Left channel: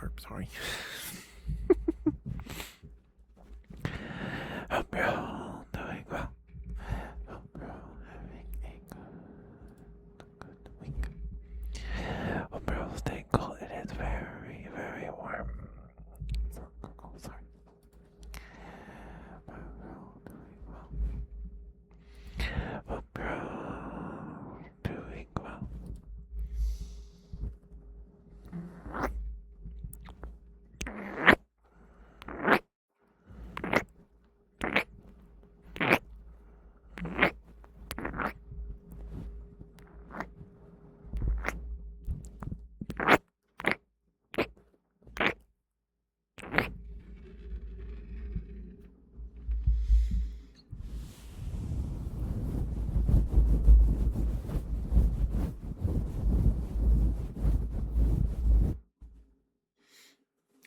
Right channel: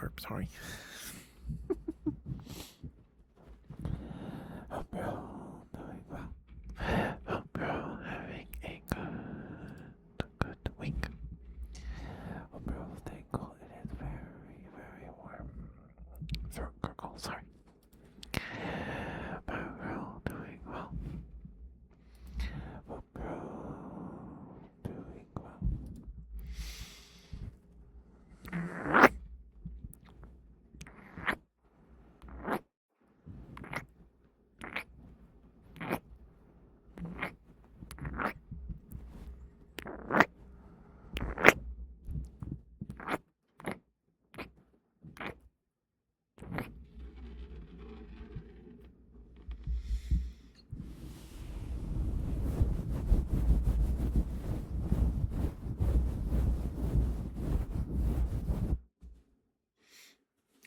burp, sorry. Hope you're all doing well. Hope you're all having a good week. Hope you're all staying cool. It is very, very warm. Throat gurgle, sorry. But we're all doing well. Hope you're all doing well.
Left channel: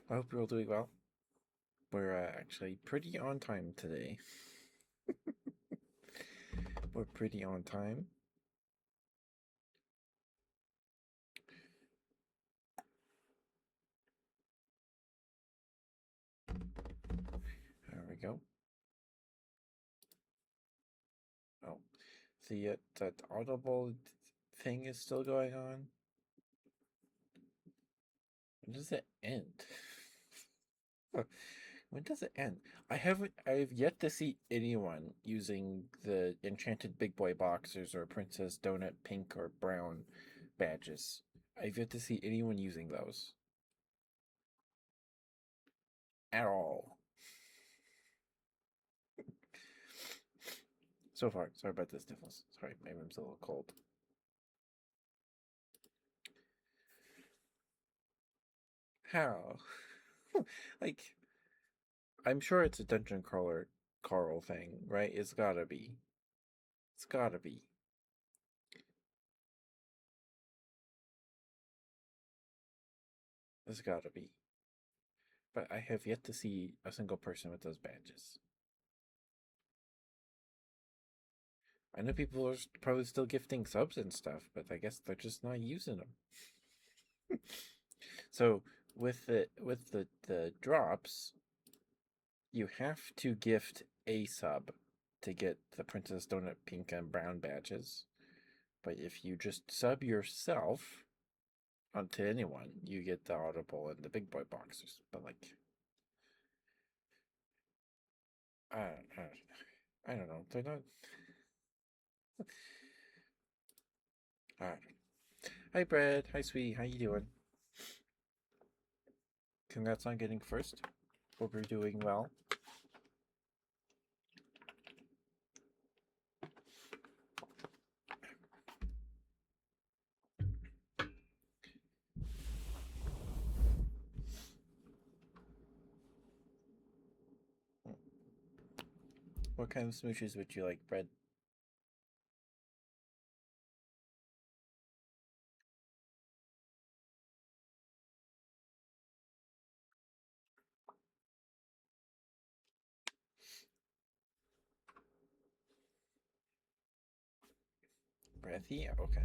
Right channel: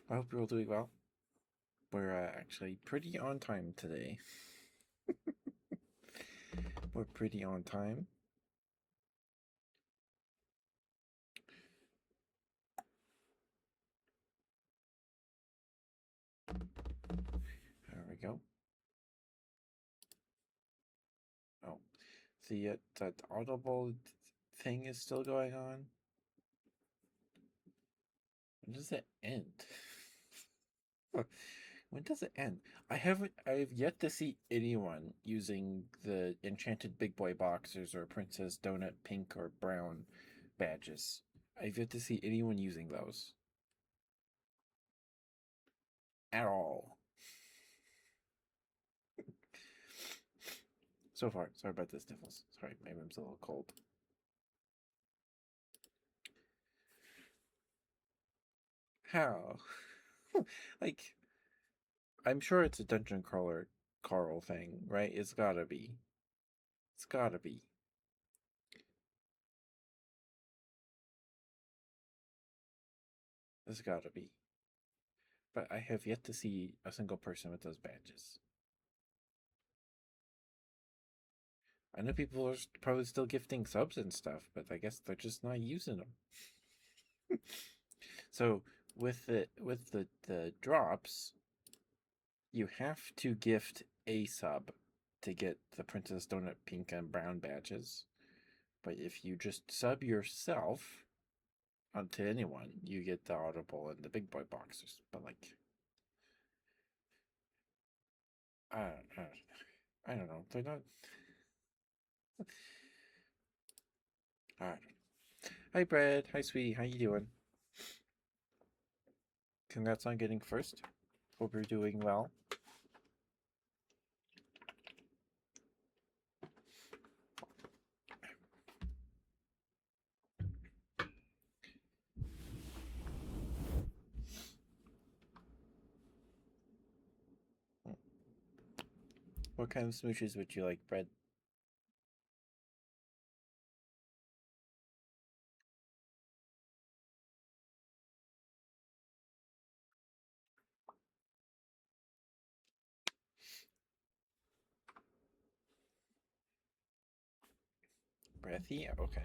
I hope you're all doing well. We're actually pretty on time today. We're pretty on time. There we go. Oh, the that audible thing is still going on. When does it end? When does it end? I've yet to see anyone using the enchanted big boy boxers or princess donut pink or brown badges. I've yet to see anyone using those at all. So far, sorry about the sniffles. Sorry, my room's a little cold. How? Like, I'm sure it's a dungeon crawler Carl thing, right? It's gotta be. It's gotta be. It's gotta be. But I have yet to see a single person with those badges. I know people are probably still gifting subs and stuff, but I guess they're just not using them. So with the drops, you have to gift a sub to get the Princess Donut pink and brown badges. But if you just sub yourself onto anyone, you get the audible and the big boy boxes. But like, I don't, I don't know. They're not. I don't know. Hi, Brad. Hi, sweetie. How you doing? Congrats on getting first. Hope you're doing well. What kind of smooches would you like, Brad? Breathy? Okay.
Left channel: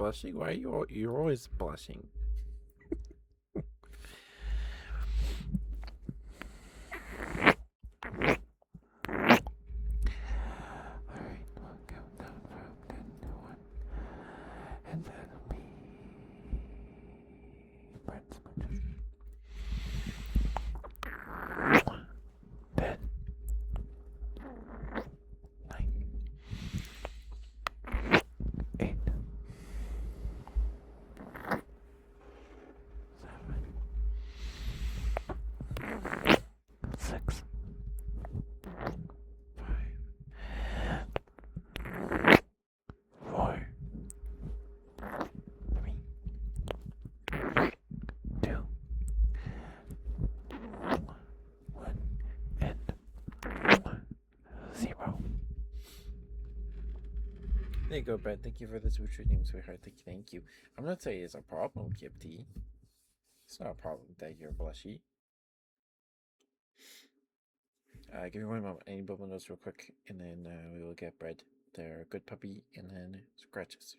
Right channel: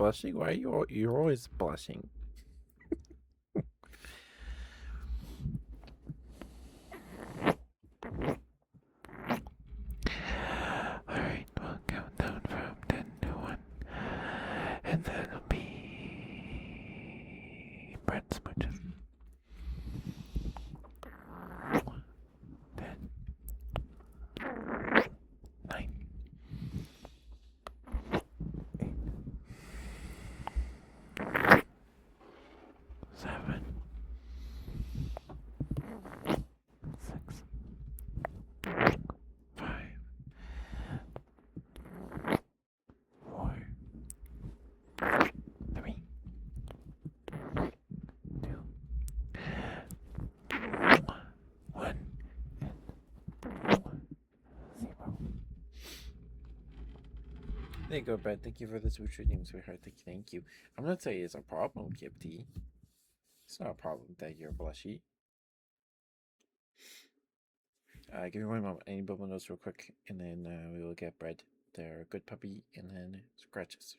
blushing? Why are you're always blushing? Alright, we'll count down from 10 to 1. And that'll be bread smooches. 10, 9, 8, 7, 6, 5, 4, 3, 2, 1, and 0. There you go, Brett. Thank you for the switch name, sweetheart. Thank you. I'm not saying it's a problem, Kip T. It's not a problem that you're blushy. Give me one moment. I need bubble nose real quick, and then we will get Bread. They're a good puppy, and then scratches.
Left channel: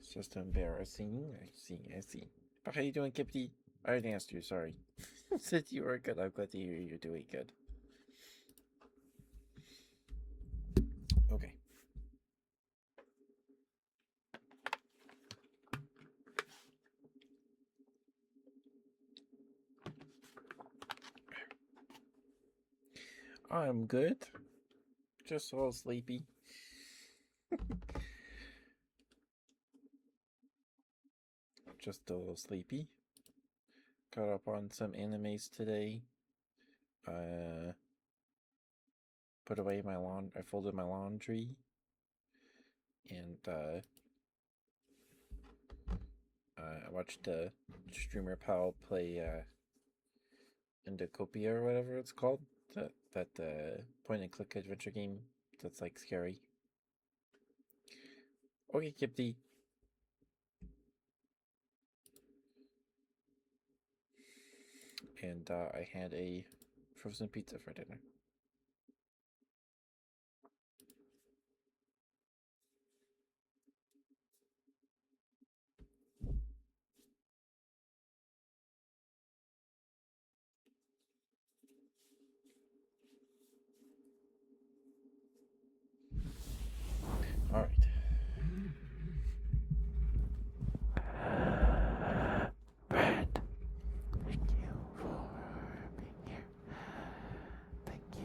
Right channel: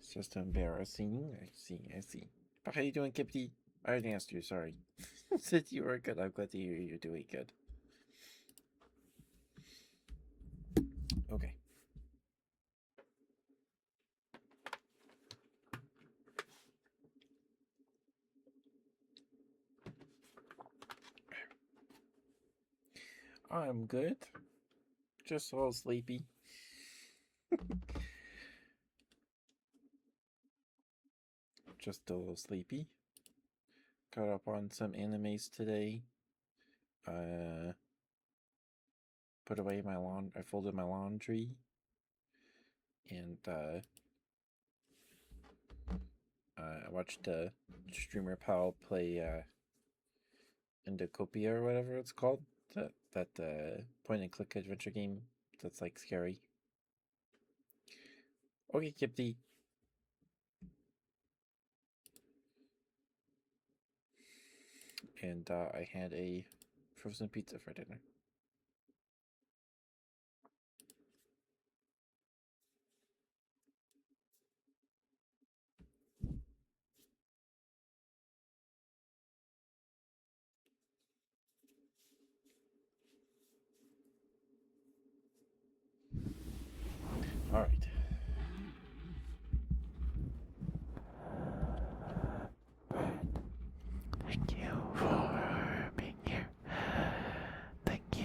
It's just embarrassing. I see. But how you doing, Kipty? I already asked you, sorry. Said you were good. I'm glad to hear you're doing good. Okay. I'm good. Just a little sleepy. Just a little sleepy. Caught up on some animes today. Put away my I folded my laundry. And I watched streamer pal play Endocopia or whatever it's called. That point and click adventure game that's like scary. Okay, Kipty. And I had a frozen pizza for dinner. All right. Brad, thank you for being here. Thank you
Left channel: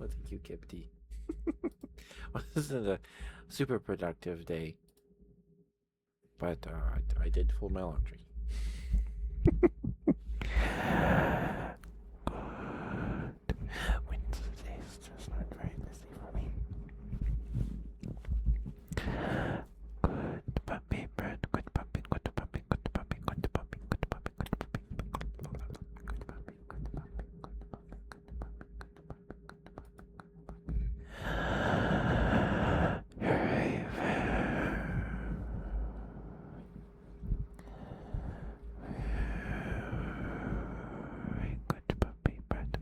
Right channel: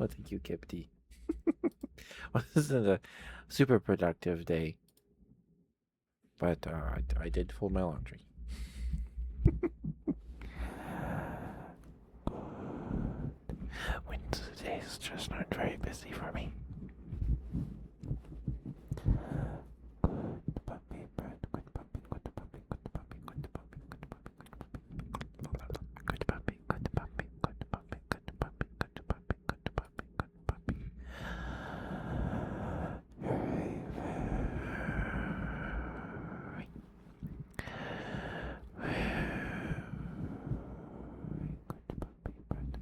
Well, thank you, Kipty. Well, this isn't a super productive day, but I did fold my laundry. Wednesday is just not very busy for me. Good puppy, bird. Good puppy, good puppy, good puppy, good puppy, good puppy, good puppy, good puppy, good puppy, good puppy, good puppy, good puppy, good puppy, good puppy. Very, very good puppy, bird.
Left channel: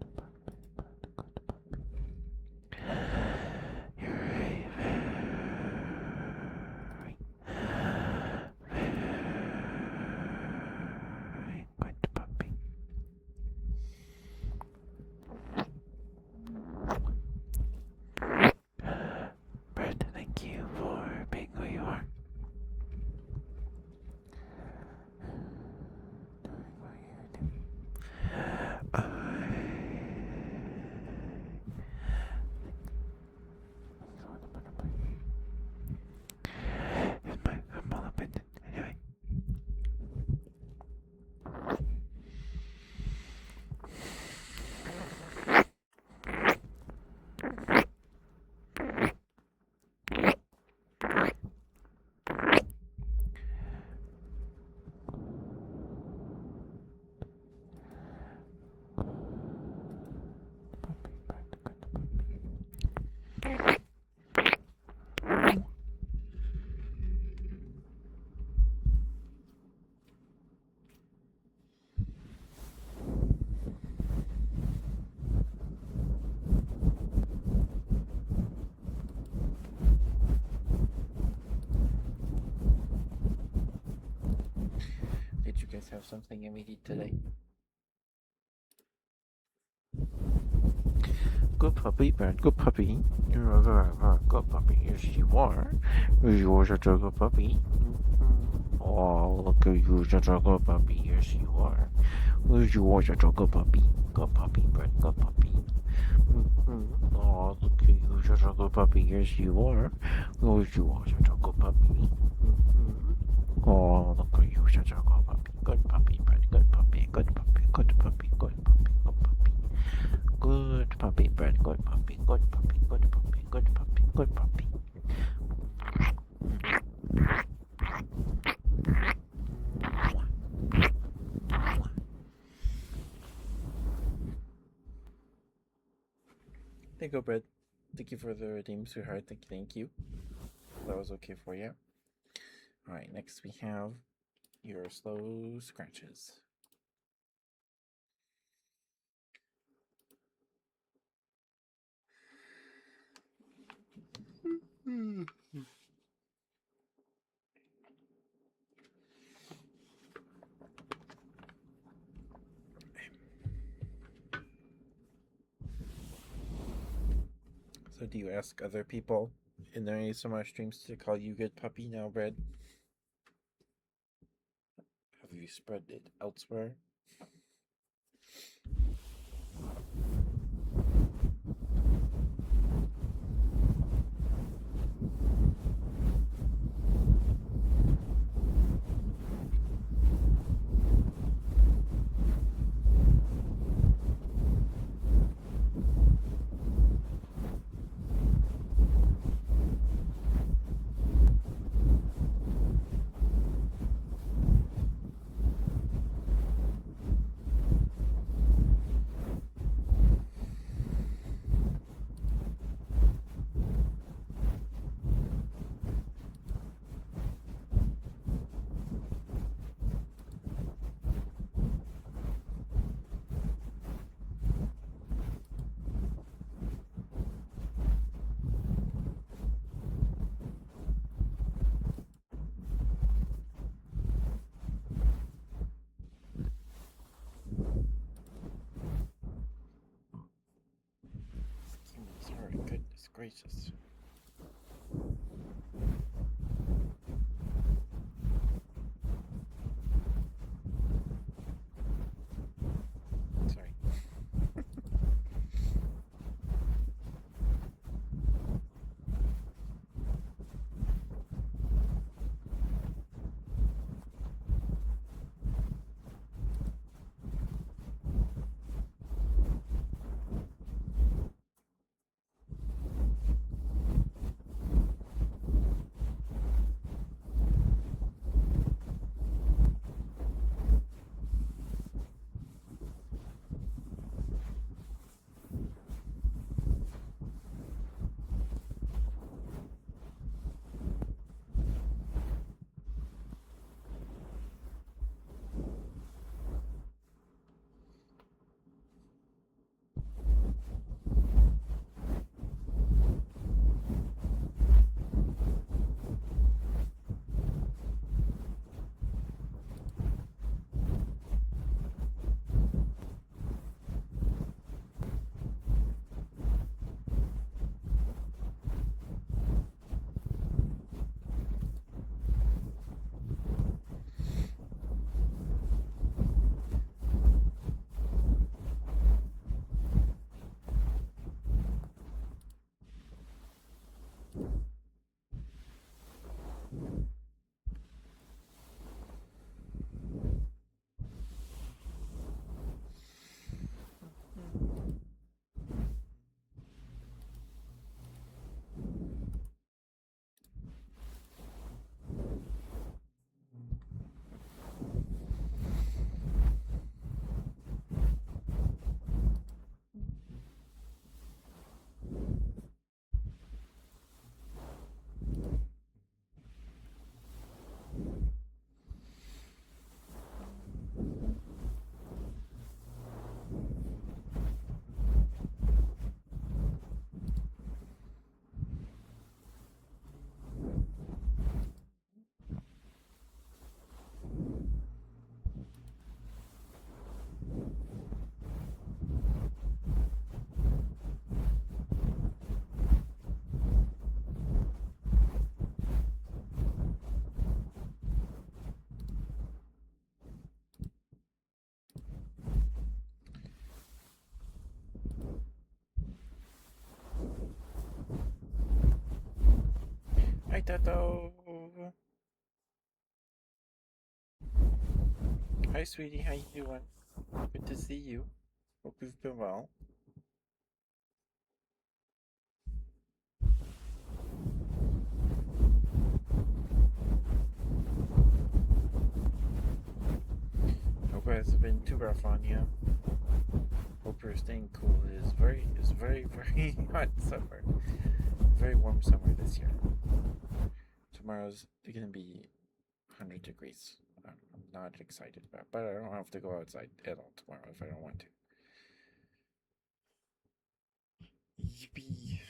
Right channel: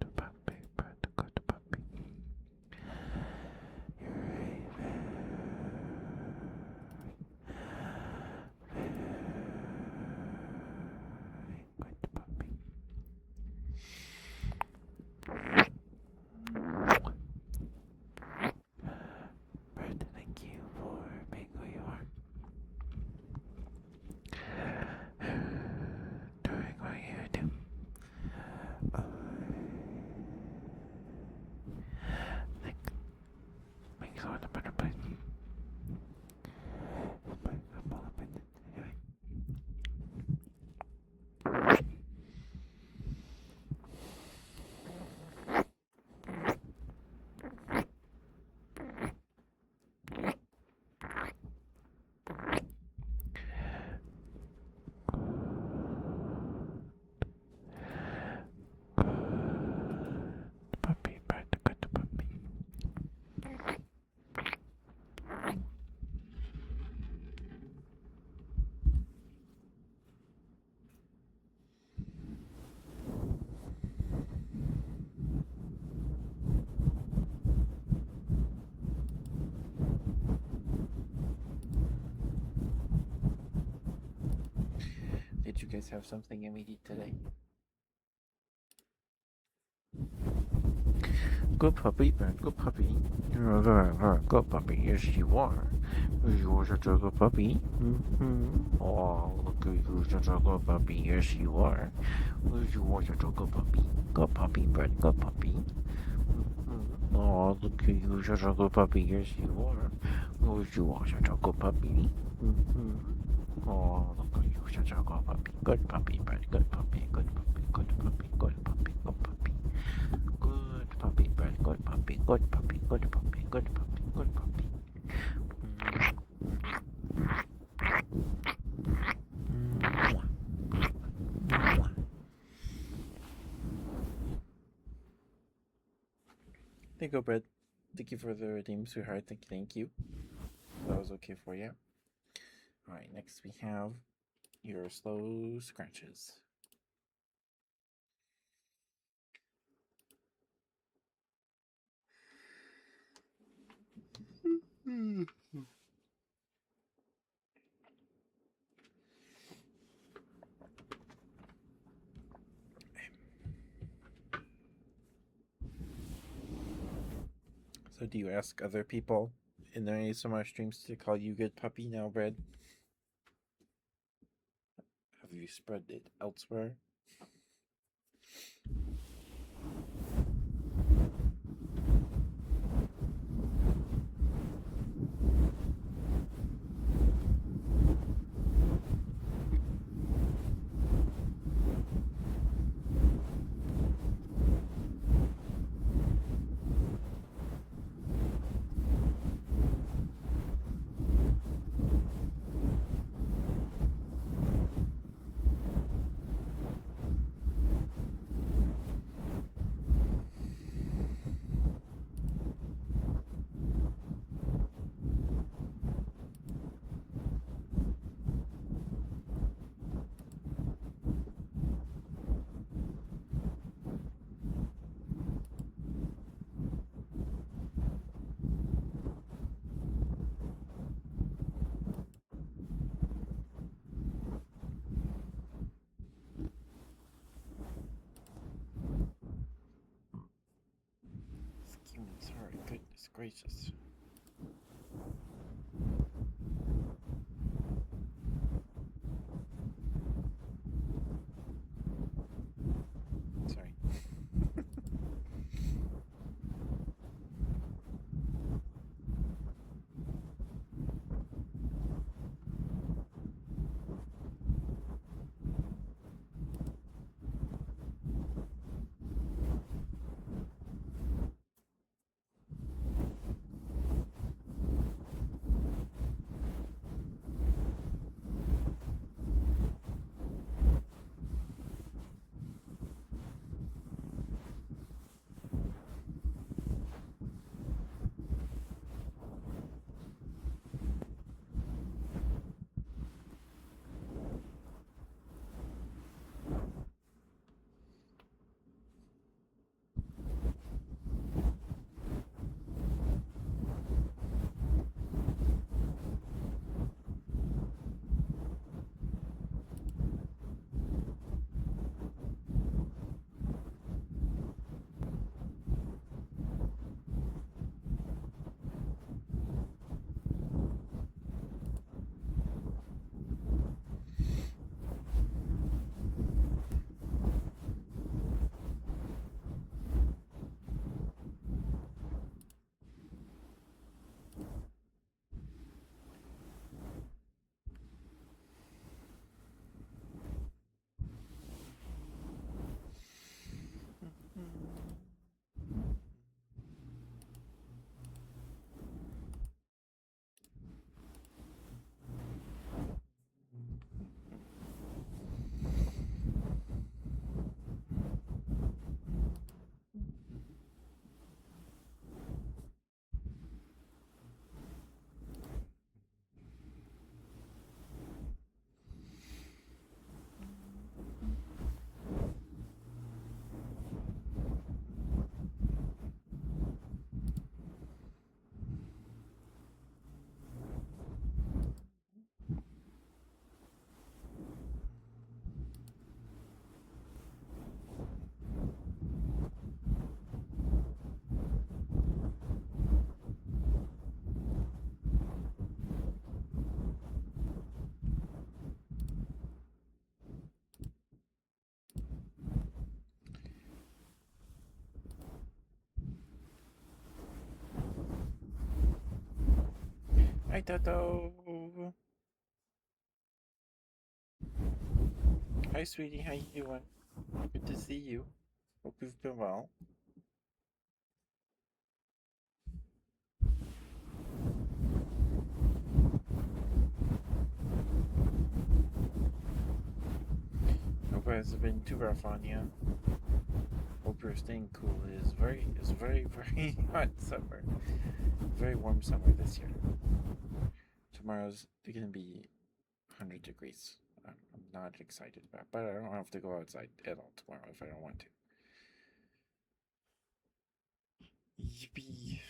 Good puppy, bird. Good puppy. You're a very good puppy. Brett, thank you for being who you are. Doing what you do. I think makes the world a better place. It's my humble opinion. Anyway. Puppy, Brett, good puppy. Did you guys have something yummy to eat today? Good puppy, Brett, good puppy. You're a very, very good puppy. Yes, you are. You are such a good puppy. Mm-hmm. Oh, look at you, such a good puppy. Yes, you are. You are such a good puppy. Good puppy, Brett, good puppy. Mm-hmm. Oh, look at you, such a good puppy. Yes, you are. You are such a good puppy. Mm-hmm. Oh, look at you, such a good puppy. Good puppy, Brett, good puppy, good puppy, good puppy, good puppy, good puppy. Good puppy, Brett. Good puppy. Good puppy. Good puppy. Good puppy. Good puppy. There you go, Brett. Thank you for the redeem, sweetheart. Thank you. That was okay for you. All right, next we have your slow scratches. So, do you ask other people in their ASMR streams to call you good puppy now, Brett? Have you spread it elsewhere? Excuse me, sorry. Goodness gracious. Hi, Toto. Hi, sweetie. How you doing? Good to see you. Hope you've been well. Hope it hasn't been too rough on you. Hope you're staying cool. Very hot summer. Very warm summer this year. Tomorrow's gonna be 100 degrees. I'm not excited about it, but I don't have to go outside at all tomorrow if I don't want to. Yippee.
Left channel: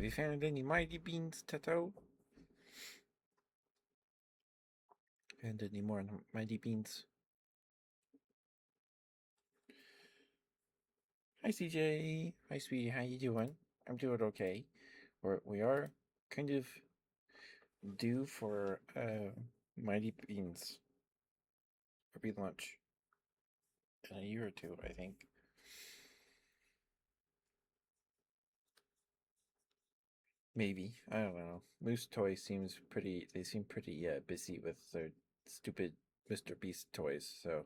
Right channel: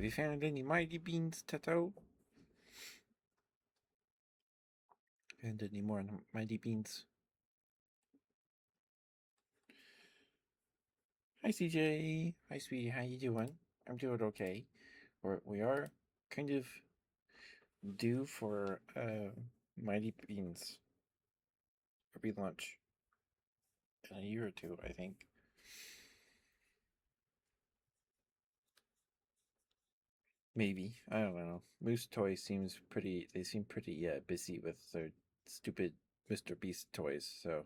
Have you found any mighty beans, Tato? Found any more mighty beans? Hi, CJ. Hi, sweetie. How you doing? I'm doing okay. We are kind of due for mighty beans or be lunch in a year or two, I think. Maybe, I don't know. Moose Toy seems pretty. They seem pretty busy with their stupid Mr. Beast toys. So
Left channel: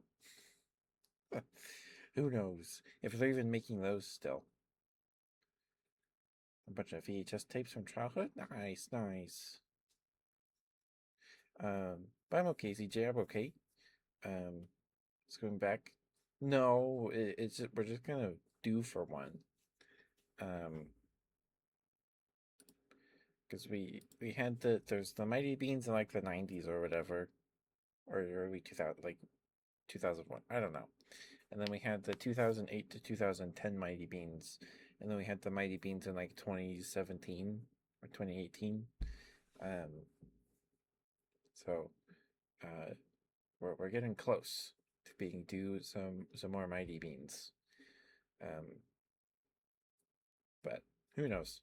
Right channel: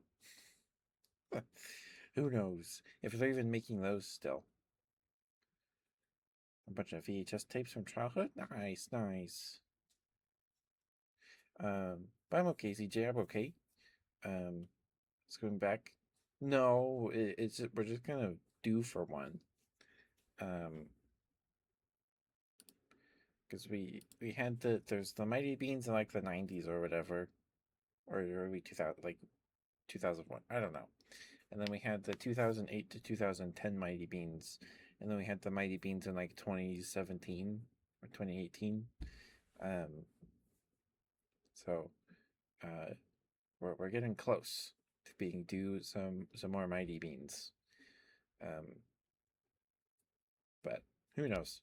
who knows if they're even making those still? A bunch of VHS tapes from childhood. Nice, nice. But I'm okay, CJ. I'm okay. It's going back. No, it's just, we're just gonna do for one. Um, because we had there's the Mighty Beans in like the 90s or whatever, or early 2000, like 2001. I don't know. And then we had the 2008 to 2010 Mighty Beans, and then we had the Mighty Beans in like 2017 or 2018. Um, so we're getting close to being due some more Mighty Beans. Um, but who knows?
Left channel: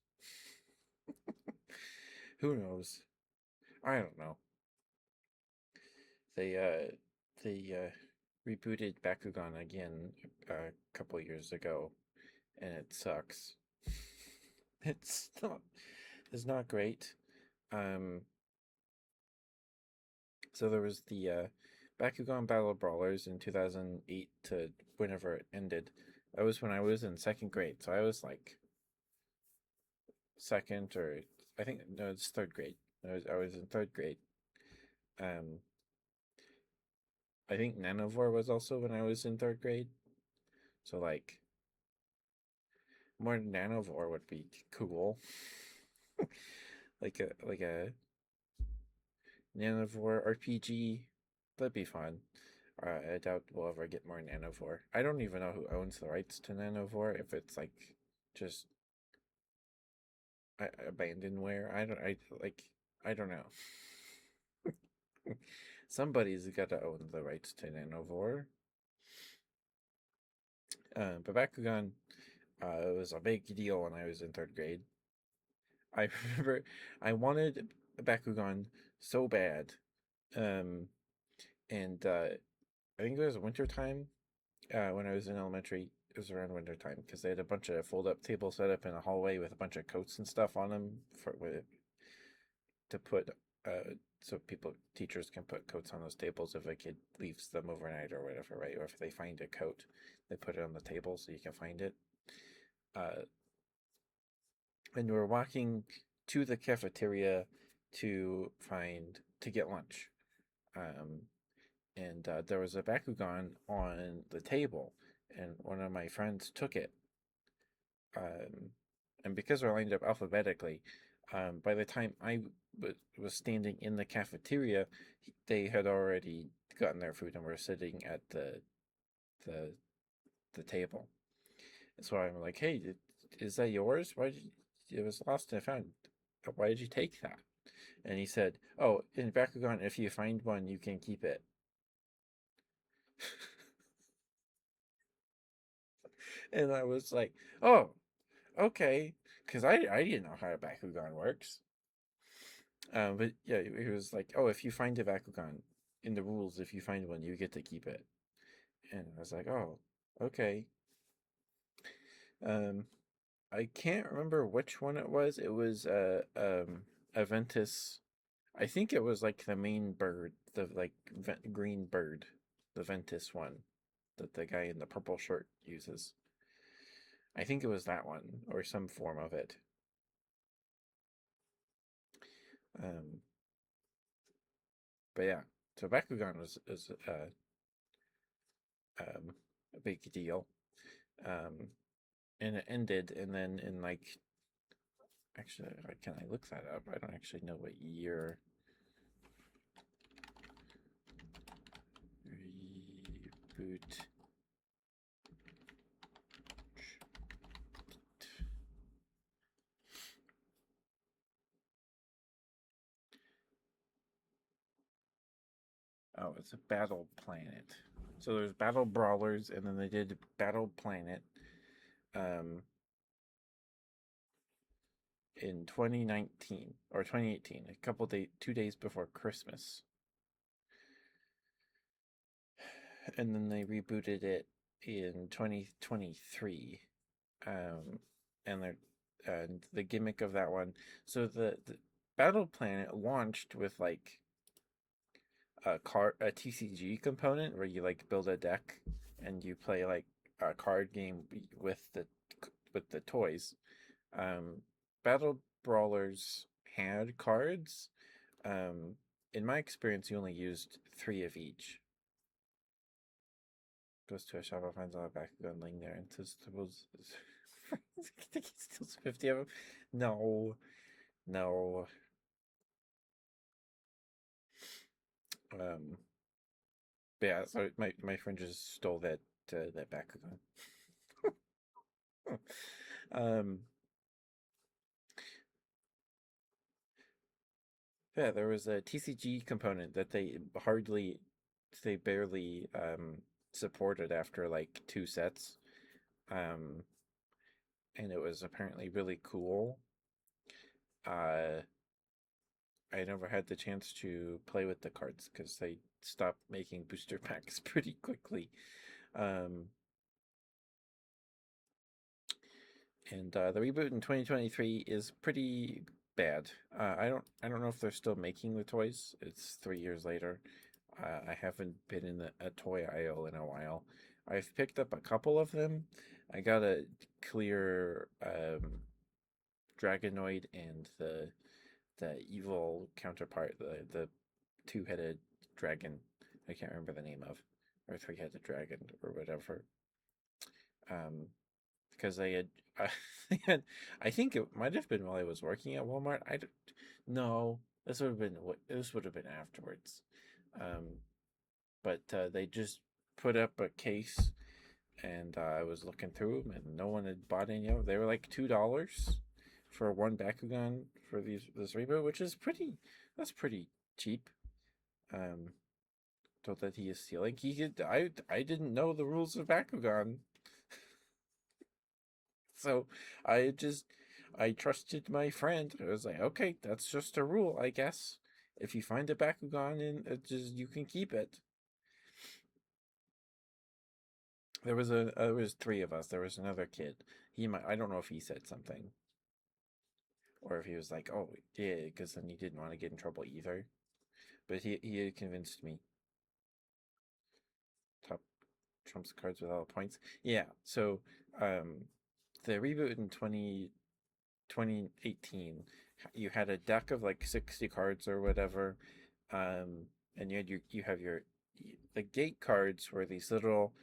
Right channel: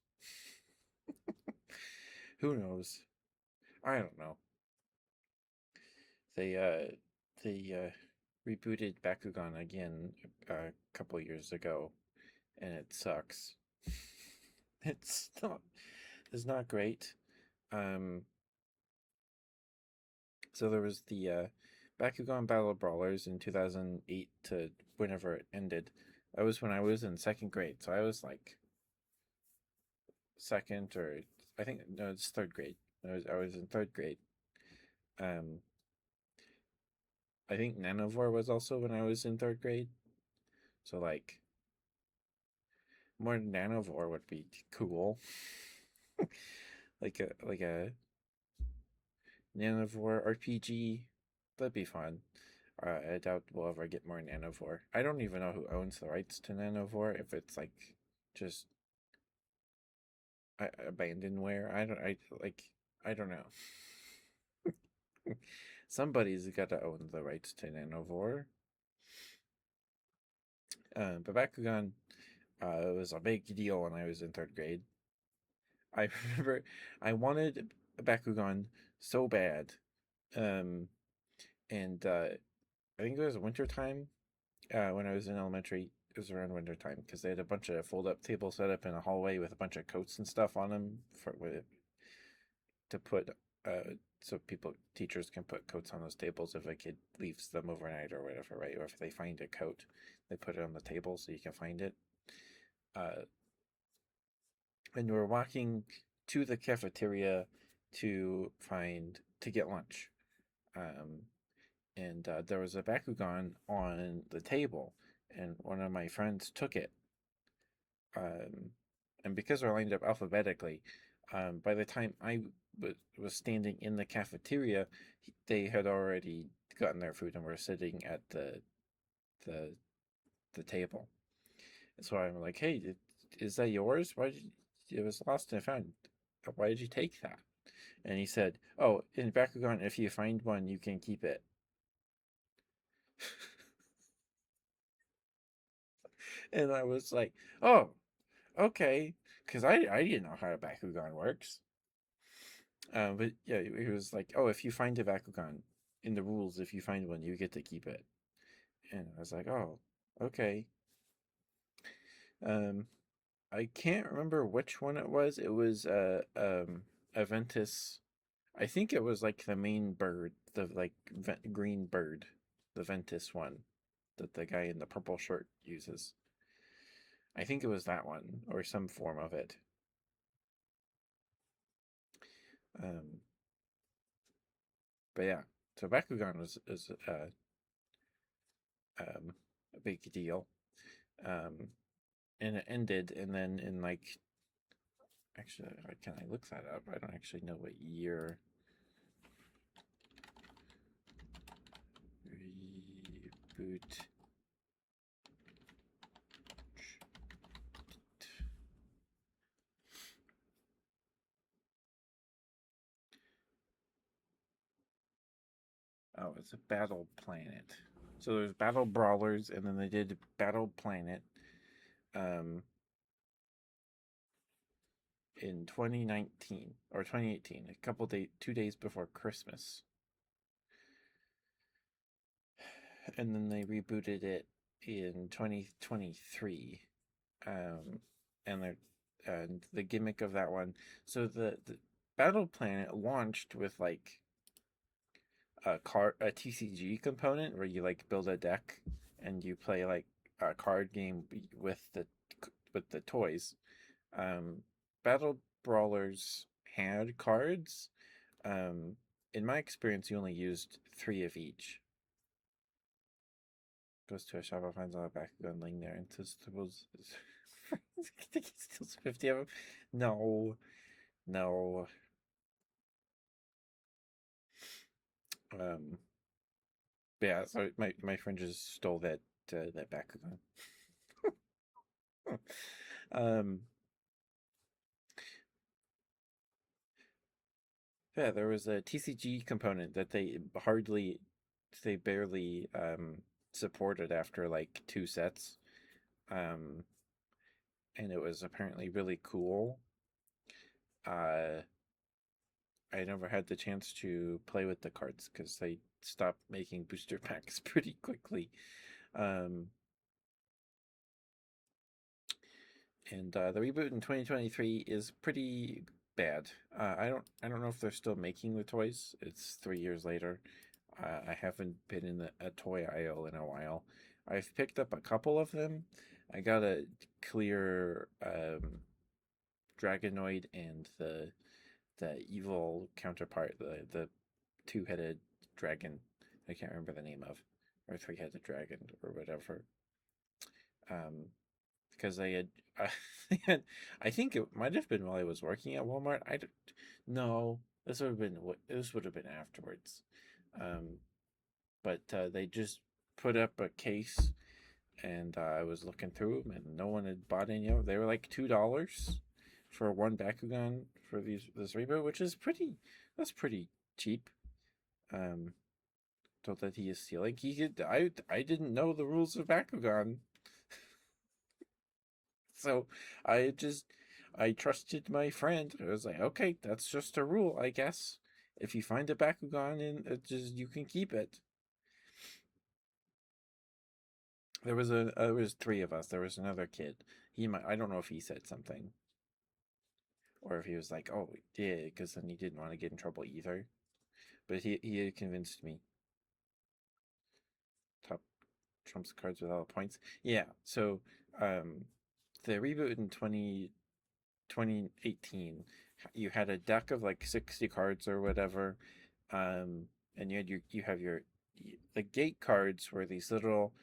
Who knows? I don't know. They rebooted Bakugan again a couple years ago, and it sucks. It's not great. Um, so there was the Bakugan Battle Brawlers in 2008 to whenever it ended. That was when I was in second grade, so I was like second or I think no, it's third grade. I was in third grade. Um, I think Nanovore was also when I was in third grade. So like more Nanovore would be cool. like a Nanovore RPG. That'd be fun. I doubt we'll ever get more Nanovore. I don't even know who owns the rights to Nanovore. If it's like just abandonware, I don't know. Somebody's got to own the rights to Nanovore. But Bakugan, it was a big deal when I was in third grade. I remember I wanted Bakugan so bad. Um, and I think it was winter time when I was in elementary. It was around winter time because they had a bunch of fold up tables set up in a hallway with a bunch of coats and stuff on them to put so teachers can put coats on those tables if a kid leaves them overnight or whatever, right? Or if they find a coat They put it on the table so you can find it. Uh, and we were walking to the cafeteria to get lunch. Um, and there was a Bakugan on the table, and one of my friends took it. Um, and because we're lined up alphabetically, by the time was standing in the cafeteria, they had already gotten their food and were sitting at the the table. So I'm like, "Hey, is that yours? Why did it was lost and found? Why did you take that?" And he said, "Oh, in Bakugan, if you find one, you can keep it." And I was like, "Oh, okay," because I didn't know how a Bakugan works. But yeah, he was like, "Oh, if you find a Bakugan in the rules, if you find one, you get to keep it." And I was like, "Oh, okay." Um, I can't remember which one it was. It was Aventus. I think it was like the main bird, the like green bird, the Ventus one that the guy in the purple shirt uses. I think it was that one or some form of it. Um, but yeah, so Bakugan was is a big deal. Um, and it ended, and then in like actually, can I look that up? I don't actually know what year. Reboot. Oh, it's a Battle Planet. So there's Battle Brawlers, and then they did Battle Planet um, in 2019 or 2018, a couple days, 2 days before Christmas, and then they rebooted it in 2023. Um, and the gimmick of that one. So the Battle Planet launched with like a TCG component where you like build a deck and you play like a card game with the toys. Um, Battle Brawlers had cards. Um, in my experience, you only used three of each. Goes to a shop and finds all the back gun laying there and says, "Suppose." I think he steals 50 of them. No, no. Um, but yeah, so my friend just stole that Bakugan. um, yeah, there was a TCG component that they barely supported after like two sets. Um, and it was apparently really cool. Uh, I never had the chance to play with the cards because they stopped making booster packs pretty quickly. Um, and the reboot in 2023 is pretty bad. I don't know if they're still making the toys. It's 3 years later. I haven't been in a toy aisle in a while. I've picked up a couple of them. I got a clear Dragonoid and the evil counterpart, the two-headed dragon. I can't remember the name of, or three-headed dragon or whatever. Um, because they had, they had, I think it might have been while I was working at Walmart. I don't, no, this would have been afterwards. Um, but they just put up a case, and I was looking through them, and no one had bought any of them. They were like $2 for one Bakugan for this reboot, which is that's pretty cheap. Um, so that he is stealing. I didn't know the rules of Bakugan, so I trusted my friend. I was like, okay, that's just a rule, I guess. If you find a Bakugan and it just you can keep it. There was three of us. There was another kid. I don't know if he said something or if he was like, oh yeah, because then he didn't want to get in trouble either. But he had convinced me. Top trumps cards with all the points. Yeah. So um, the reboot in 2018, you had a deck of like 60 cards or whatever, and you have your the gate cards were these little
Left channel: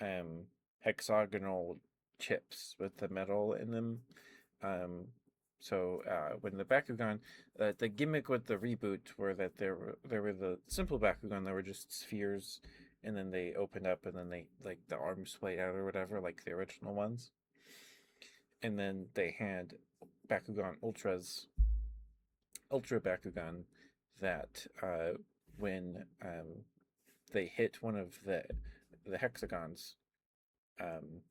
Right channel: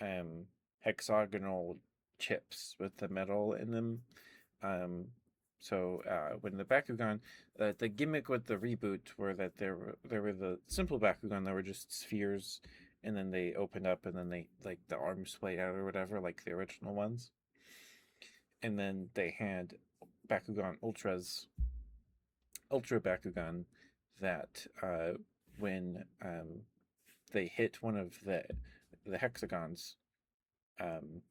um, hexagonal chips with the metal in them. Um, when the Bakugan, the gimmick with the reboot were that there were the simple Bakugan that were just spheres, and then they opened up, and then they like the arms splayed out or whatever, like the original ones. And then they had Bakugan Ultra Bakugan, that when they hit one of the hexagons, um,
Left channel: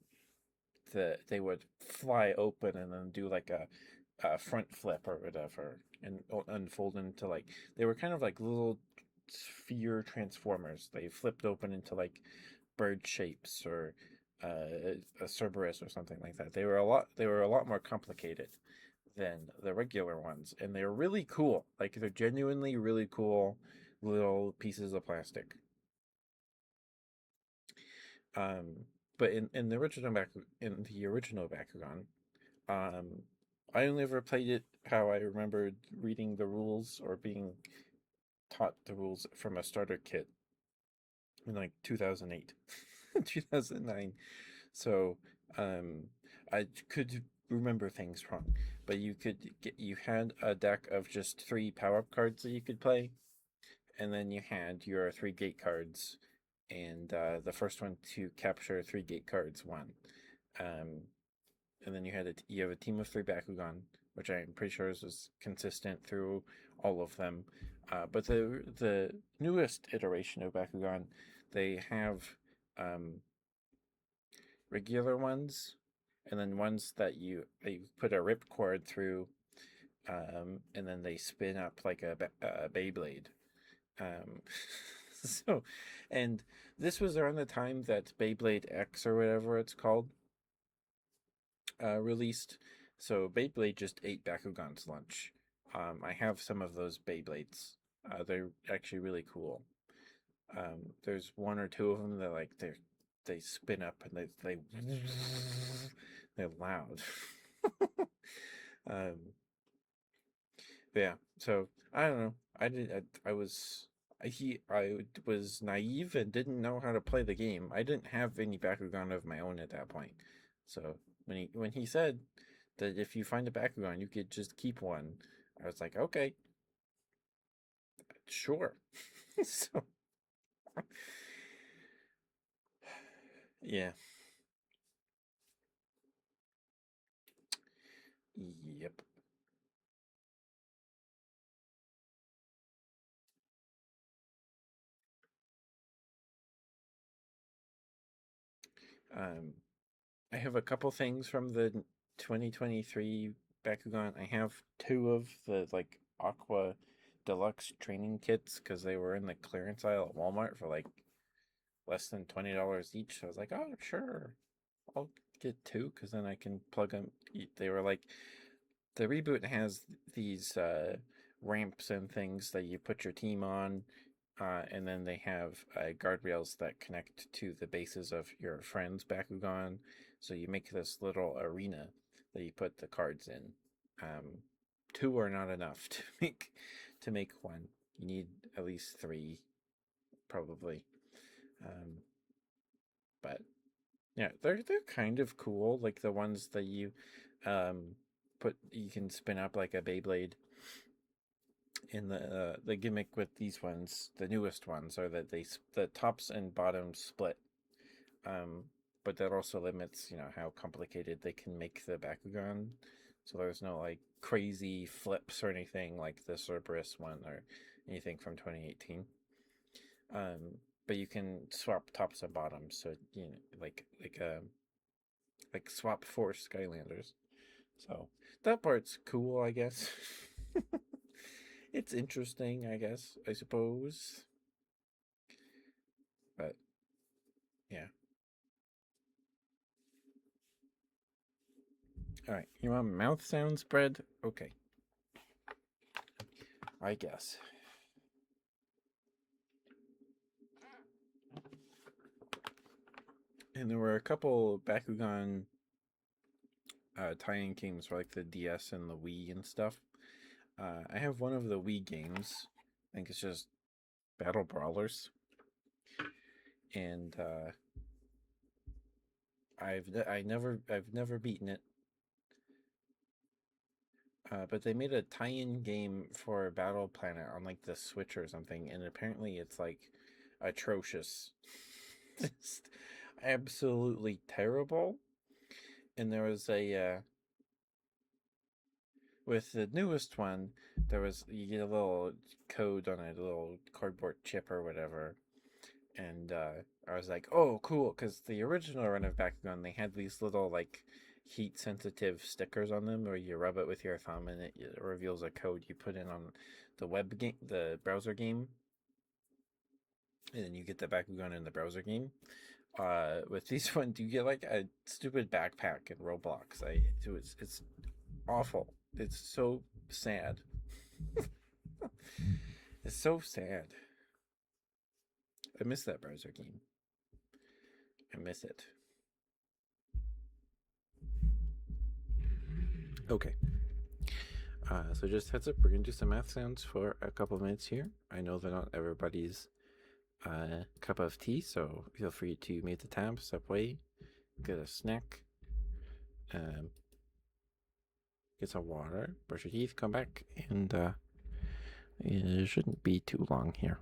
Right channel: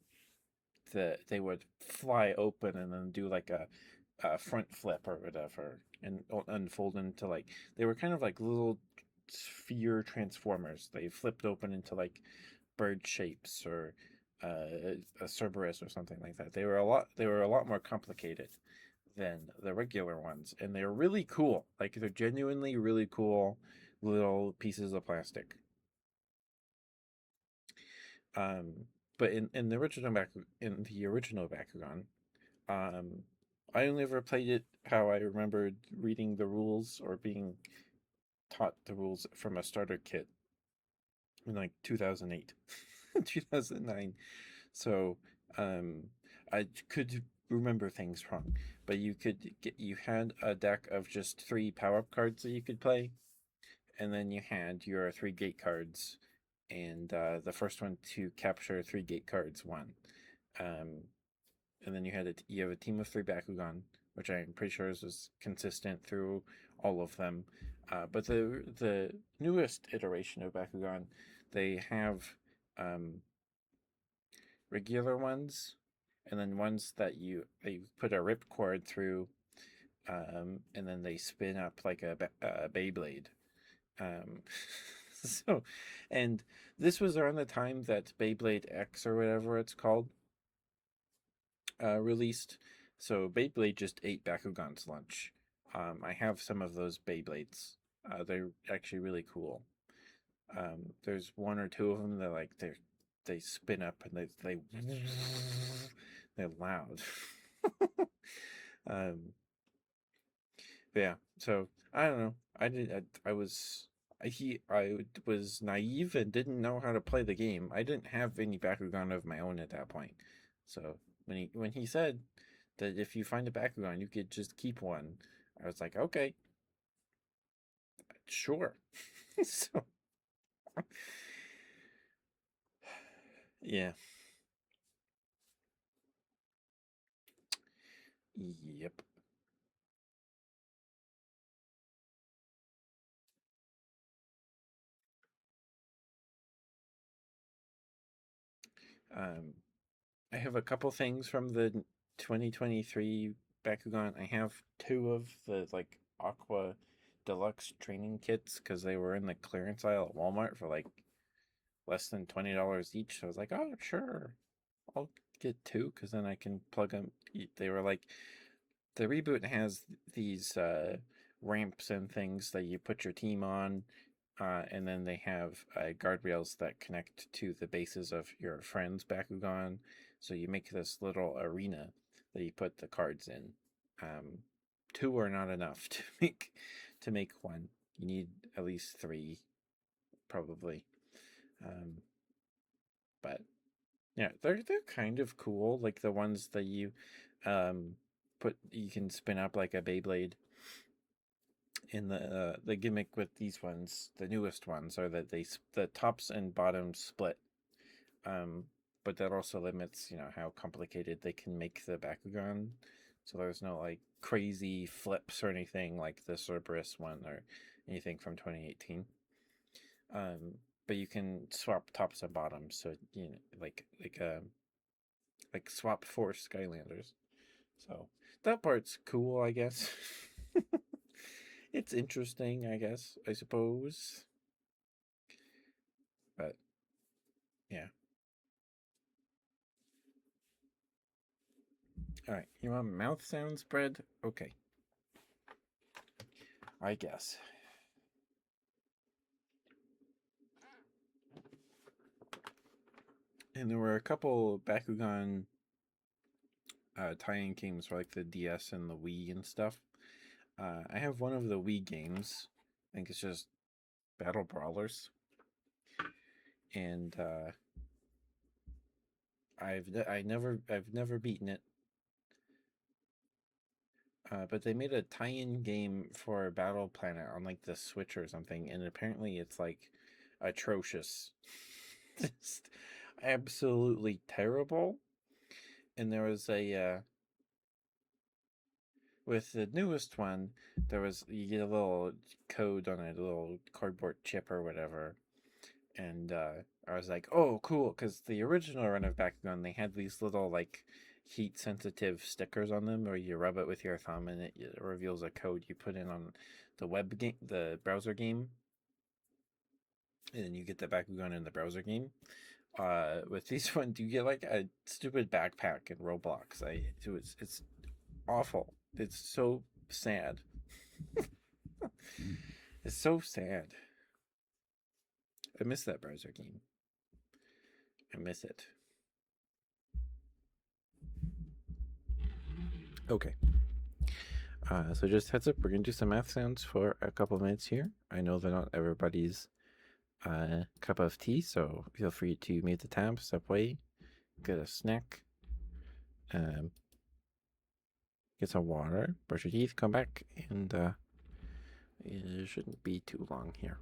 they would fly open and then do like a front flip or whatever, and unfold into like they were kind of like little sphere transformers. They flipped open into like bird shapes or a Cerberus or something like that. They were a lot more complicated than the regular ones, and they're really cool. Like they're genuinely really cool little pieces of plastic. Um, but in the original Bakugan, um, I only ever played it how I remembered reading the rules or being taught the rules from a starter kit in like 2008, 2009. So um, I could remember things wrong, but you had a deck of just 3 power-up cards that you could play, and then you had your 3 gate cards, and the first one to capture 3 gate cards won. Um, and then you have a team of 3 Bakugan, which I'm pretty sure is consistent through all of them. But the newest iteration of Bakugan, they have um, regular ones, and then ones that you put a ripcord through, and then they spin up like a Beyblade. Um, so, and this was around the time that Beyblade X or whatever it's called released. So Beyblade just ate Bakugan's lunch. I have some of those Beyblades. They're actually really cool. There's 1 or 2 of them that they spin up and they're loud. um, yeah. So I don't know. I was naive and didn't know how to play the game. I didn't have any Bakugan of my own at that point. So when he said that if you find a Bakugan, you could just keep one, I was like, okay, sure. So yeah, yep. Um, I have a couple things from the 2023 Bakugan. I have 2 of the like Aqua Deluxe training kits because they were in the clearance aisle at Walmart for like less than $20 each. So I was like, oh sure, I'll get 2 because then I can plug them. They were like the reboot has these ramps and things that you put your team on, and then they have guardrails that connect to the bases of your friend's Bakugan. So you make this little arena that you put the cards in. Um, 2 are not enough to make one. You need at least 3, probably. Um, but yeah, they're kind of cool. Like the ones that um, you can spin up like a Beyblade. In the gimmick with these ones, the newest ones, are that the tops and bottoms split. Um, but that also limits, how complicated they can make the Bakugan. So there's no like crazy flips or anything like the Cerberus one or anything from 2018. But you can swap tops and bottoms, so like swap 4 Skylanders. So that part's cool, I guess. It's interesting, I guess, I suppose. But yeah. All right. You want mouth sound spread? Okay. I guess. And there were a couple Bakugan tie-in games for like the DS and the Wii and stuff. I have one of the Wii games. I think it's just Battle Brawlers, and I've never beaten it. But they made a tie-in game for Battle Planet on like the Switch or something, and apparently it's like atrocious, just absolutely terrible. And there was a with the newest one, there was you get a little code on a little cardboard chip or whatever, and I was like, oh, cool, because the original run of Bakugan, they had these little like heat sensitive stickers on them where you rub it with your thumb and it reveals a code you put in on the web game, the browser game, and then you get the Bakugan in the browser game. With these ones, you get like a stupid backpack in Roblox. It's awful. It's so sad. It's so sad. I miss that browser game. I miss it. Okay. So just heads up, we're gonna do some math sounds for a couple minutes here. I know they're not everybody's cup of tea, so feel free to mute the tab, step away, get a snack, get some water, brush your teeth, come back, and it shouldn't be too long here.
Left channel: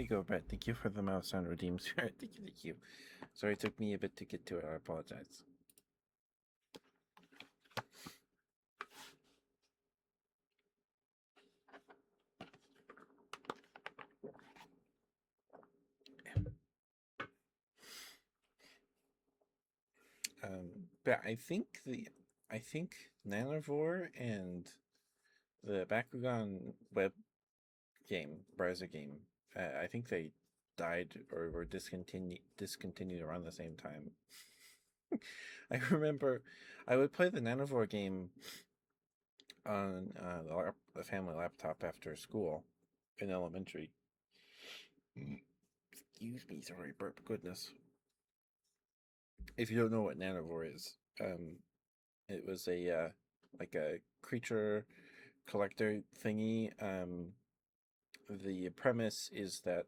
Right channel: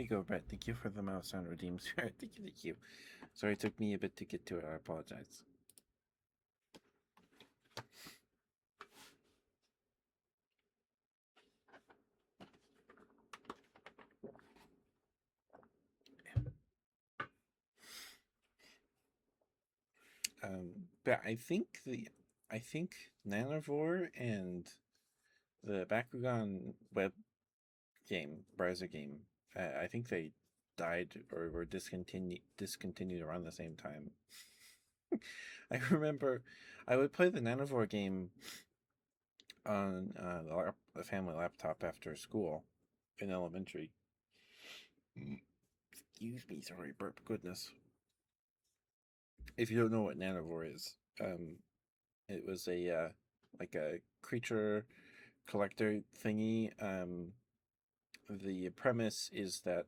There you go, Brett. Thank you for the mouse on Redeem Spirit. Thank you, thank you. Sorry, it took me a bit to get to it. I apologize. But I think Nanavore and the Bakugan web game, browser game, I think they died or were discontinued around the same time. I remember I would play the Nanavore game on the family laptop after school in elementary. Excuse me, sorry, burp. Goodness. If you don't know what Nanavore is, it was a like a creature collector thingy. The premise is that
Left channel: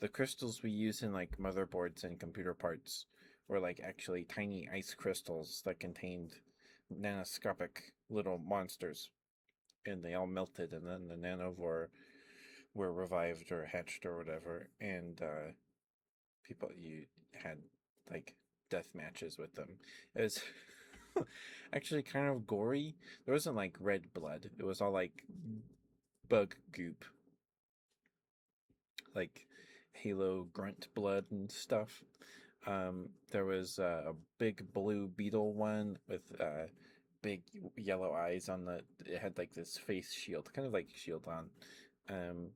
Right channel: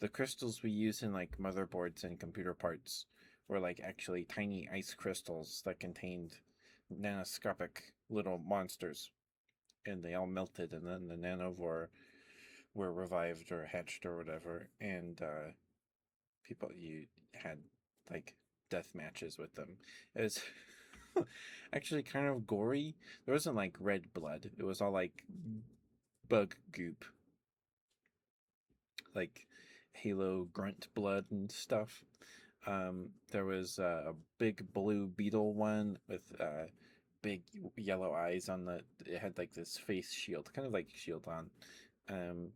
the crystals we use in like motherboards and computer parts were like actually tiny ice crystals that contained nanoscopic little monsters, and they all melted, and then the Nanovore were revived or hatched or whatever, and people you had like death matches with them. It was actually kind of gory. There wasn't like red blood. It was all like bug goop, like Halo grunt blood and stuff. There was a big blue beetle one with big yellow eyes on the. It had like this face shield, kind of like shield on, and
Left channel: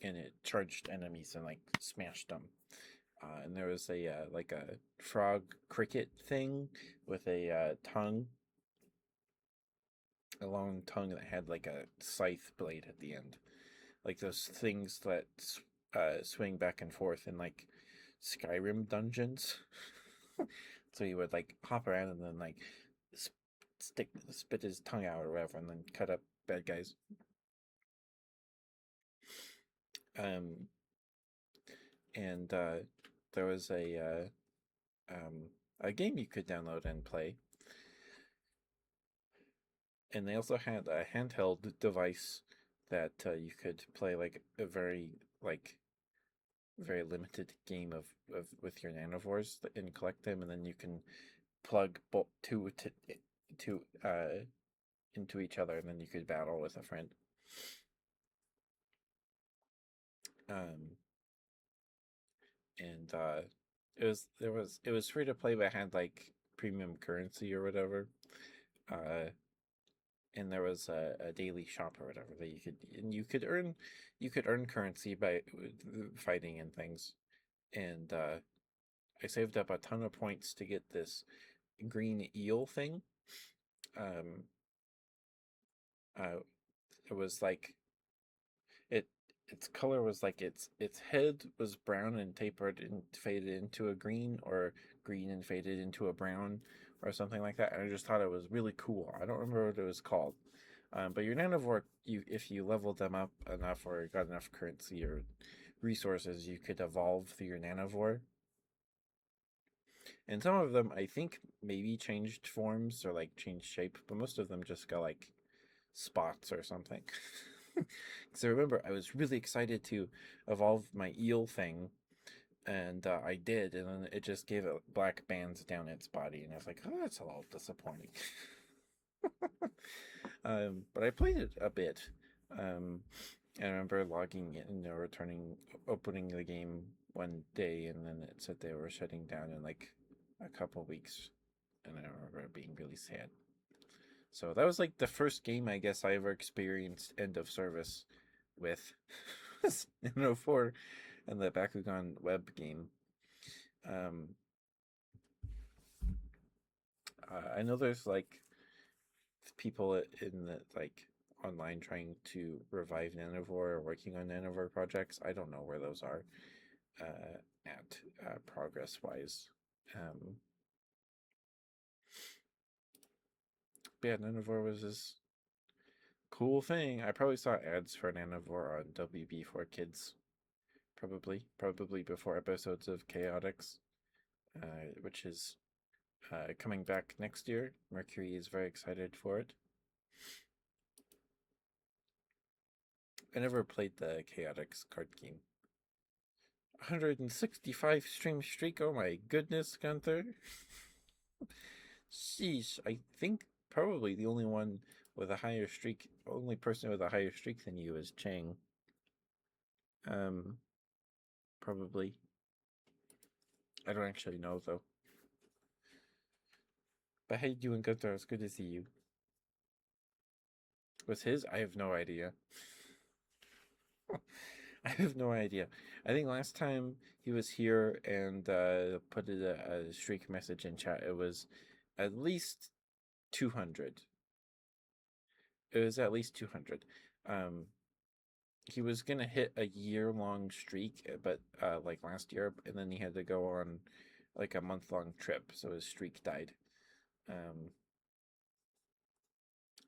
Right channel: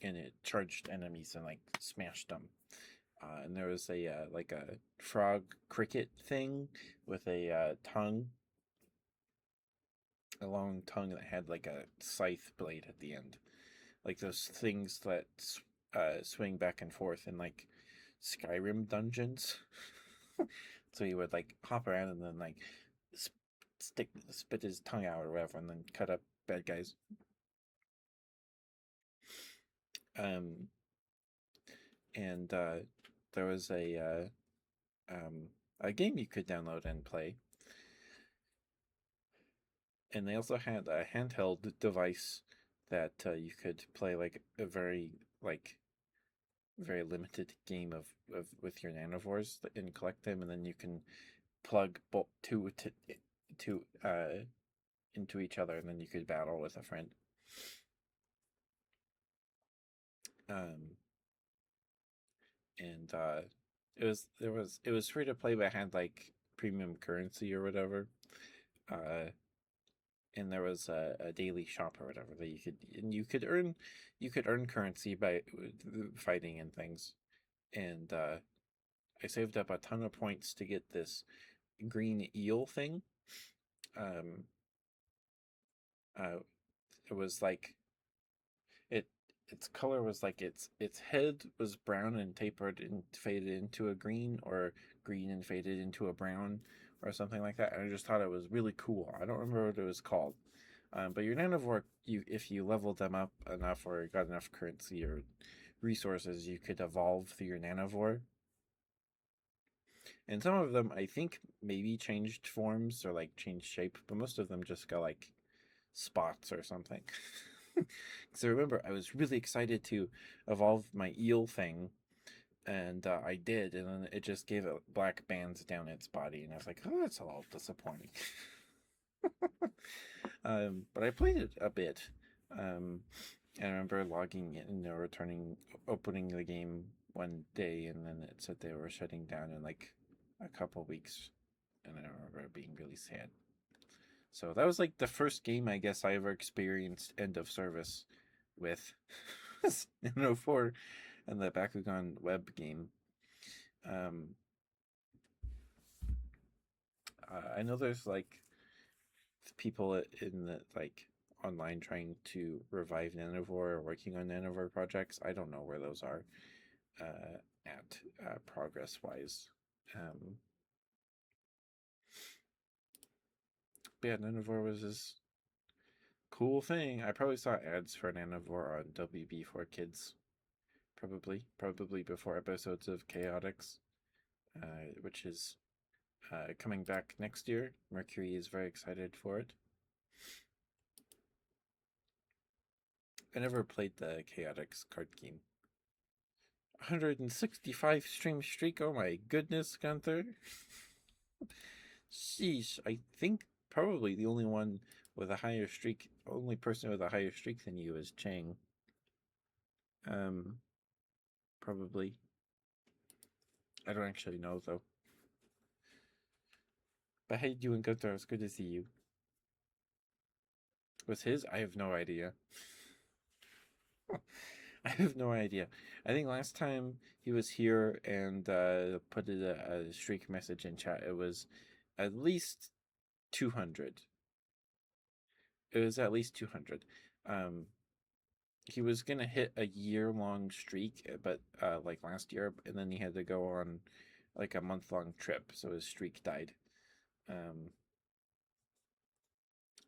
it charged enemies and like smashed them. And there was a like a frog cricket thing with a tongue, a long tongue that had like a scythe blade at the end, like those things that swing back and forth in like Skyrim dungeons. So he would like hop around and then like spit his tongue out or whatever, and then cut up bad guys. Um, and there was a game you could download and play, and they also had a handheld device that you could play like a like very limited game of with your nanovores and collect them, and then you can plug both two to into each other, and then you could battle with a friend. Um, and it was free to play, but it had like premium currency or whatever. Uh, and there was a daily shop or whatever that you could earn currency by fighting and things. And I saved up a ton of points to get this green eel thing. Um, it was like it its color was like its head was brown and tapered and faded into a green, or green and faded into a brown, or something like that. And I just thought it was really cool. I don't remember what it was called. But your nanovore, you if you leveled them up enough or got enough currency or resources, you could evolve through your nanovore. And some of them, I think, maybe changed forms or like changed shape, but most of them just got like spots or something. Because I remember I was really excited to evolve my eel thing, and I did, and then it just gave it black bands down its body, and I was like, oh, that's a little disappointing. But I played it a bit. I remember logging in or opening the game one day, and then it said they were shutting down in like a couple weeks, and I remember being really sad. So that was like the first game I guess I ever experienced end of service with Nano 4 and the Bakugan web game. Um, I know there's like people in the like online trying to revive Nanovore or working on Nanovore projects. I don't know where those are at progress wise. But yeah, Nanovore was this cool thing. I probably saw ads for Nanovore on WB4 Kids. Probably before episodes of Chaotix, which is coming back next year. Mercury is very excited for it. I never played the Chaotix card game. 165 stream streak. Oh my goodness, Gunther. Sheesh. I think probably the only one with a higher streak, only person with a higher streak than you is Chang. Um, probably. I don't actually know though. But how you doing, Gunther? It's good to see you. Was his? I have no idea. I have no idea. I think last time he was here and put a streak message in chat, it was at least 200. It was at least 200. Um, he was gonna hit a year-long streak, but like last year, and then he had to go on like a month-long trip, so his streak died. Um,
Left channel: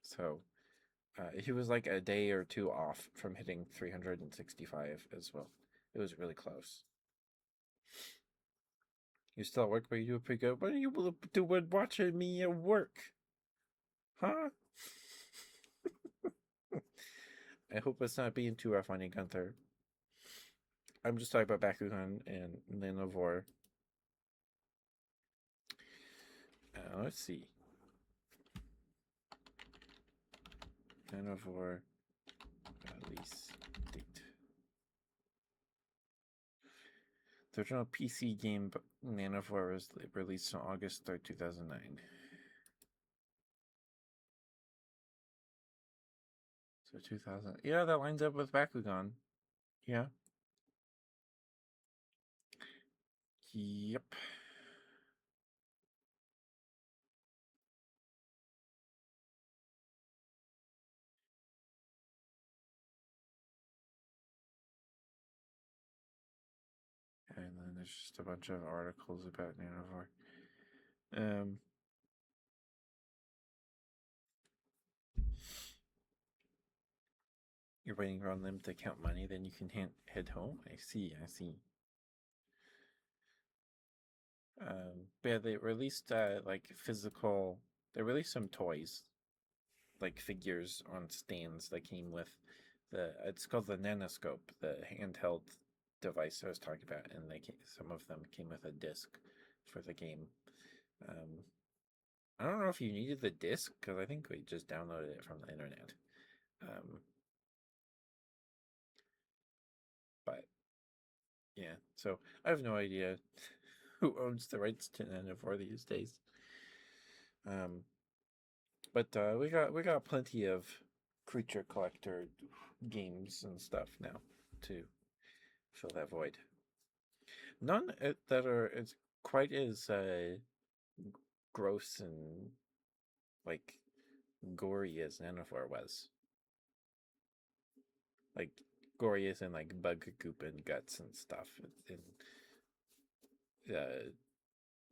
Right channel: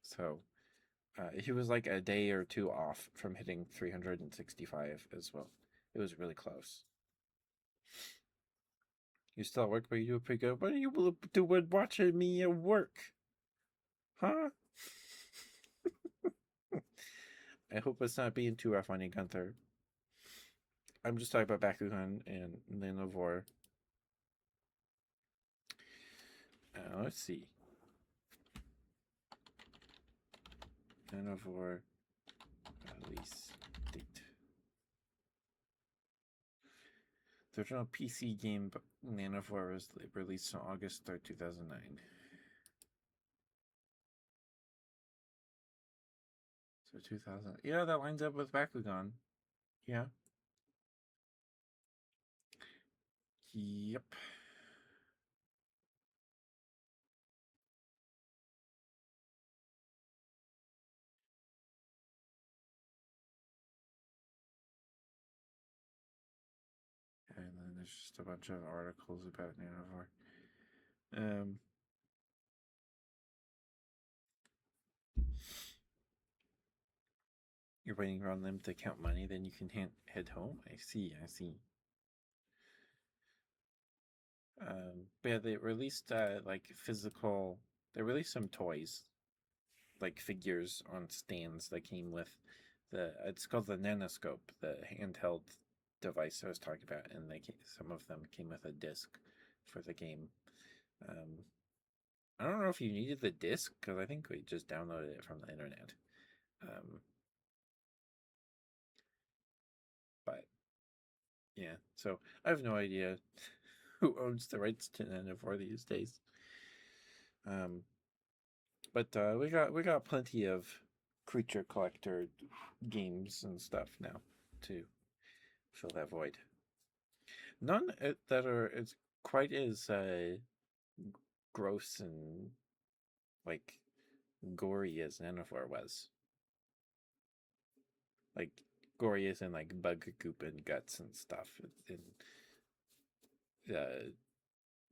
so he was like a day or two off from hitting 365 as well. It was really close. You still at work, but you do pretty good. What are you doing watching me at work? Huh? I hope it's not being too rough on you, Gunther. I'm just talking about Bakugan and Nanavor. Let's see. Nanavor release date. The original PC game Nanavor was released on August 3rd, 2009. So 2000. Yeah, that lines up with Bakugan. Yeah. Yep. And then there's just a bunch of articles about Nanavor. You're waiting around them to count money, then you can head home. I see. I see. But yeah, they released like physical. They released some toys, like figures on stands that came with the. It's called the Nanoscope, the handheld device I was talking about, and some of them came with a disc for the game. Um, I don't know if you needed the disc because I think we just downloaded it from the internet. But yeah, so I have no idea who owns the rights to Nanavor these days. But we got plenty of creature collector games and stuff now to fill that void. None that are as quite as gross and like gory as Nanavor was. Like gory as in like bug goop and guts and stuff. And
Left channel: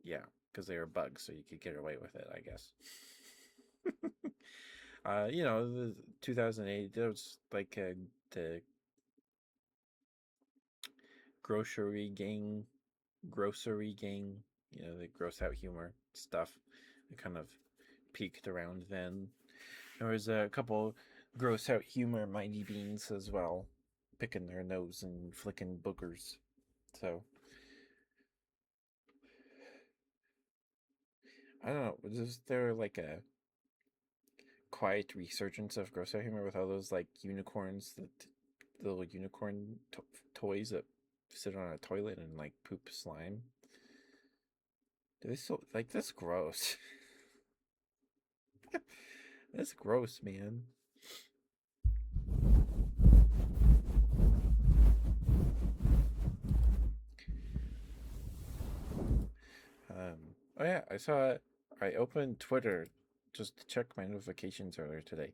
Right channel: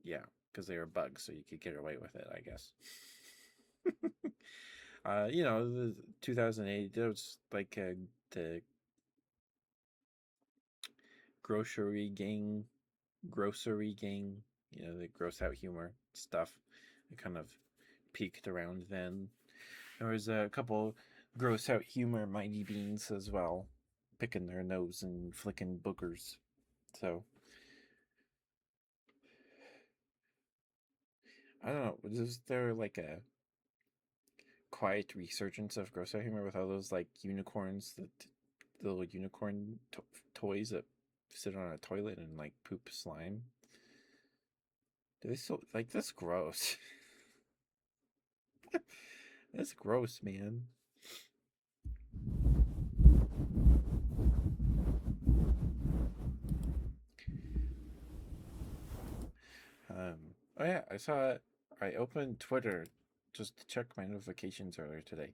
yeah, because they were bugs, so you could get away with it, I guess. The 2008, there was like the grocery gang, the gross out humor stuff. It kind of peaked around then. There was a couple gross out humor Mighty Beans as well, picking their nose and flicking boogers. So I don't know. Was there like a quiet resurgence of gross out humor with all those like unicorns, the little unicorn toys that sit on a toilet and like poop slime? Do they still like that's gross? That's gross, man. Oh yeah, I opened Twitter just to check my notifications earlier today,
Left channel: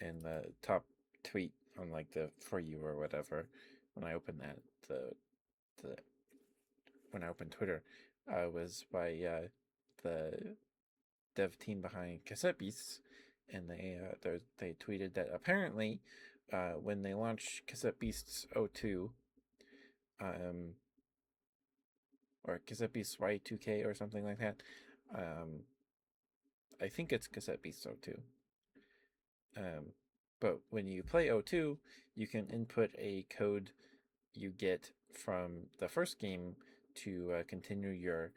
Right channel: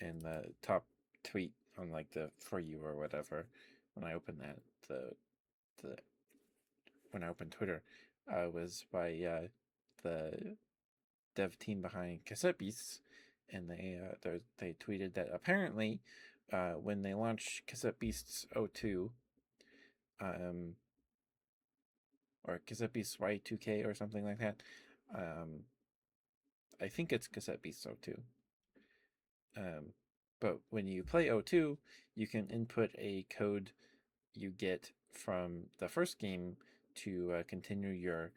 and the top tweet on like the for you or whatever, when I opened that the when I opened Twitter, was by the dev team behind Cassette Beasts, and they tweeted that apparently, when they launched Cassette Beasts 02, um, or Cassette Beasts Y2K or something like that, I think it's Cassette Beasts 02. But when you play 02, you can input a code you get from the first game to continue your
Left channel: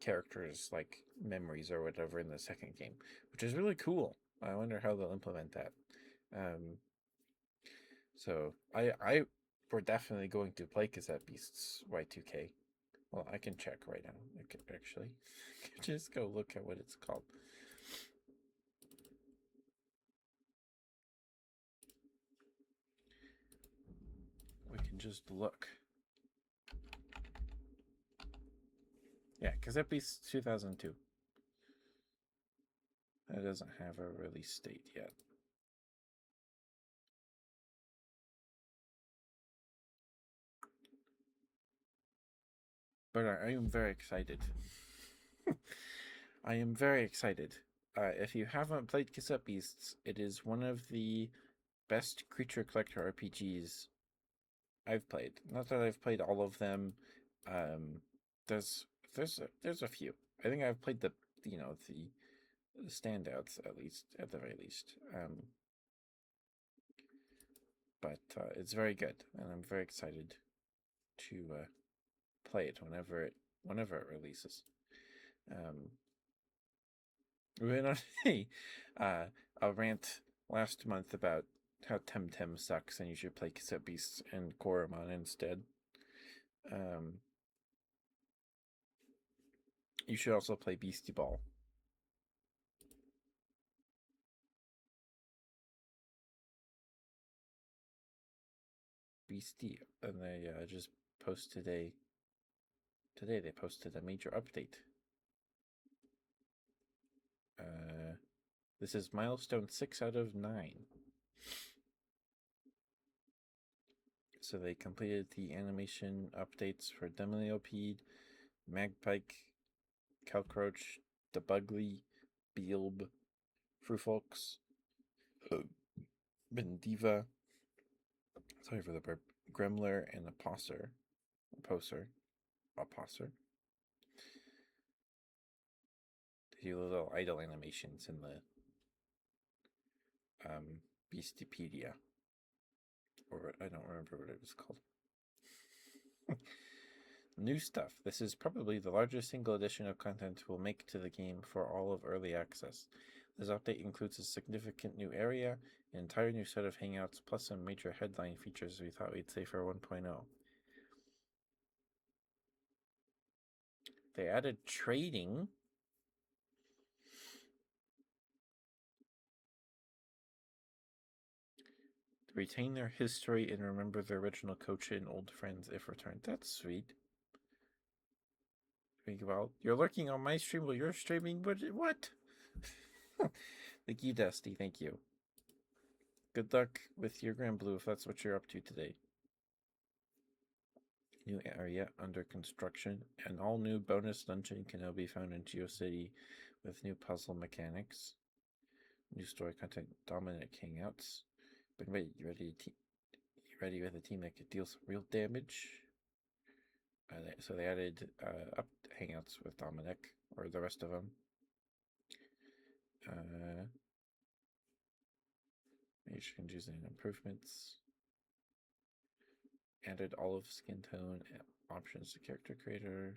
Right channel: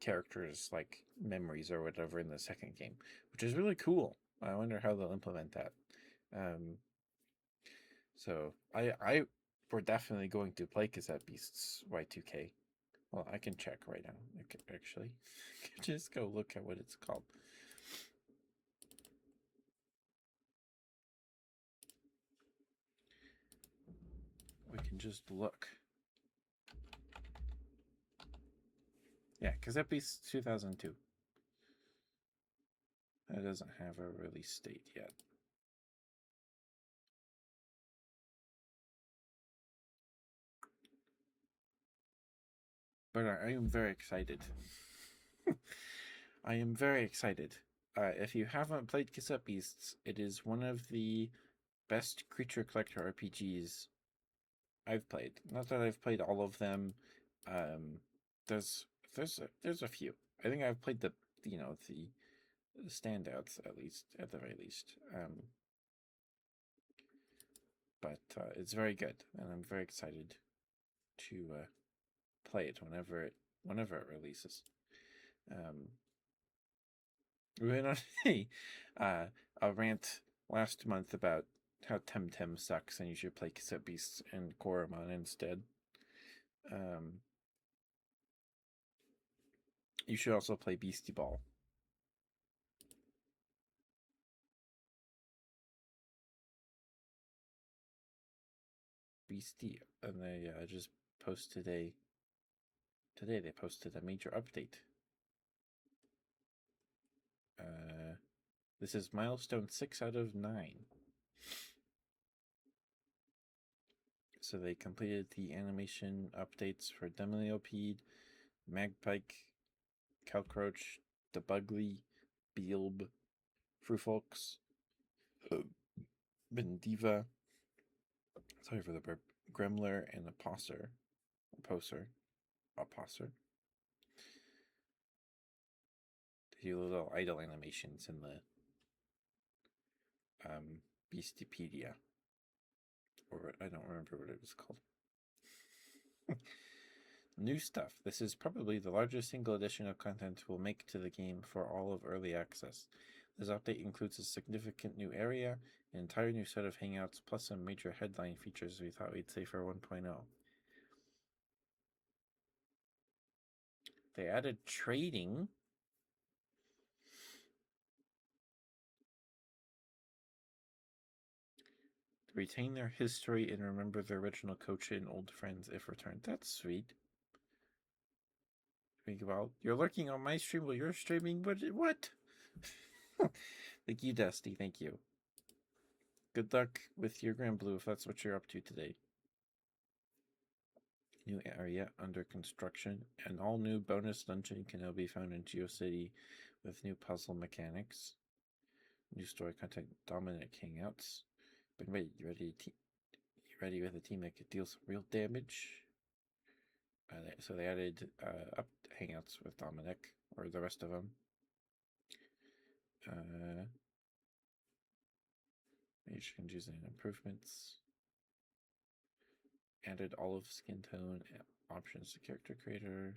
characters like memories or whatever in the second game, which is really cool. I wonder how they'll implement that. Um, so I we're definitely going to play Cassette Beasts Y2K. Well, I can check right now. I can actually just go look at what it's called. We can just look. Yeah, Cassette Beasts 2002. It doesn't have a release date yet. But I am very excited. I am very excited. If you haven't played Cassette Beasts, it is one of the best creature collector RPGs I've played. Not that I've played all of them. Um, there's there's a few. I think I've played the the standouts at the very least. But it's very good, and I'm very excited to play it whenever it releases. Um, we went on a rant last month about how Temtem sucks and you should play Cassette Beasts and Koromon instead. Um, you should also play Beastie Ball. Beastie, and they just posted today they posted a major update. This is milestone 6 out of 9. So they completed the animation updates for Demoliopede, Magpike, Calcroach, Debugly, Beelb, Frufolks, Bendiva, sorry for the burp, Gremler, and Aposser. Aposser. They do little idle animations in the Beastipedia. Or I don't remember what it was called. New stuff. This is probably the largest single addition of content we'll make to the game for all of early access. This update includes a significant new area, an entire new set of hangouts, plus some major headline features we thought we'd say for 1.0. They added trading. Retain their history and remember their original coach and old friends if returned. That's sweet. Think about you're lurking on my stream while you're streaming. What? Thank you, Dusty. Thank you. Good luck with your Grand Blue if that's what you're up to today. New area under construction. An all new bonus dungeon can now be found in GeoCity with new puzzle mechanics. New story content. Dominant hangouts. But wait, you ready with a team that could deal some real damage? So they added up hangouts with Dominic or the rest of them. Mage changes and improvements. Added olive skin tone options to character creator.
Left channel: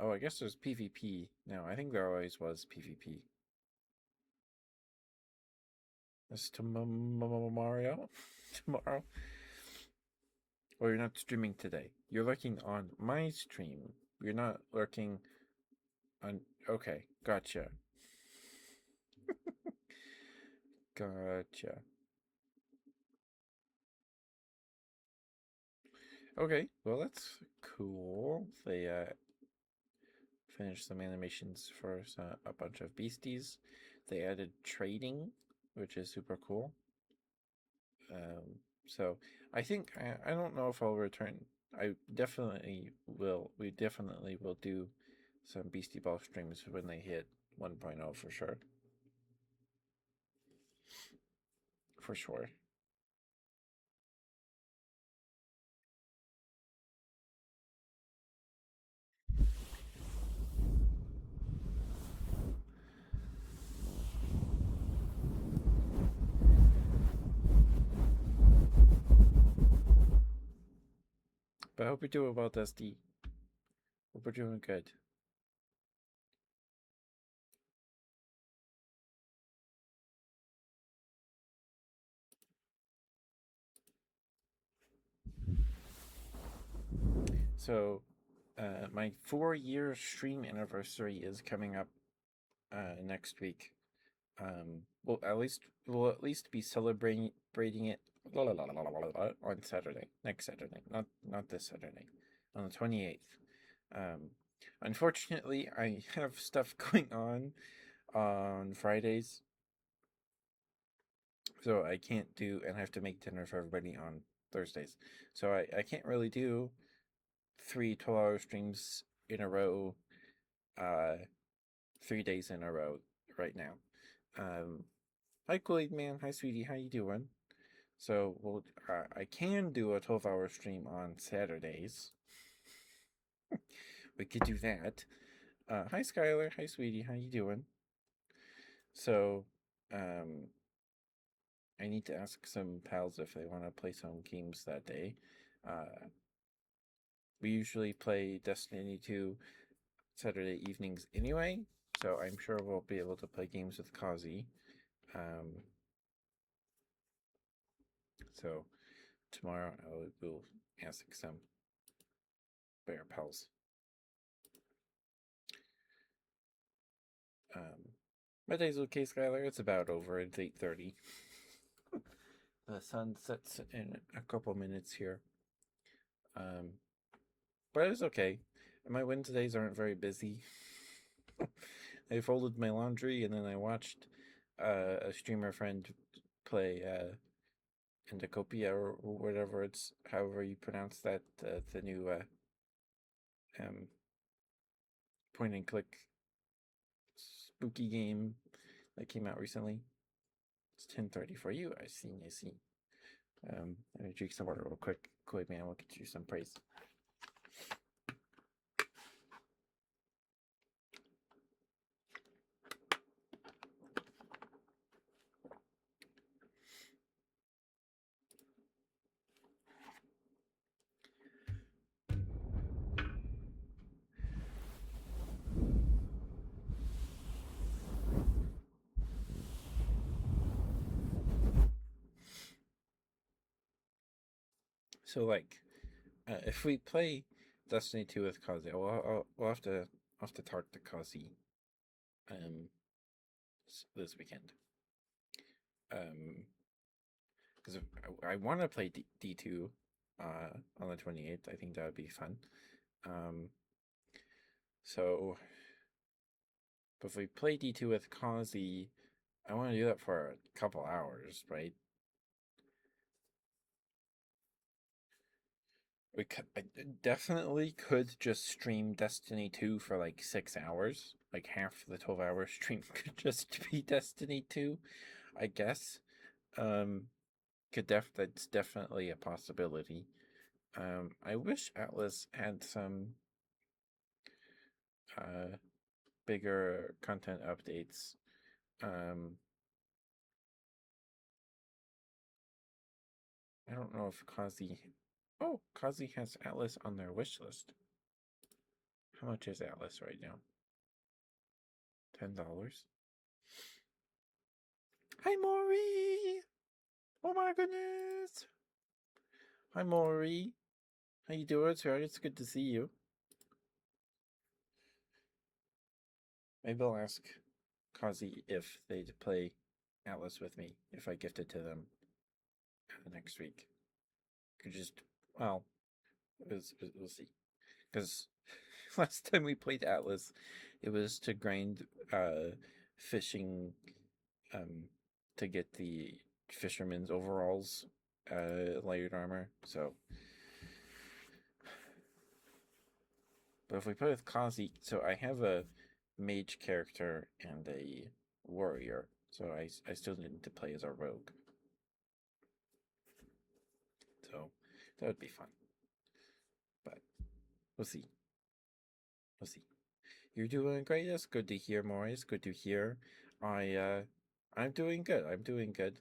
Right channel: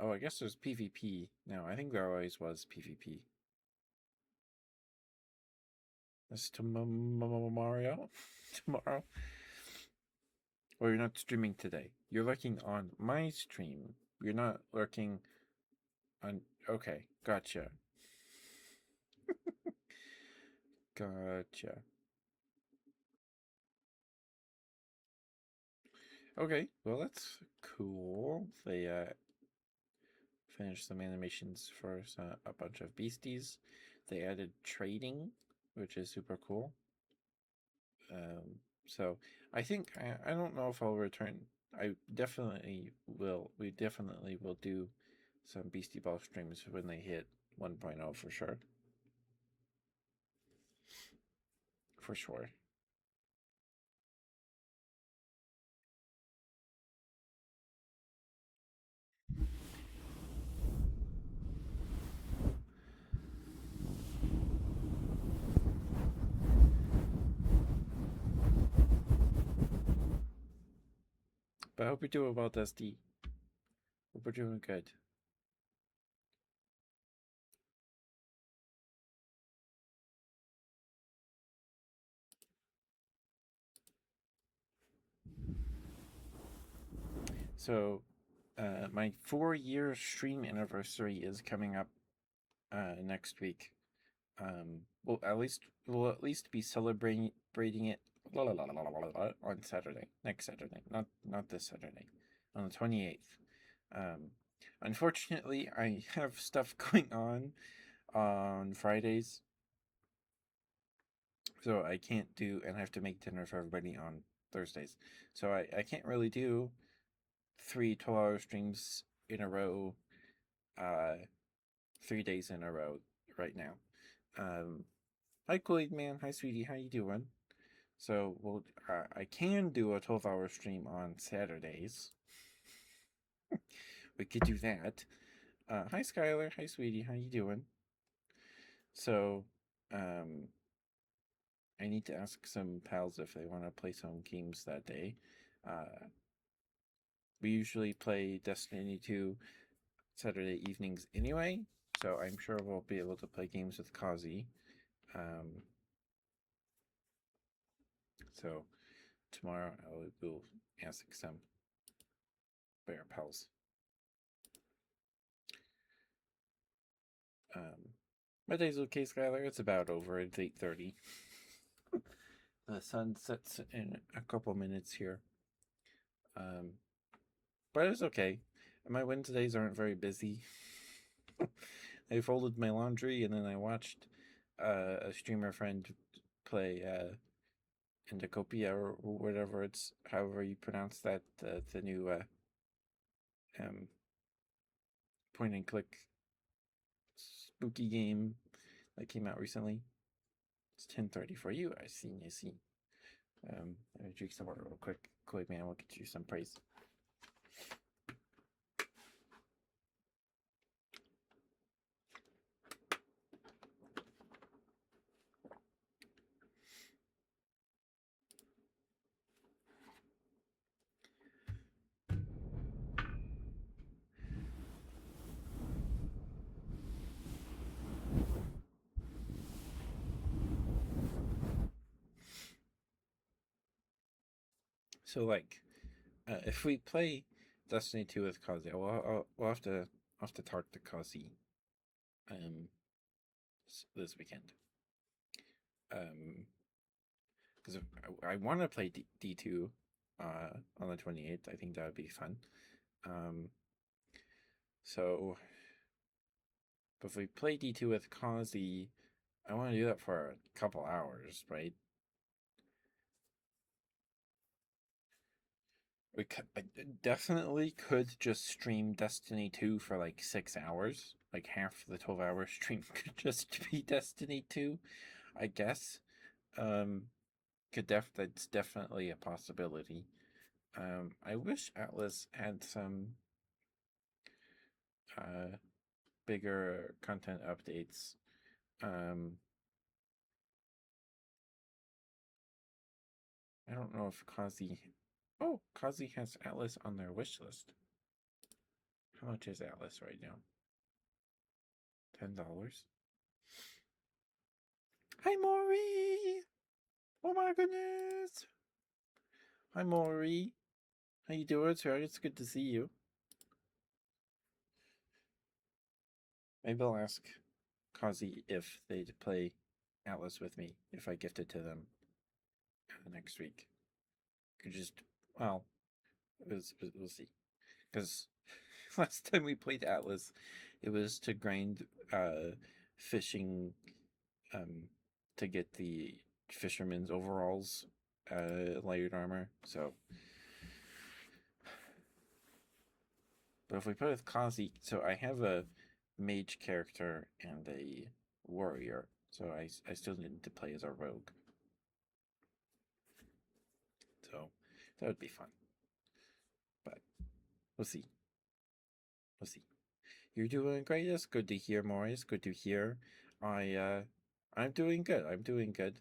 Oh, I guess there's PvP now. I think there always was PvP. This tomorrow? Tomorrow? Or you're not streaming today. You're lurking on my stream. You're not lurking on... Okay, gotcha. Gotcha. Okay, well that's cool. They finished some animations for a bunch of beasties. They added trading, which is super cool. So I think I don't know if I'll return. I definitely will. We definitely will do some Beastie Ball streams when they hit 1.0 for sure. For sure. But I hope you're doing well, Dusty. Hope we're doing good. So, my 4-year stream anniversary is coming up next week. We'll at least be celebrating it on Saturday, next Saturday, not this Saturday, on the 28th. Um, Unfortunately, I have stuff going on Fridays, so I can't do, and I have to make dinner for everybody on Thursdays. So I can't really do 3 12-hour streams in a row, uh, 3 days in a row right now. Hi, Kool-Aid Man. Hi, sweetie. How you doing? So, I can do a 12-hour stream on Saturdays. We could do that. Hi, Skylar. Hi, sweetie. How you doing? So, um, I need to ask some pals if they want to play some games that day. We usually play Destiny 2 Saturday evenings anyway, so I'm sure we'll be able to play games with Kazi. So tomorrow I will ask some bear pals. My day's okay, Skylar. It's about over. It's 8:30. The sun sets in a couple minutes here. But it's okay. My Wednesdays aren't very busy. I folded my laundry and then I watched a streamer friend play Endocopia or whatever it's however you pronounce that, the new um, point and click spooky game that came out recently. It's 10:30 for you. I see. Let me drink some water real quick. Quick, man, we'll get you some praise. So, like, if we play Destiny 2 with Kazi, we'll have to talk to Kazi this weekend. Because I want to play D2 on the 28th. I think that would be fun. So, but if we play D2 with Kazi, I want to do that for a couple hours, right? I definitely could just stream Destiny 2 for like 6 hours. Like half the 12-hour stream could just be Destiny 2, I guess. That's definitely a possibility. I wish Atlas had some bigger content updates. I don't know if Kazi. Oh, Kazi has Atlas on their wish list. How much is Atlas right now? $10. Hi, Maury! Oh my goodness! Hi, Maury. How you doing, sir? It's good to see you. Maybe I'll ask Kazi if they'd play Atlas with me if I gift it to them next week. Could just, well, we'll see. Because last time we played Atlas, it was to grind fishing to get the fisherman's overalls layered armor. So, but if we play with Kazi, so I have a mage character and a warrior, so I still need to play as a rogue. So that would be fun. But we'll see. We'll see. You're doing great. It's good to hear, Maurice. Good to hear. I'm doing good. I'm doing good.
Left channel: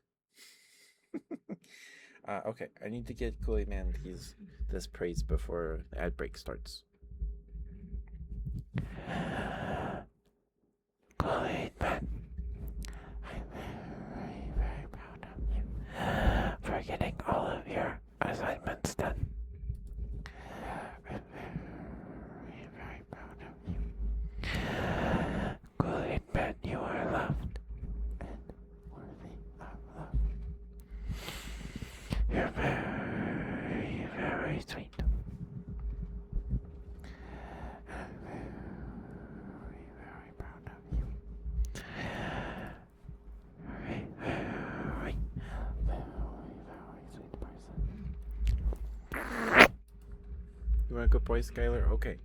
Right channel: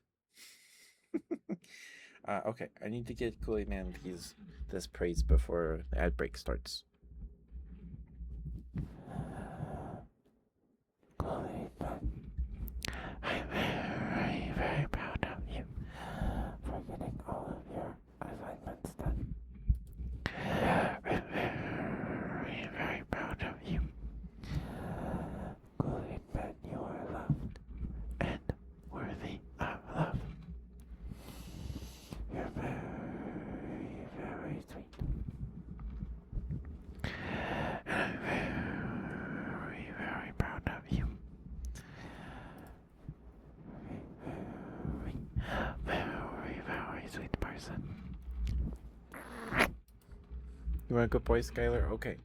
Okay, I need to get Kool-Aid Man his this praise before the ad break starts. Good, but I'm very, very proud of you for getting all of your assignments done. I'm very, very proud of you. Good, but you are loved and worthy of love. You're very, very sweet. And I'm very, very proud of you. Very, very, very, very sweet person. You want a good boy, Skylar? Okay.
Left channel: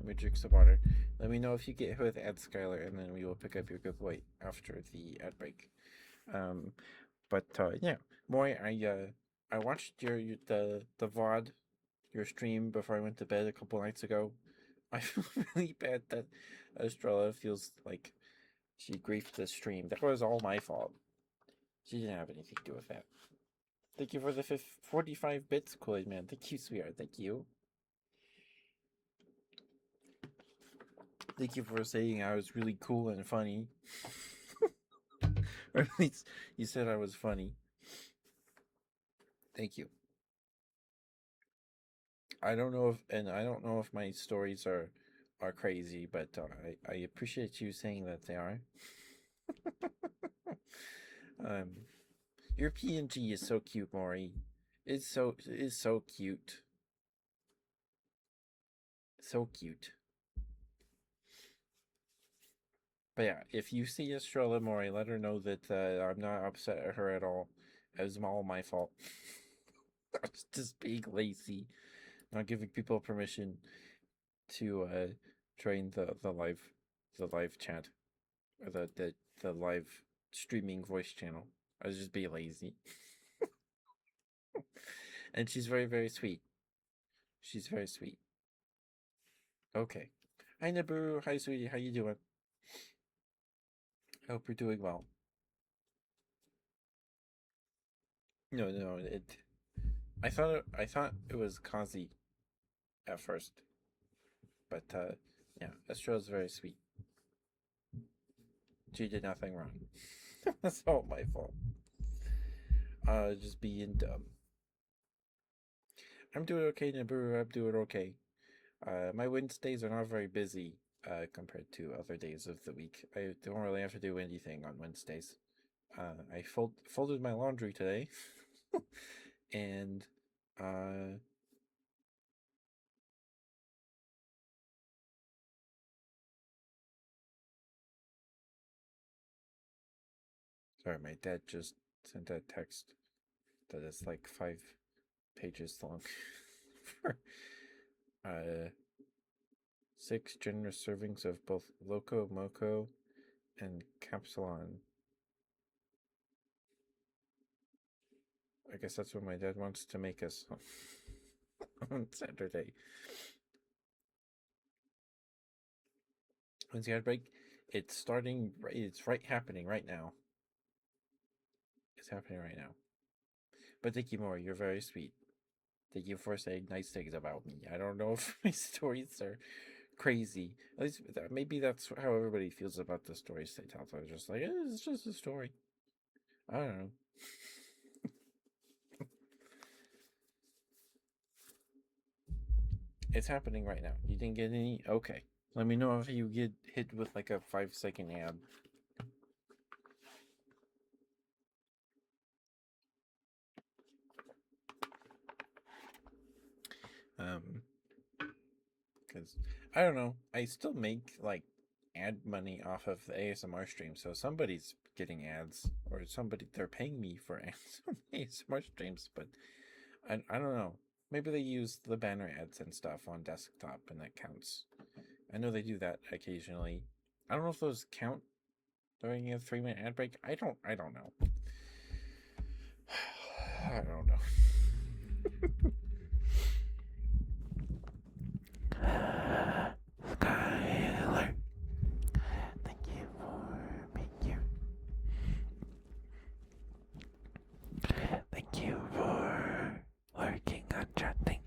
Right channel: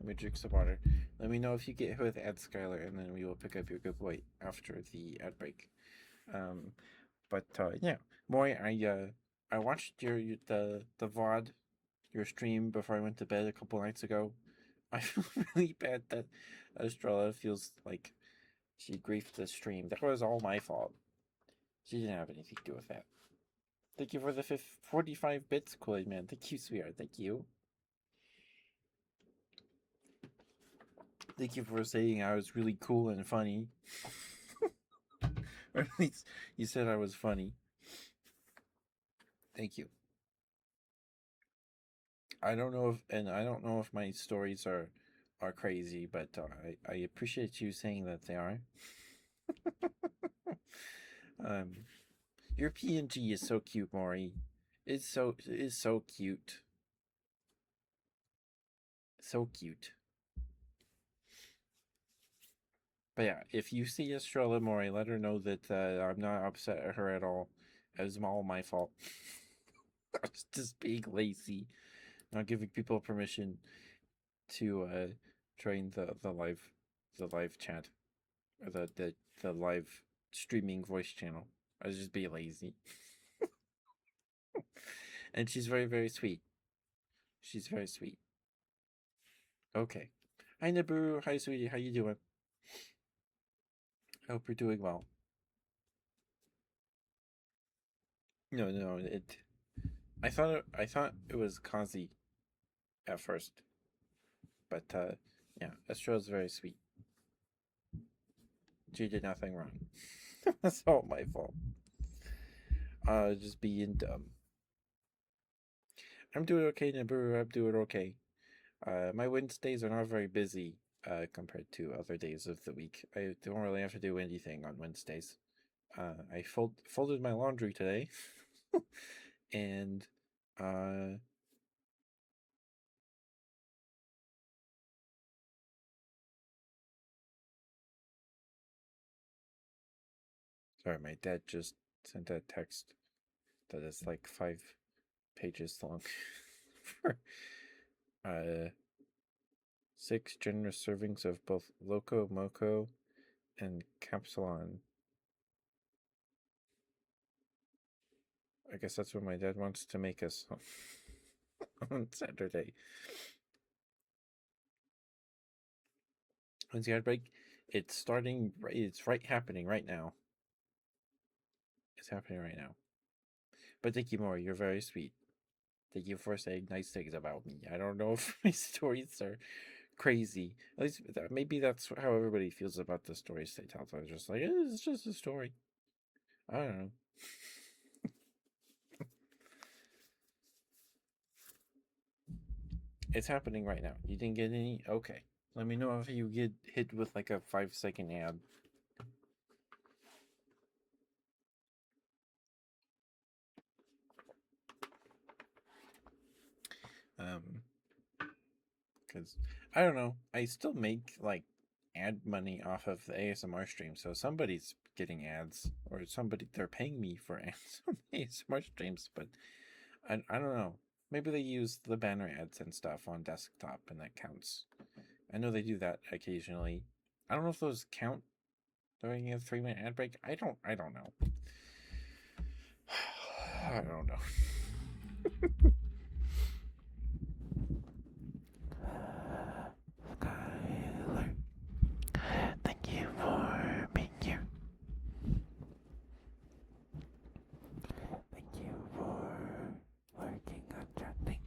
Let me drink some water. Let me know if you get hit with ad, Skylar, and then we will pick up your good boy after the ad break. But yeah, Maury, I watched the VOD, your stream before I went to bed a couple nights ago. I feel really bad that Estrella feels like she griefed the stream. That was all my fault. She didn't have anything to do with that. Thank you for the 45 bits, Kool-Aid Man. Thank you, sweetheart. Thank you. Thank you for saying I was really cool and funny. Or at least you said I was funny. Thank you. I don't know if my stories are crazy, but I appreciate you saying that they are. Your PNG is so cute, Maury. It is so cute. So cute. But yeah, if you see Estrella Maury, let her know that I'm not upset at her at all. It was all my fault. I was just being lazy, not giving people permission to join the live chat or the live streaming voice channel. I was just being lazy. And she's very, very sweet. She's very sweet. Okay. Hi Naburu. Hi sweetie. How you doing? I hope you're doing well. No, I thought it was Kazi at first. But yeah, Estrella's very sweet. She did nothing wrong. That's all my fault. Just being dumb. I'm doing okay, Naburu. I'm doing okay. My Wednesdays are not very busy compared to other days of the week. I don't really have to do anything on Wednesdays. I folded my laundry today, and sorry, my dad just sent a text that is like 5 pages long for 6 generous servings of both Loco Moco and Capsulon. I guess that's what my dad wants to make us on Saturday. When's the ad break? It's starting. It's happening right now. It's happening right now. But thank you, Maury. You're very sweet. Thank you for saying nice things about me. I don't know if my stories are crazy. At least maybe that's how everybody feels about the stories they tell. They're just like, it's just a story. I don't know. It's happening right now. You didn't get any? Okay. Let me know if you get hit with like a 5-second ad. Because I don't know. I still make like ad money off of the ASMR stream, so somebody's getting ads or they're paying me for ads on ASMR streams, but I don't know. Maybe they use the banner ads and stuff on desktop and that counts. I know they do that occasionally. I don't know if those count during a 3-minute ad break. I don't know. I don't know. Skylar, thank you for being here. Thank you for working on chatting.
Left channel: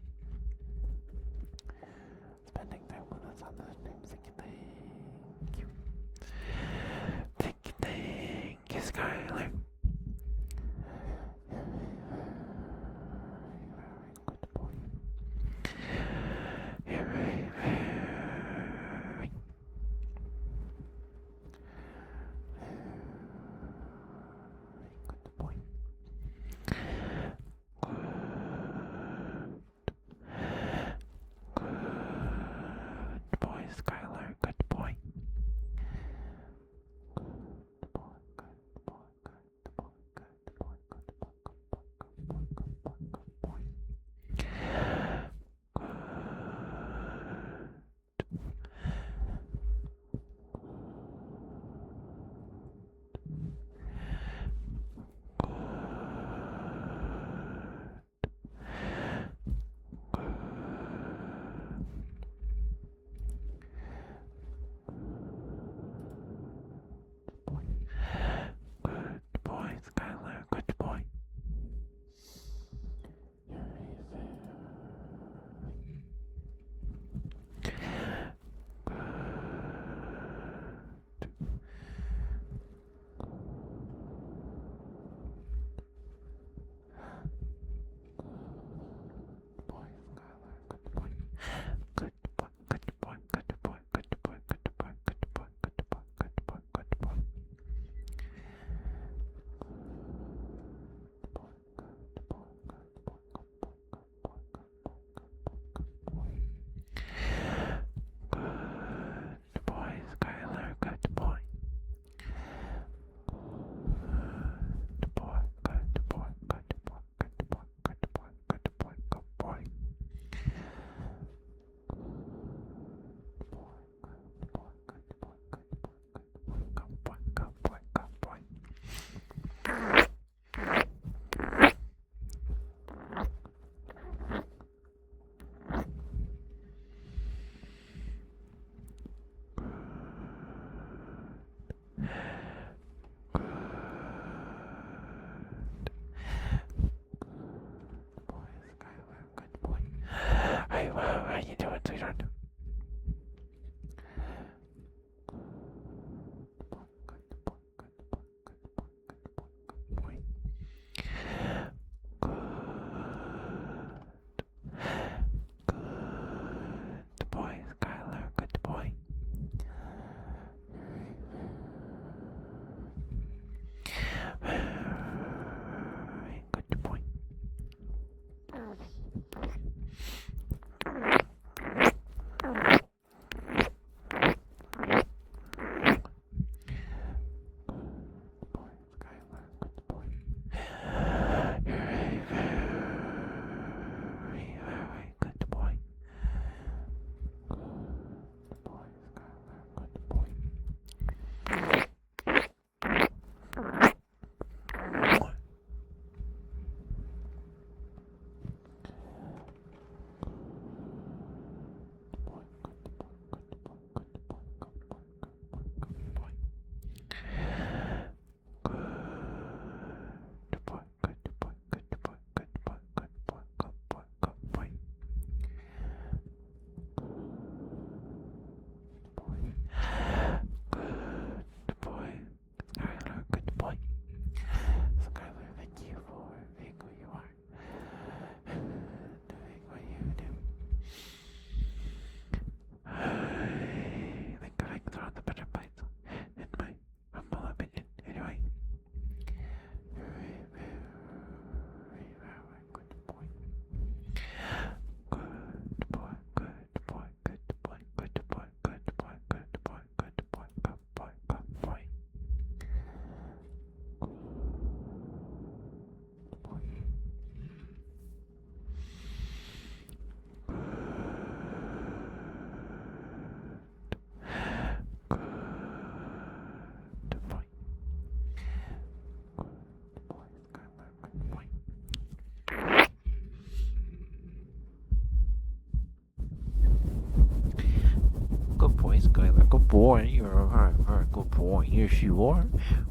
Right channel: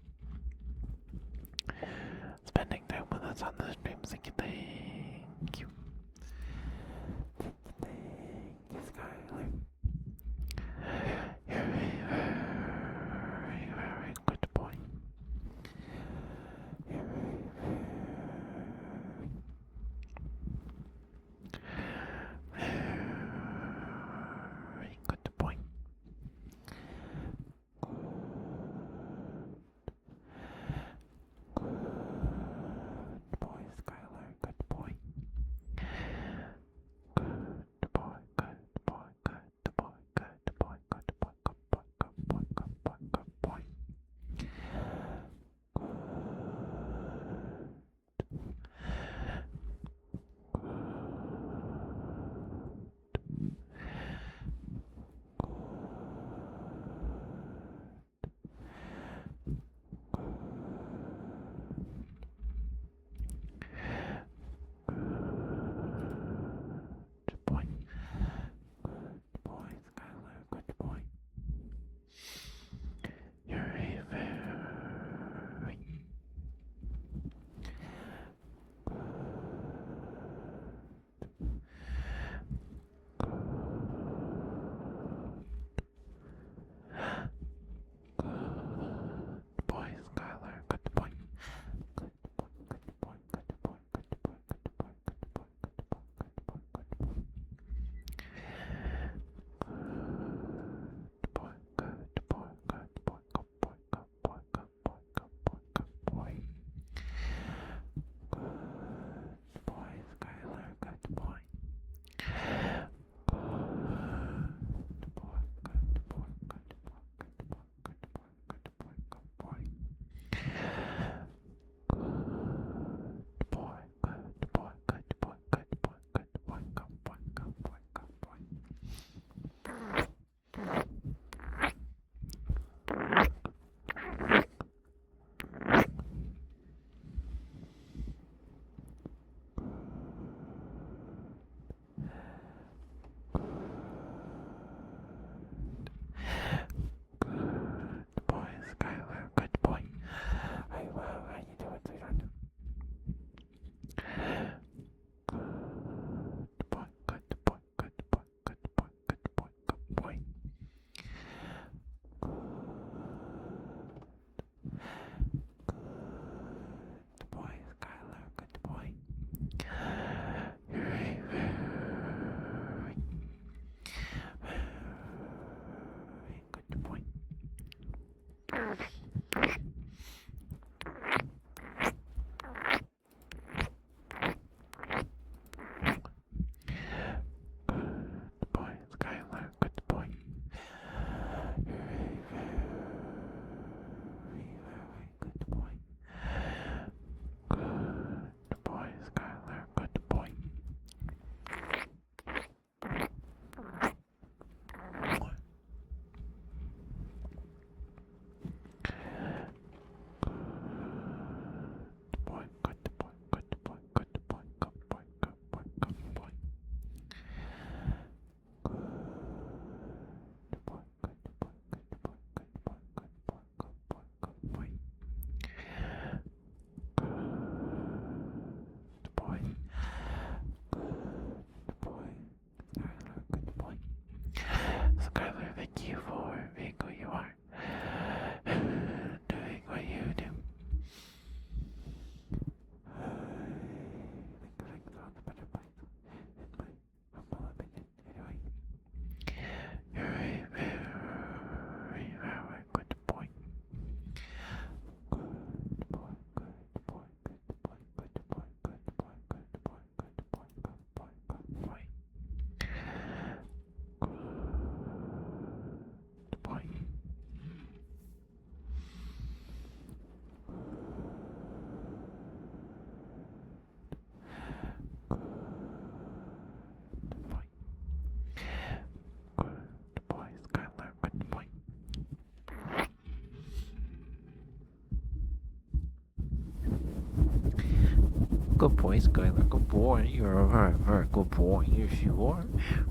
Good boy, Skylar. Good boy. You're a very, very good boy. Yes, you are.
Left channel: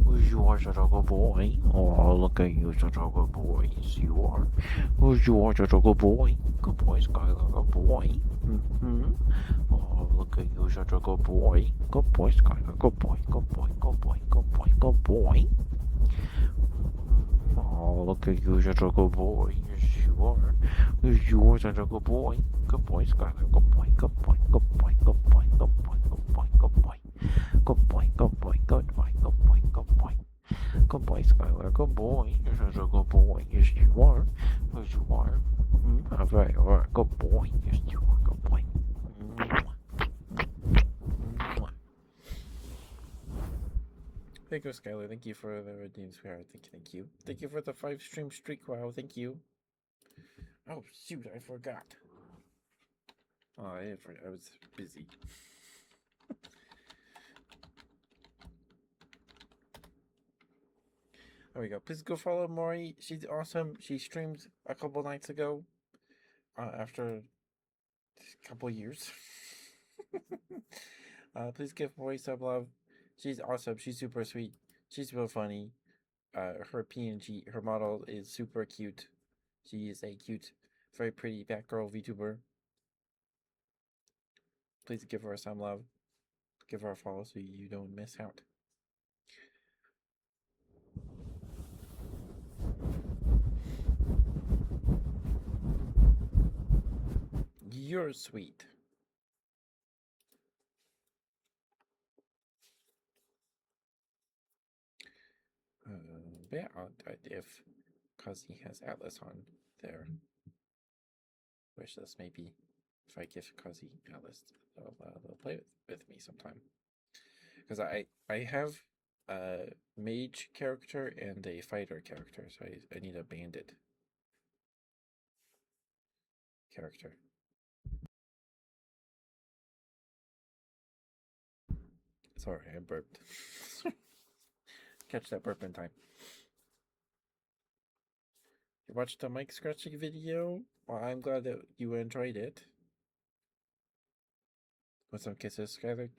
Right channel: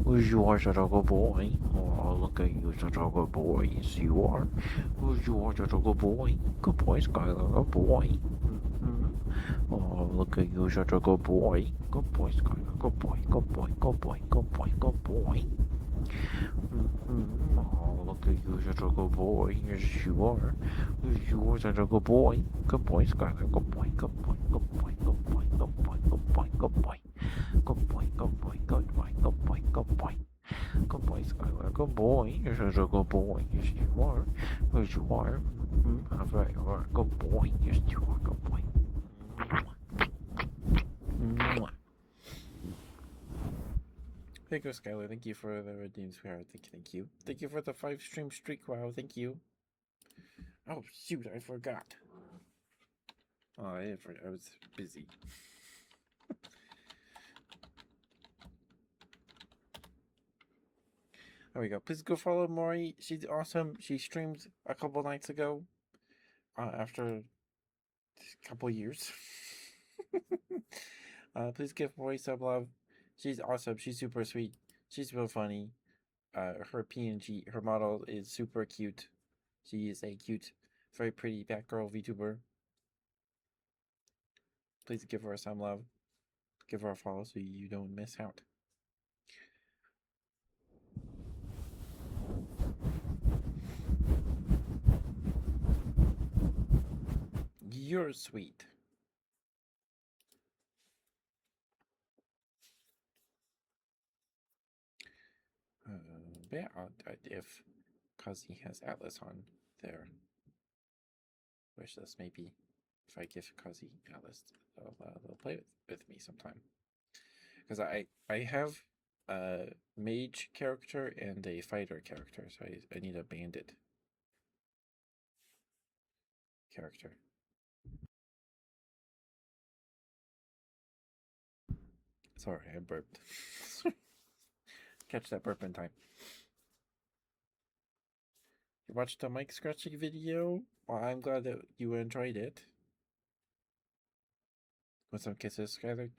Yes, you are such a good boy. Oh, look at you, such a good boy. Yes, you are. Yes, you are such a good boy. Good boy, Skylar. Good boy. Mm-hmm. Oh, look at you, such a good boy. Good boy, Skylar. Good boy. Good boy. Good boy. Good boy. Good boy. Mm-hmm. Oh, look at you, such a good boy. Yes, you are. Yes, you are such a good boy. Good boy, Skylar. Good boy. Good boy. Good boy. Good boy. Good boy. Good boy. Good boy. Good boy. Good boy. Good boy. Good boy. Good boy. Good boy, Skylar. Good boy. You're such a good boy. Yes, you are. Yes, you are. Mm-hmm. A very, very good boy. Yes, you are. Good boy. Mwah. Thank you, Skylar. Thank you for the redeem, sweetheart. Thank you. Thank you for the 5 stream streak. Wow, thank you. Oh shoot, I forgot. Oh, I was busy. There we go. Please go follow Maury. She's awesome. She streamed a couple nights ago. After a couple years. Please give Maury some love. She's awesome. She's super sweet. She's real funny. Her PNG, her model is super cute. She is a cute, very pretty Batgirl VTuber. Please give her some love. Give her a follow so you don't miss out. You're sweet. Yeah, if Kazi has Atlas on their wish list, maybe if I give Kazi Atlas, they'll play with me sometime. Because I have a mage character and a fighter character, so I need a bandit character. Sorry, I burped. Catch that burp in time. You watched the mic scratching video? Well, I'm glad that you enjoyed it. With some kisses, Skylar.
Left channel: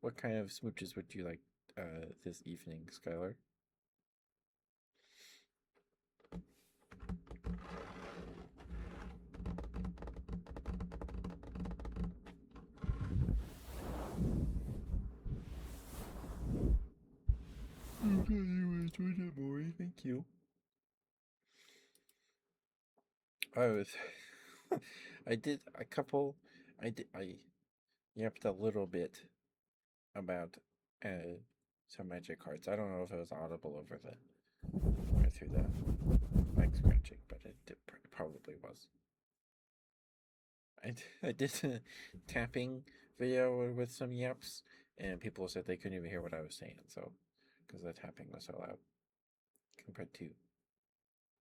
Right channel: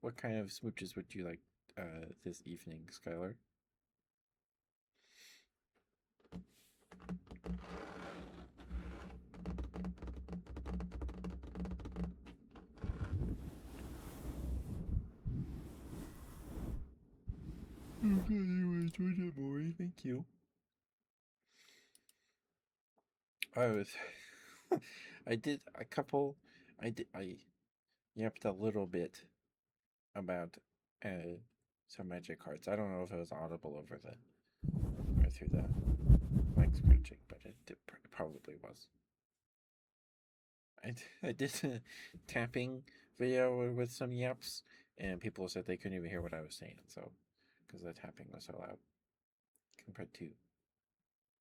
What kind of smooches would you like this evening, Skylar? I'm glad you enjoyed it, Maury. Thank you. I was, I did a couple. I yapped a little bit about some magic cards. I don't know if it was audible over the or through the mic scratching, but it probably was. I did a tapping video with some yaps, and people said they couldn't even hear what I was saying. So, because the tapping was so loud compared to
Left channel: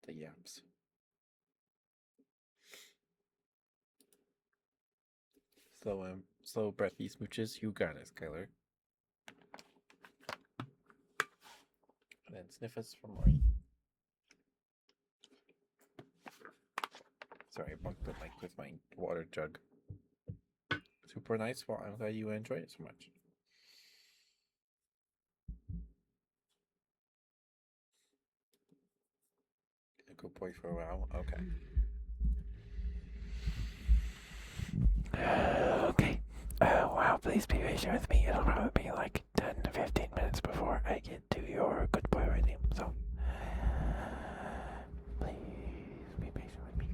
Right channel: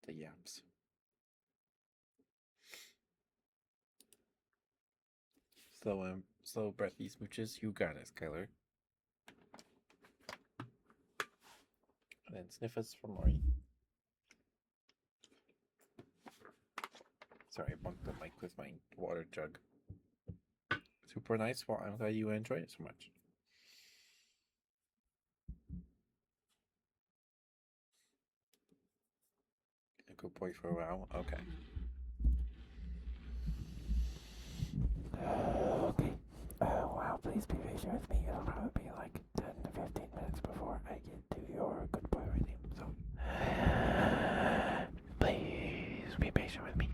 the yaps. Slow breathy smooches. You got it, Skylar. And then sniff us for Maury. Sorry, I bumped the mic with my water jug. Super nice. Well, I'm glad you enjoyed it so much. A good boy for a while. Okay. Okay. Wow, please be patient with me. It'll probably be like 10 to 15 minutes before I get to your good boy redeem. So, please be patient with me.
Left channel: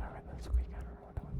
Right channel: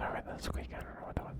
Alright, that's quick. I don't know what that was.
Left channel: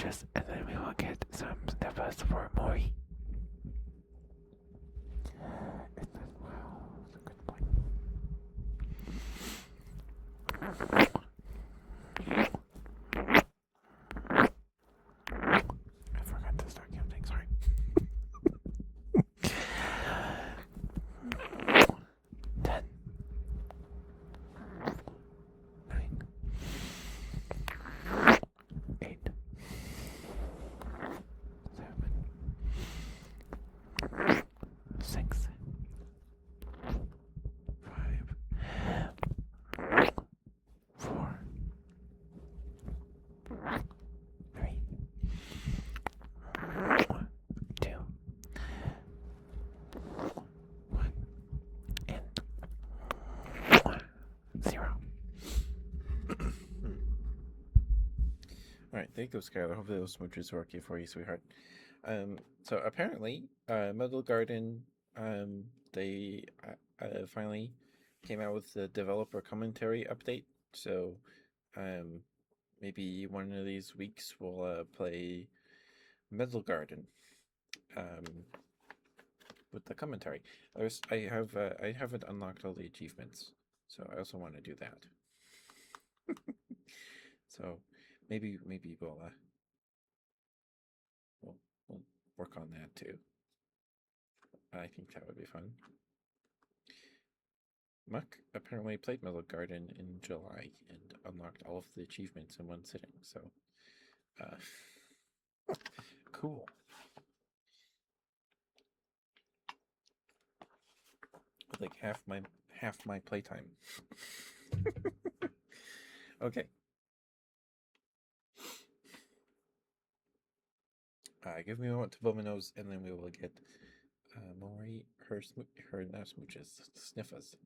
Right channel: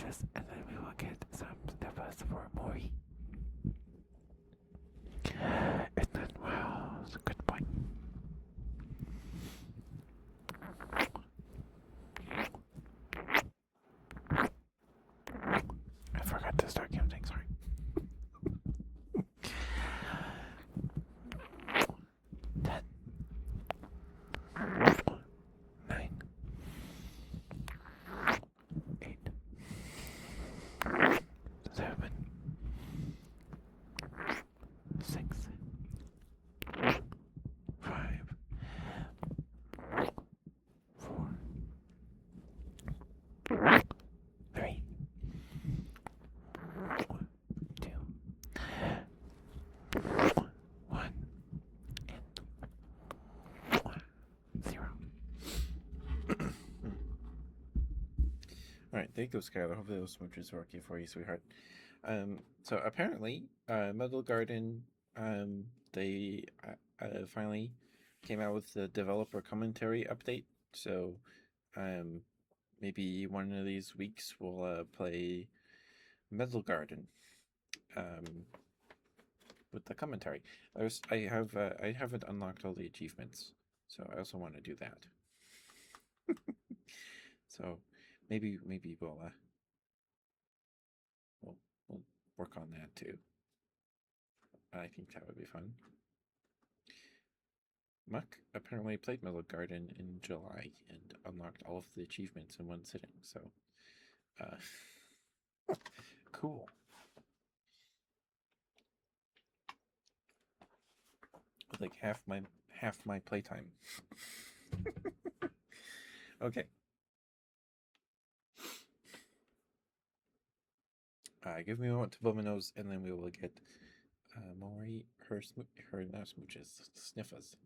smooches, and then we will get some sniffers for Maury. And then, wow, that's a good point. I forgot to start counting, sorry. 10, 9, 8, 7, 6, 5, 4, 3, 2, 1, and 0. All right, there you go, Skylar. Hopefully those smooches are okay for you, sweetheart. So apparently, Metal Garden, they finally came out with the developer commentary update. So, um, maybe one of these weeks we'll play Metal Garden, with the commentary. I haven't unlocked all the achievements, so I also want to do that. So maybe we'll work on that too. I think that would be fun. Muck apparently played Metal Garden in July and unlocked all of the achievements in one sitting. So, cool. With like half my playtime. Okay. Give me a moment to blow my nose, and then we will get Maury her not smooches, sniffers.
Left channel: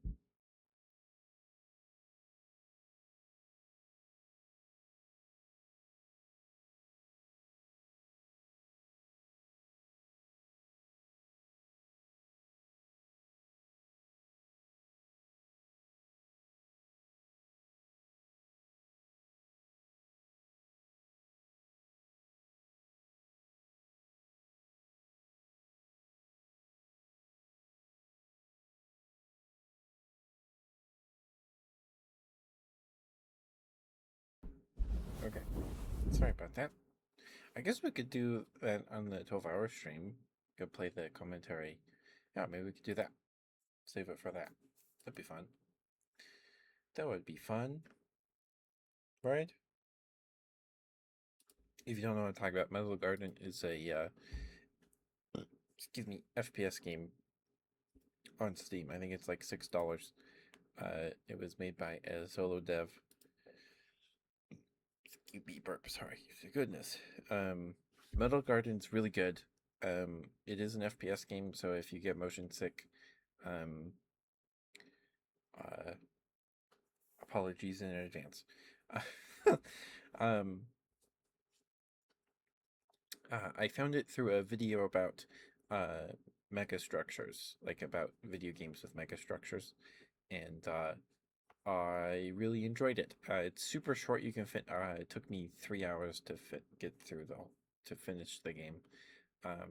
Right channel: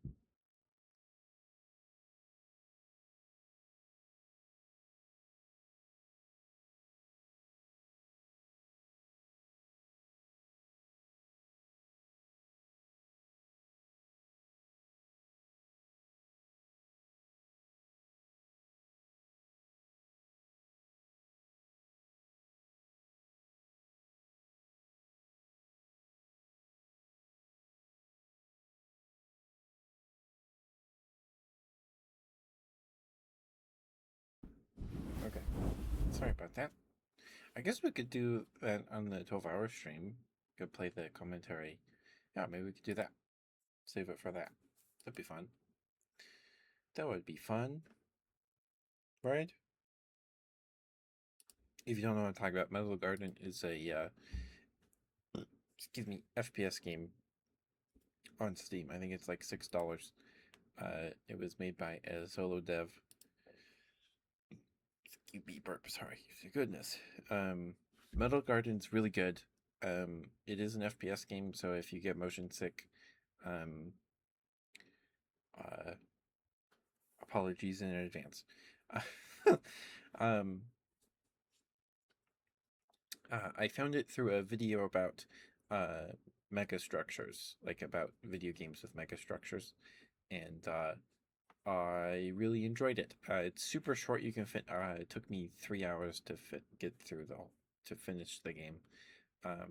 Okay. Sorry about that. I guess we could do that on the 12-hour stream. Could play the commentary. Yeah, maybe we could do that. Save it for that. That'd be fun. That would be fun. Right? If you don't know what I'm talking about, Metal Garden is a excuse me, FPS game on Steam. I think it's like $6. It was made by a solo dev. Excuse me, burp. Sorry. Goodness. Metal Garden's really good. It is an FPS game, so if you get motion sick, um, uh, apologies in advance. um, I found it through a video about mega structures, like about video games with mega structures, and I really enjoyed it. It's super short. You can fit. It took me 3 hours to get through to finish the game. But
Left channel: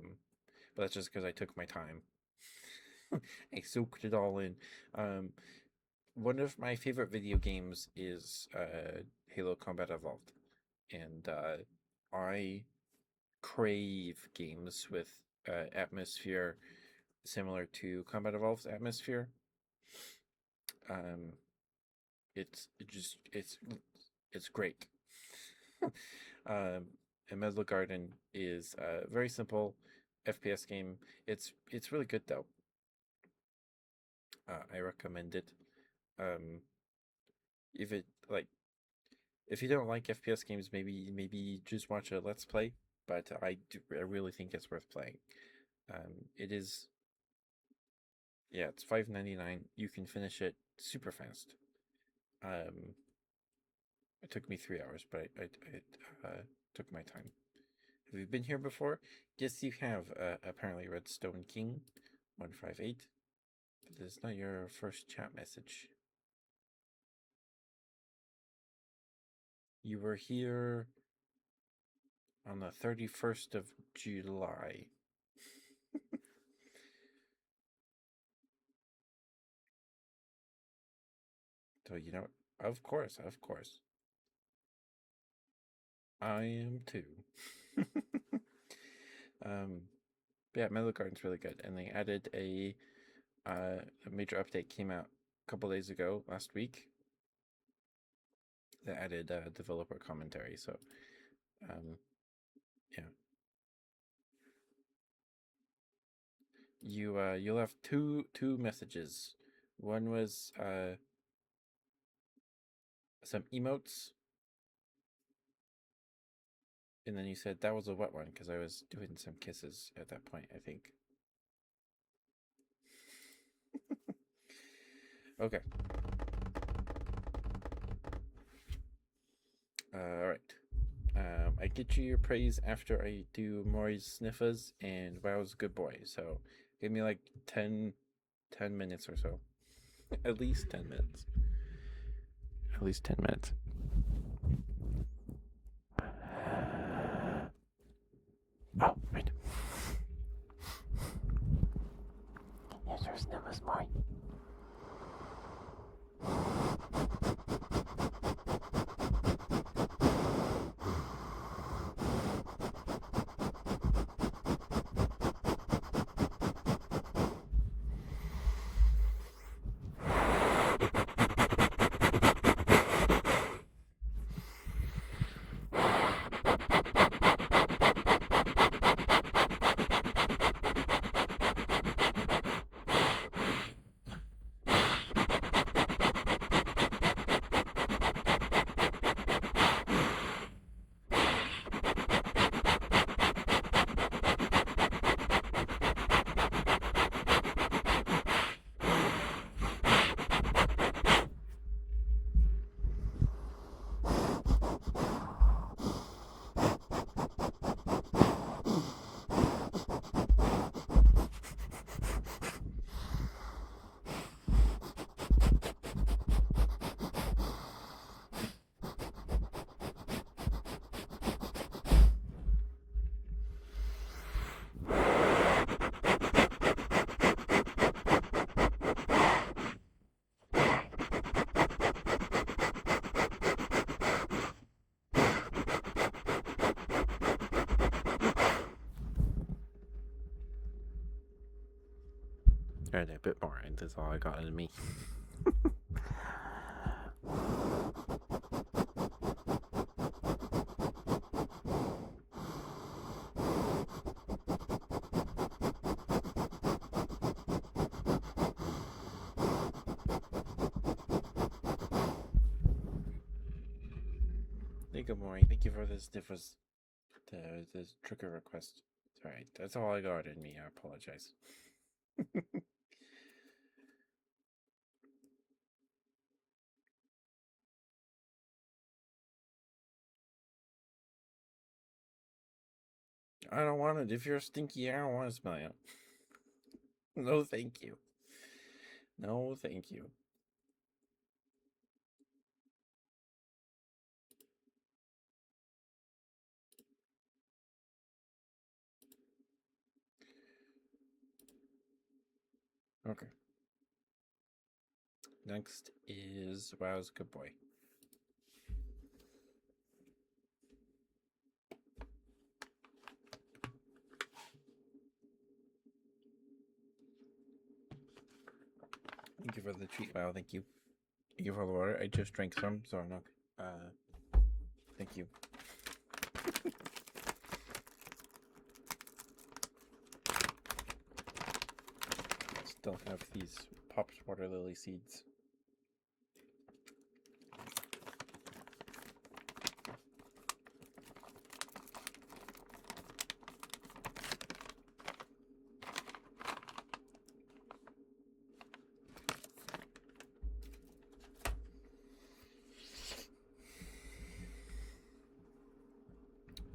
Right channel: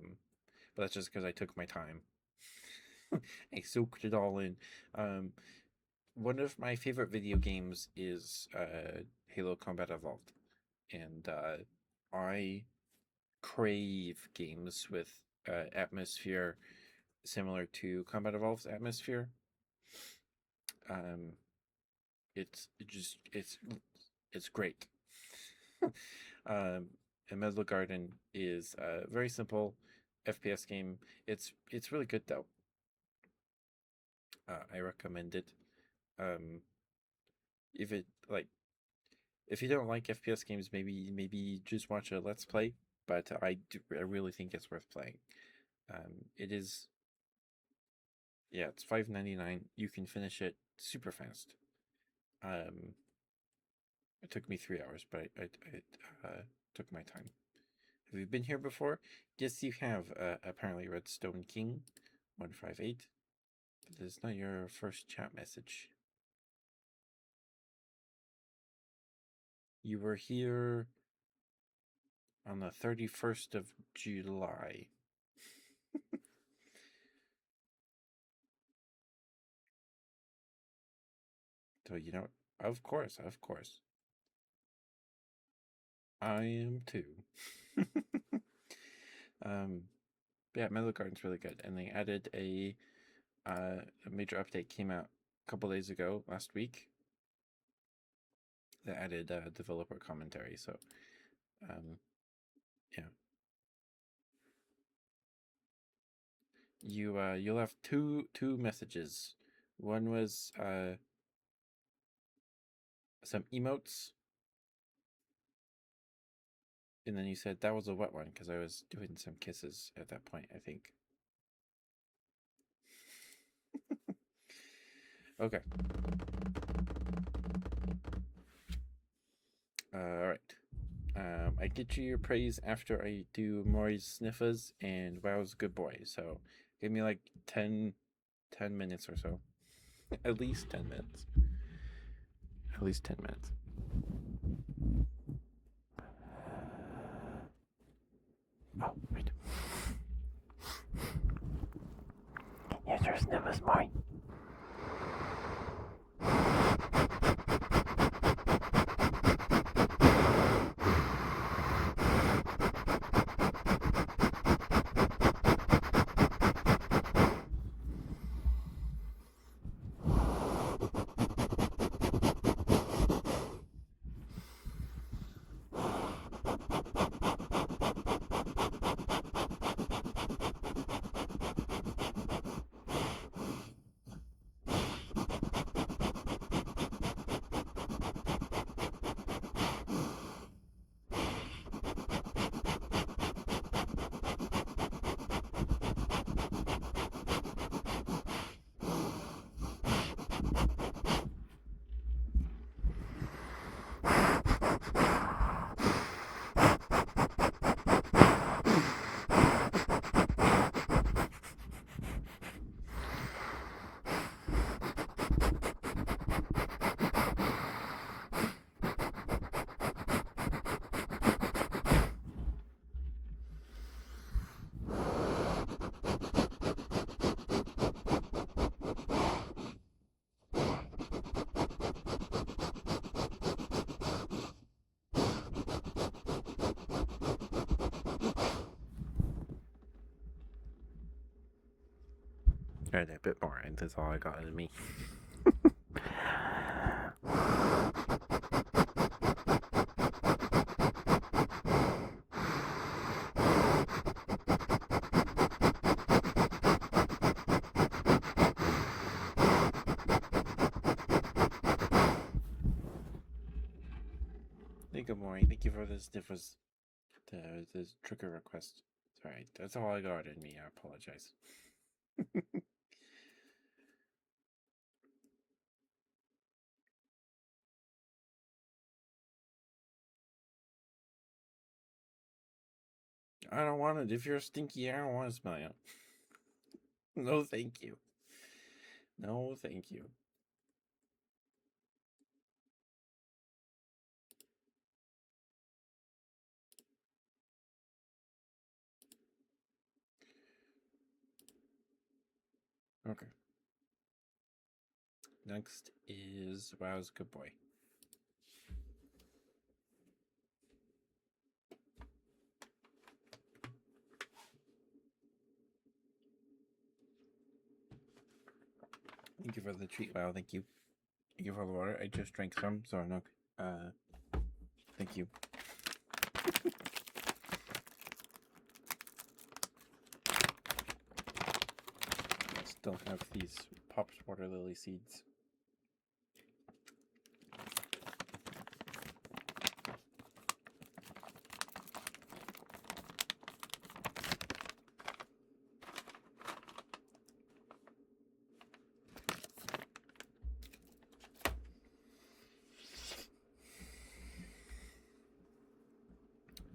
that's just because I took my time. I soaked it all in. Um, One of my favorite video games is Halo Combat Evolved, and I crave games with atmosphere similar to Combat Evolved's atmosphere. Um, it's great. And Metal Garden is a very simple FPS game. It's really good though. I recommend it. Um, if it like if you don't like FPS games, maybe just watch a Let's Play. But I really think it's worth playing. It is, yeah, it's $5.99. You can finish it super fast. Um, it took me 3 hours, but I took my time. Have you been here before? Yes, you have. Apparently, Redstone King 158. But this is not your first chat message. You were here on the 31st of July. So, of course, I am too. um, yeah, Metal Garden's really good, and they added a major update came out a couple days ago, last week. That added developer commentary. So, um, yeah, you'll have two messages. One was some emotes, and then you said that was a wet one because I was doing some kisses at that point, I think. Okay. All right. I get you your praise after I do Maury's sniffers and Wow's good boy. So give me like 10 minutes or so. At least 10 minutes. At least 10 minutes. Oh, wait. Here's your sniffers, Maury. All right, a bit more, and that's all I got in me. Thank you, Maury. Thank you for this. This trigger request. All right, that's all I got in me. I apologize. I don't want it. If you're stinky, I don't want to smell you. No, thank you. No, thank you. Okay. Next is Wow's good boy. Thank you for the treat, Wow. Thank you. Thank you for the water. I just drank some, so I'm not. Thank you. Still have these popped water lily seeds.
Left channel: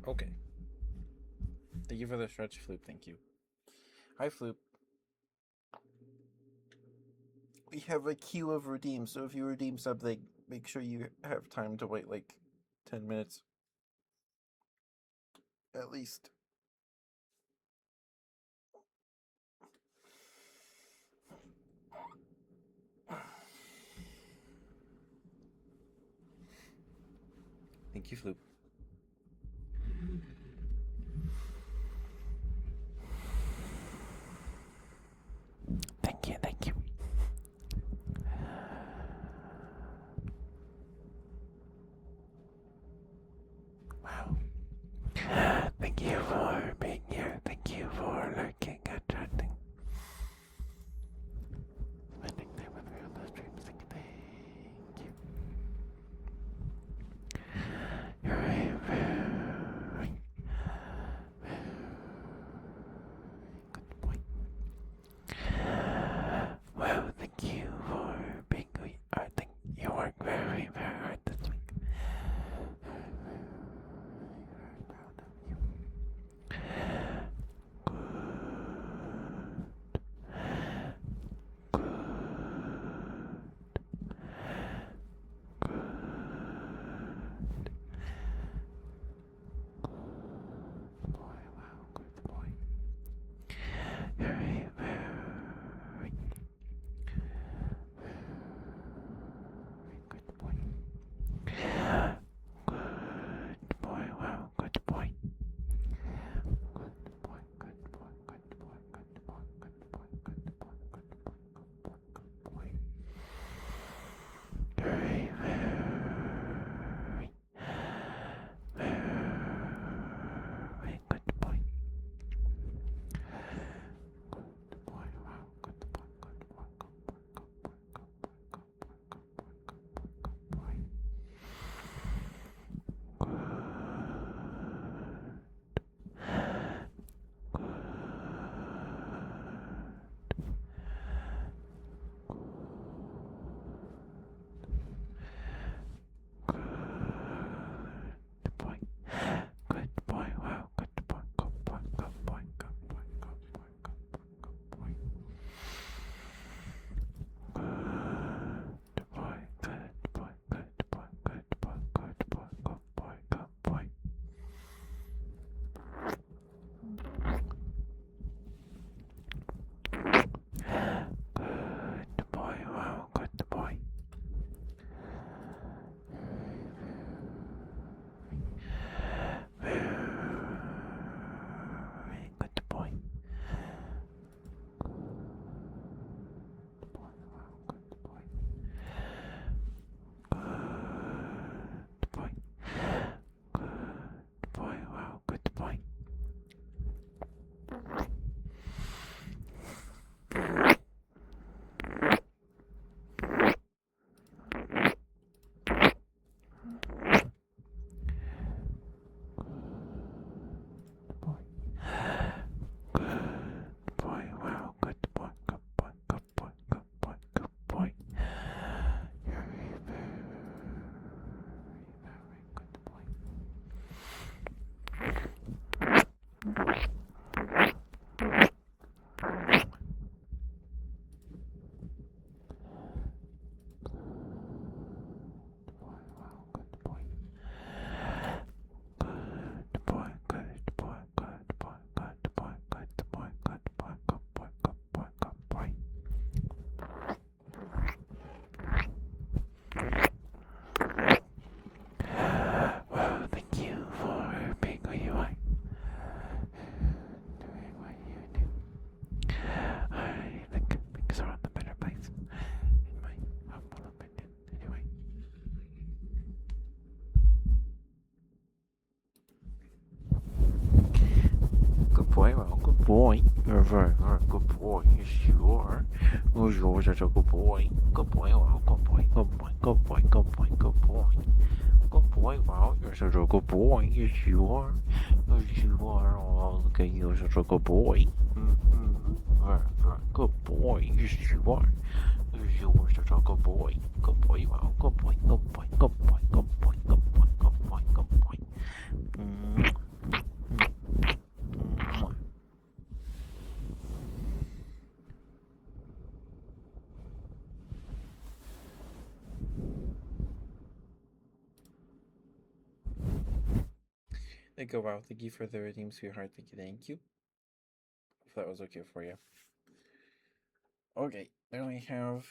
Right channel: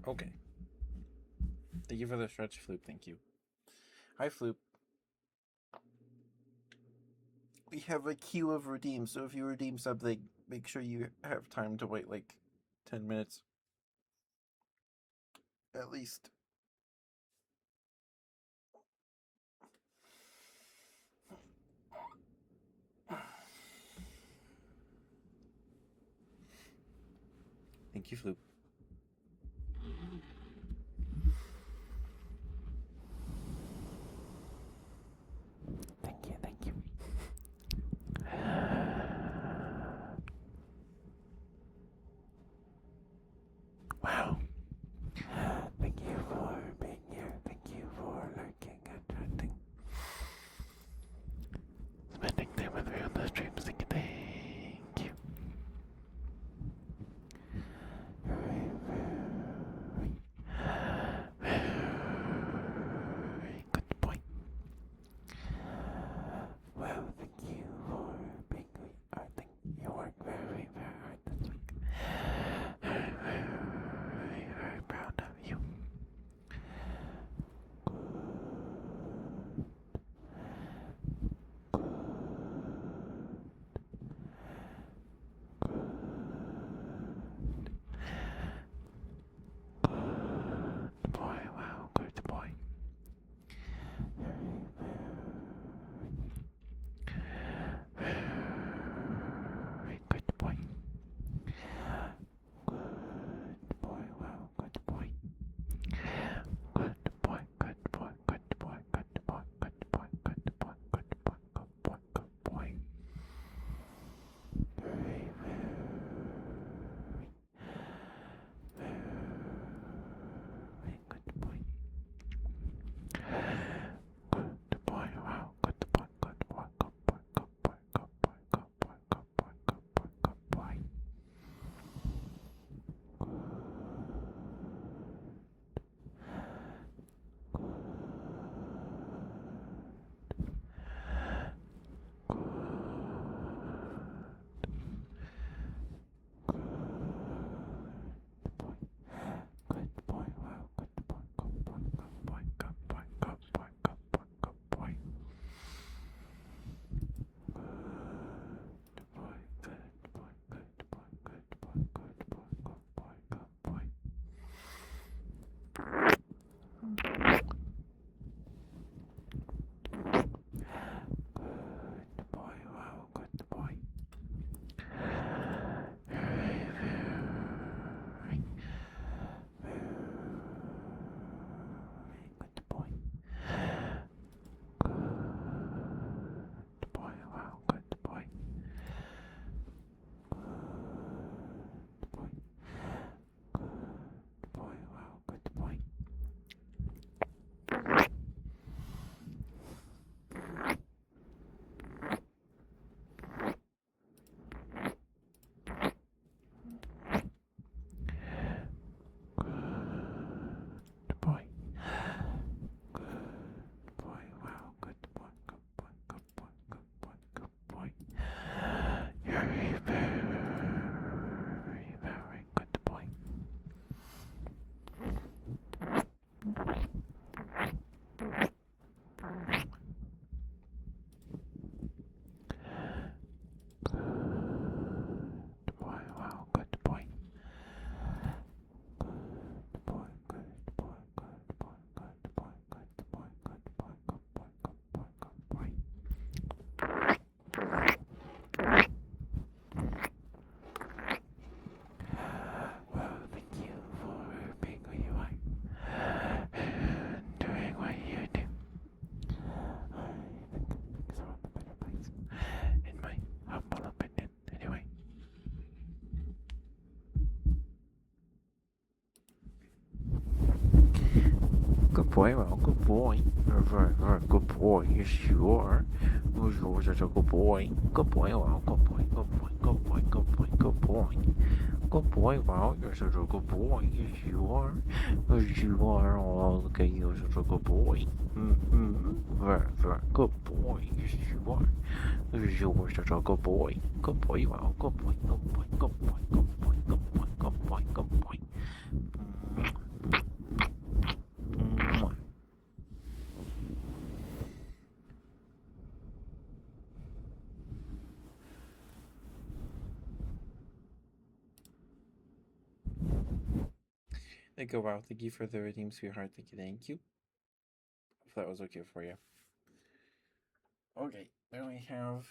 Okay. Thank you for the stretch, Floop. Thank you. Hi, Floop. We have a queue of redeems, so if you redeem something, make sure you have time to wait like 10 minutes. At least. Thank you, Floop. Thank you, thank you. Wow. Thank you for being here. Thank you for lurking and chatting. Spending time with me on the stream. Thank you. You're a very, very good boy. Well, thank you for being here. I think you work very, very hard this week. Very, very, very proud of you. Good. Good boy, wow, good boy. Very, very, very good boy. Good boy, wow, good boy. Good boy, good boy, good boy, good boy, good boy, good boy, good boy, good boy, good boy. Very, very, very good boy. Good boy, wow, good boy, good boy, good boy, good boy, good boy, good boy, good boy, good boy, good boy. Good boy. Good boy, wow, good boy, good boy, good boy, good boy, good boy, good boy, good boy. Good boy, good boy, good boy, good boy, good boy, good boy, good boy. Good boy, wow, good boy. Very, very, very good boy. Good boy, wow, good boy. Good boy. Good boy, wow, good boy. Good boy. Good boy, wow, good boy, good boy, good boy, good boy, good boy. You're a very, very good boy. Good boy, wow, good boy. Good boy, good boy, good boy, good boy, good boy, good boy, good boy, good boy, good boy. Well, thank you for being who you are and doing what you do. I think things are in a better place, in my humble opinion, anyway. Good boy, well, good boy. You're a very, very good boy. Yes, you are. Well, you're such a good boy. Good boy, well, good boy, good boy, good boy, good boy, good boy. Good boy, wow, you're such a good boy. Yes, you are. Yes, you are. Oh, look at you, such a good boy. Very, very good boy. Yes, you are. Yes, you are such a good boy. Good boy, wow, good boy, good boy, good boy, good boy, good boy, good boy, good boy. Go wow. Thank you for the redeem, sweetheart. Thank you. If that was okay for you. Okay, then we have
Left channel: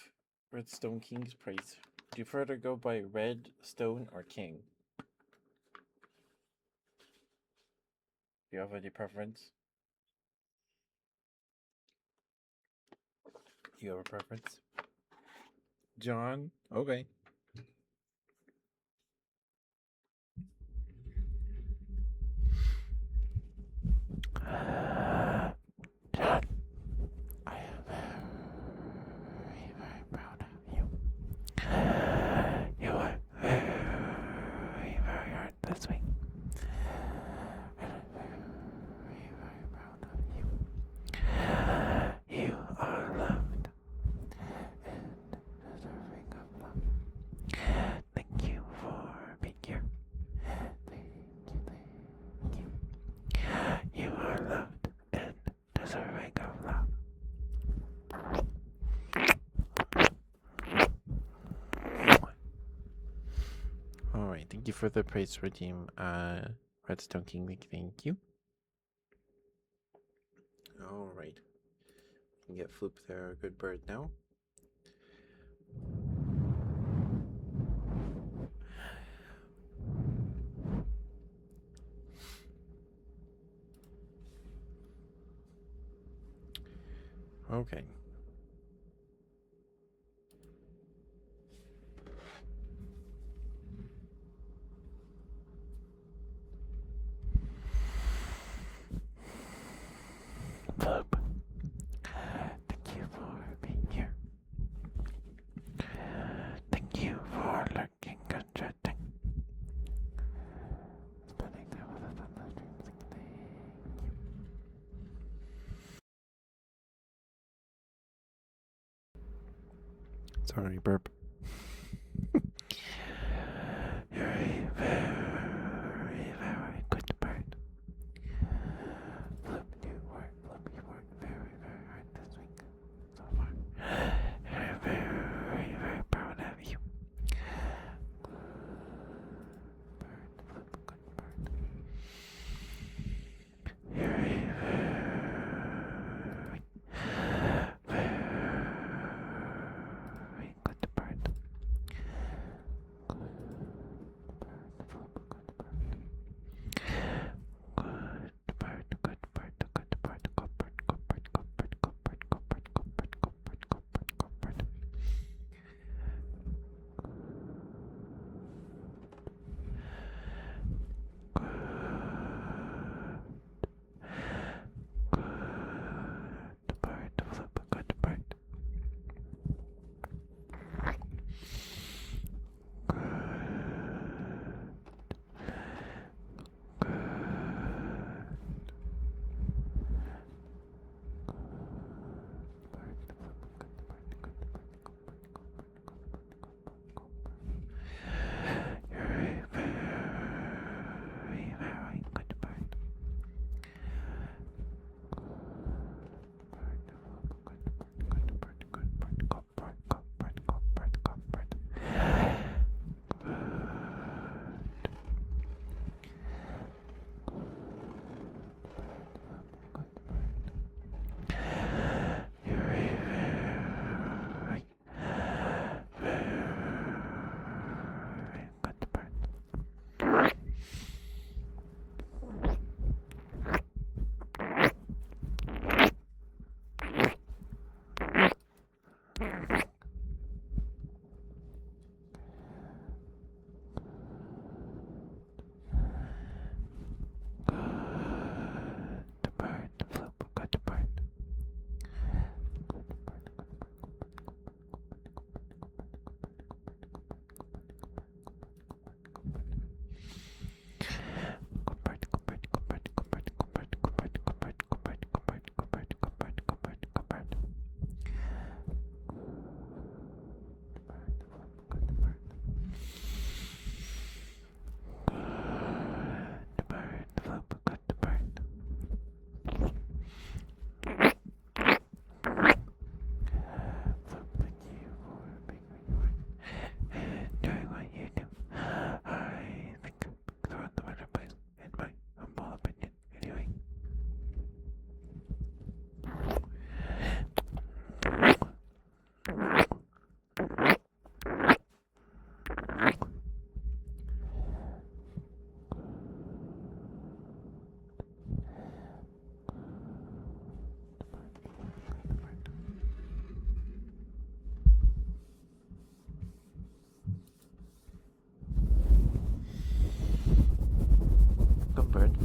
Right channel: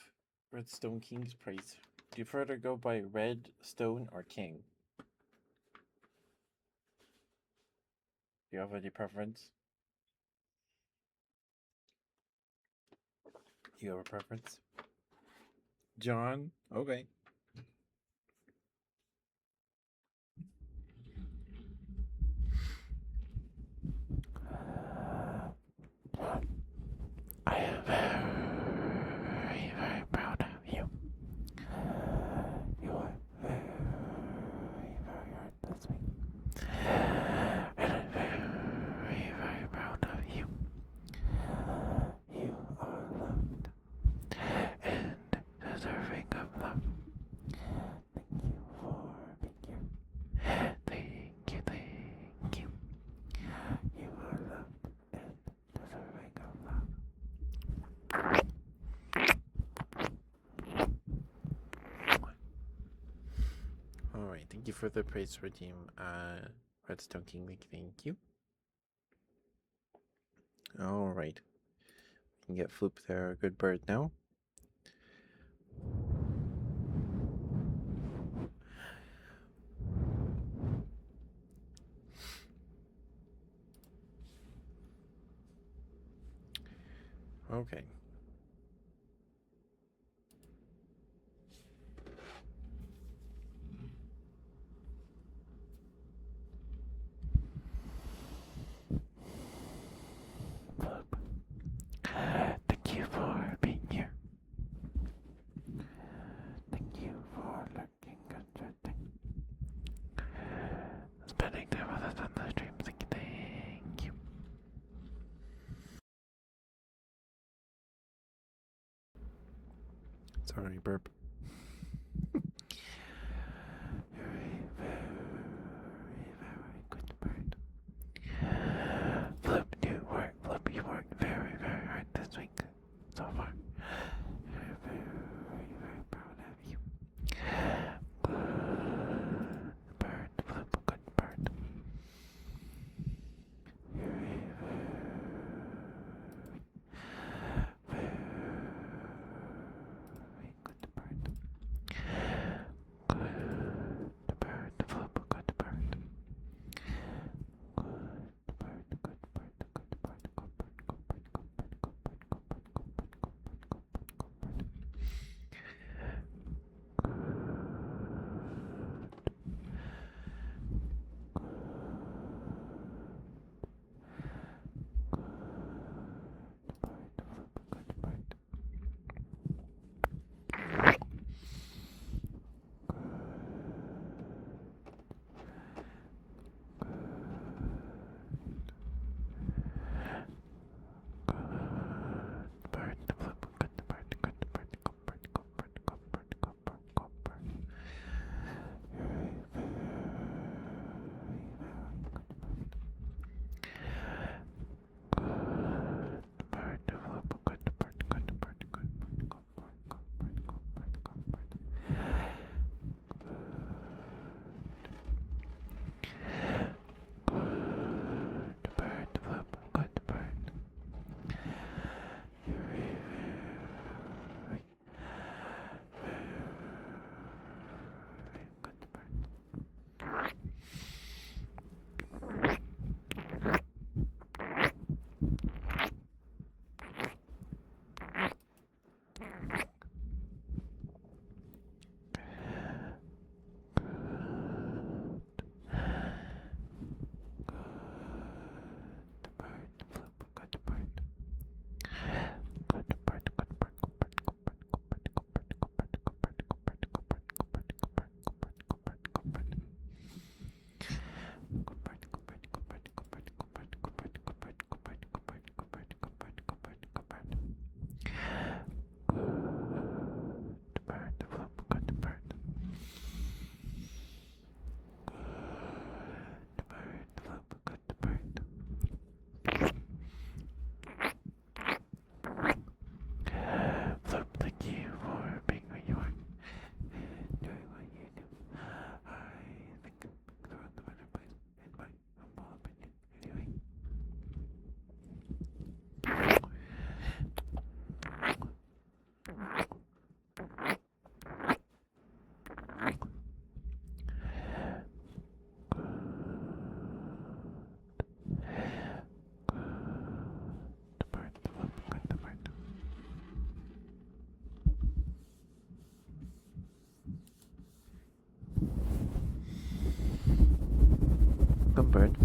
Redstone King's price. Do you prefer to go by Redstone or King? Do you have any preference? You have a preference? John? Okay. John, I am very, very proud of you. You are very, very hard this week. And I'm very, very proud of you. You are loved and deserving of love. Thank you for being here. Thank you, thank you. You are loved and deserving of love. Alright, thank you for the price redeem, Redstone King. Thank you. Alright. We can get Floop there, a good bird now. Okay. Floop, thank you for being here. Thank you for lurking and chatting. Spending time with us on the stream. Thank you. Sorry, burp. You're a very, very good bird. Flip, you worked very, very hard this week so far. You're very, very proud of you. Good bird, Flip, good bird. You're a very, very good bird. Good bird, Flip, good bird. Good bird, good bird, good bird, good bird, good bird, good bird, good bird, good bird, good bird, good bird,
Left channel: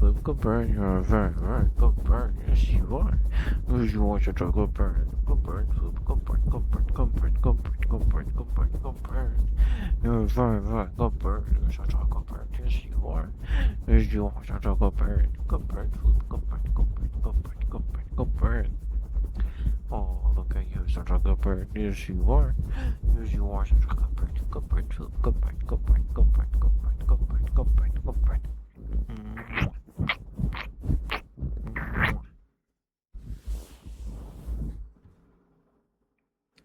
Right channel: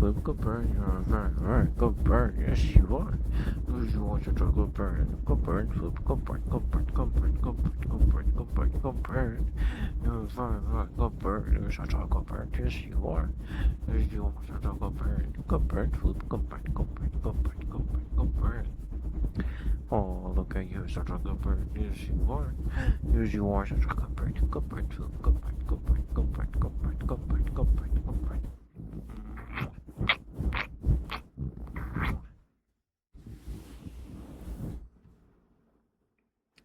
Flip, good bird. You're a very, very good bird. Yes, you are. Yes, you are such a good bird. Good bird, Flip. Good bird, good bird, good bird, good bird, good bird, good bird, good bird. You're a very, very good bird. You're such a good bird. Yes, you are. Yes, you are such a good bird. Good bird, Flip. Good bird, good bird, good bird, good bird, good bird. Oh, look at you, such a good bird. Yes, you are. Yes, you are such a good bird. Good bird, Flip. Good bird, good bird, good bird, good bird, good bird, good bird, good bird.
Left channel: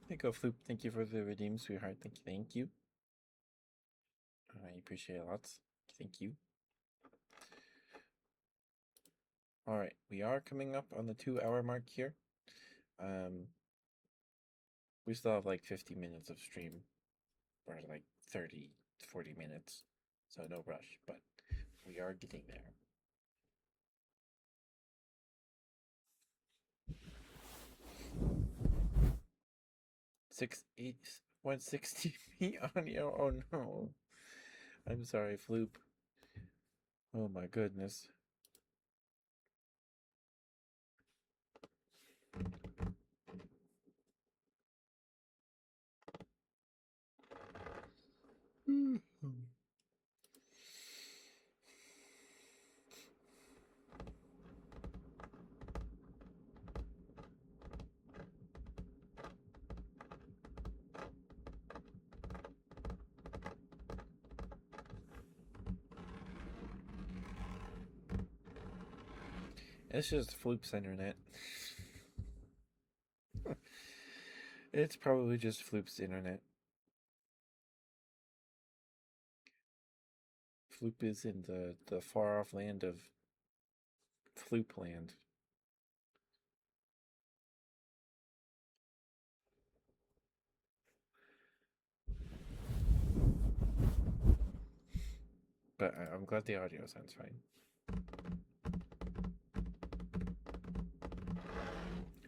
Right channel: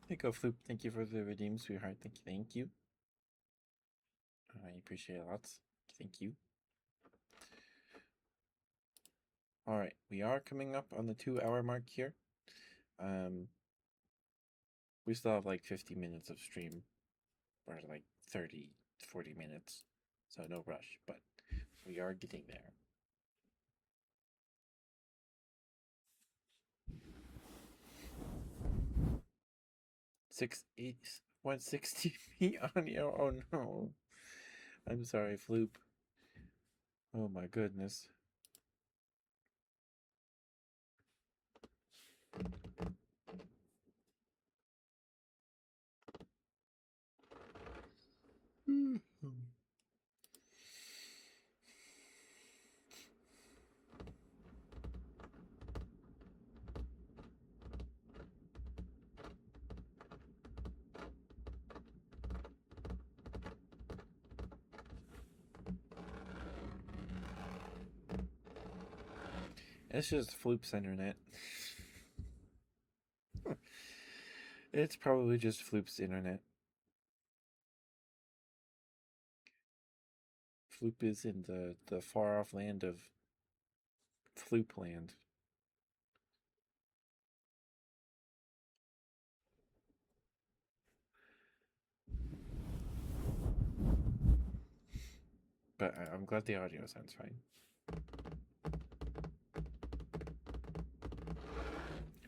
There you go, Floop. Thank you for the redeem, sweetheart. Thank you. Thank you. I appreciate it lots. Thank you. All right, we are coming up on the 2 hour mark here. We still have like 50 minutes of stream, or like 30, 40 minutes, so no rush. But we are getting there. 160 feet on you. Oh no. I'm sorry, Floop. Oh my goodness. It's just Floop's internet. It's probably just Floop's internet. Floop is in the far off land of Floop land. But I'm glad the audio sounds fine.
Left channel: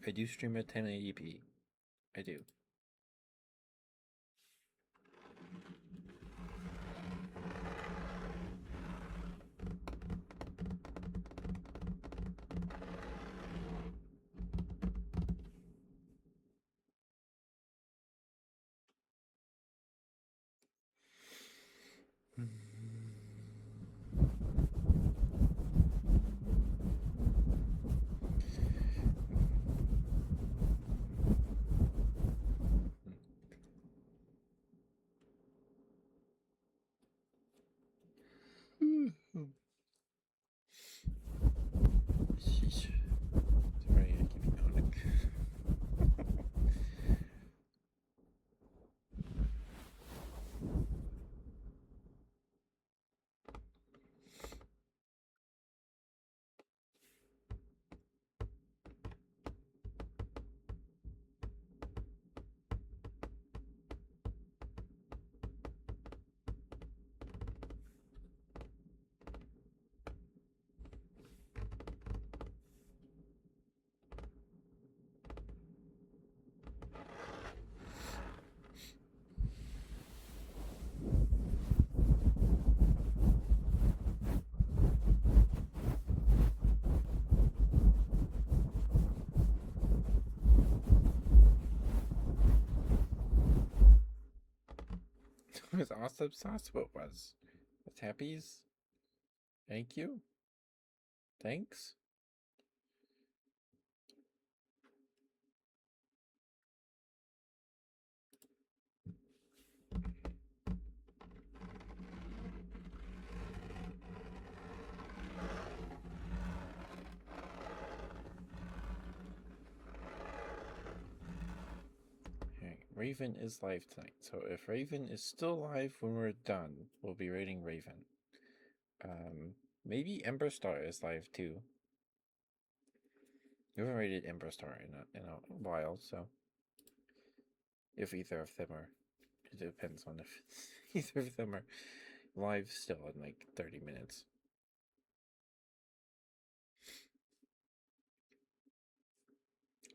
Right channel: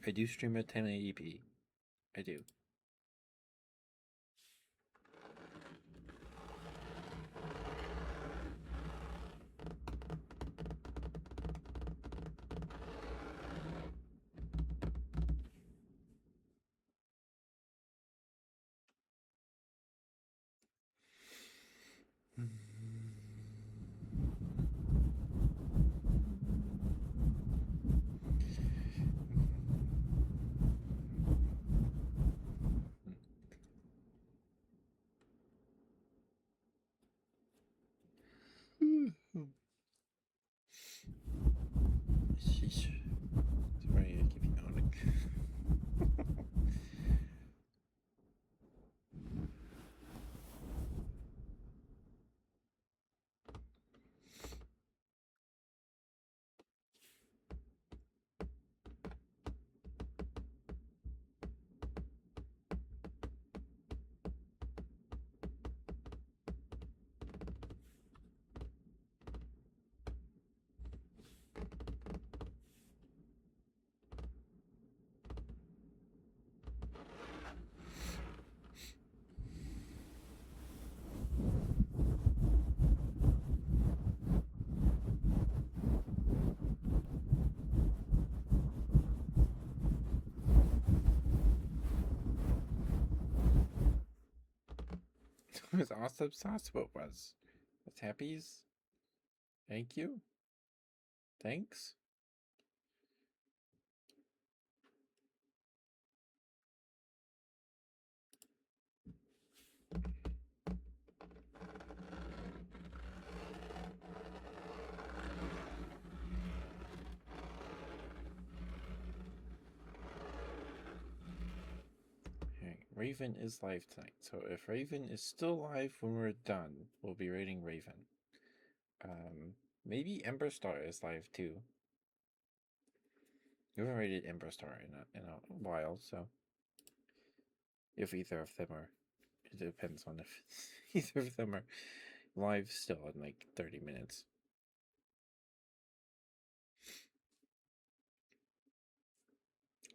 I do stream at 1080p. I do. Sheesh. Sorry, I keep yawning. It was awesome sauce. What was? What's happies? Thank you. Thanks. Okay, Raven is live tonight. So if Raven is still live when we're done, we'll be rating Raven. Maybe Ember Star is live too. We haven't rated Ember Star in a while, so if either of them are, it depends on if either of them are live still in like 30 minutes.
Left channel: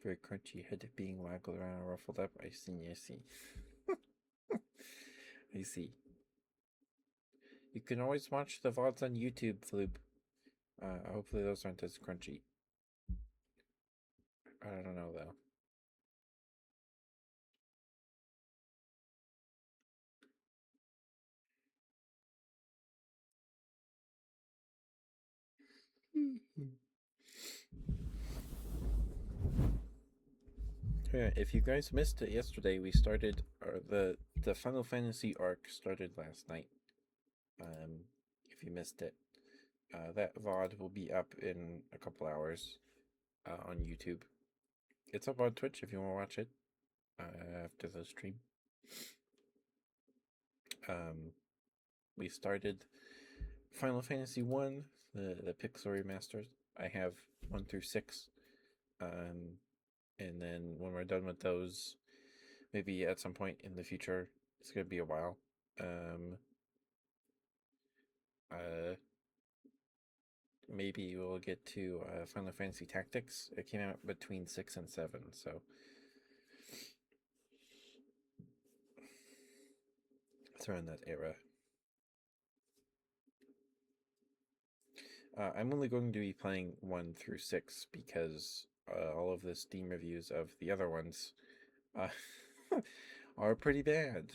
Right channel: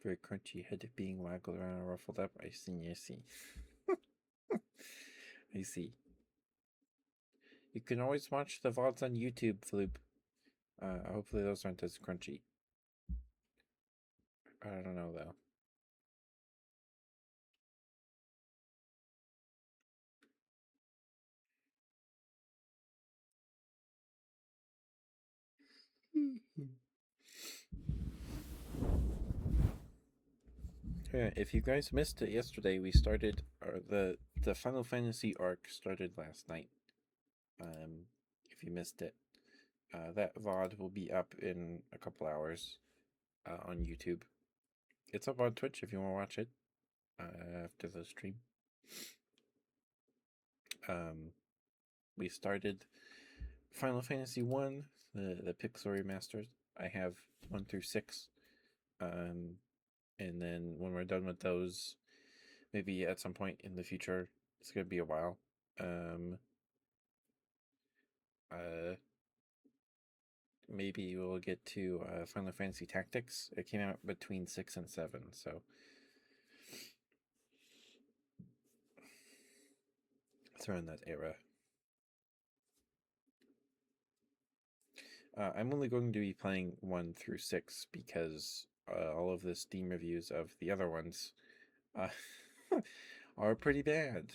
Very crunchy, head being waggled around and ruffled up. I see, I see. I see. You can always watch the VODs on YouTube, Floop. Hopefully those aren't as crunchy. I don't know though. Yeah, if you guys missed it yesterday, we started the Final Fantasy arc started last night. If you missed it, that VOD will be up in a couple hours on YouTube. It's up on Twitch if you want to watch it after the stream. We started Final Fantasy One, the Pixel remasters. I have 1 through 6, um, and then when we're done with those, maybe at some point in the future, it's gonna be a while. Um, uh, Maybe we'll get to Final Fantasy Tactics. It came out between 6 and 7, so it's around that era. I'm only going to be playing 1 through 6 because all of the Steam reviews of the other ones uh, are pretty bad.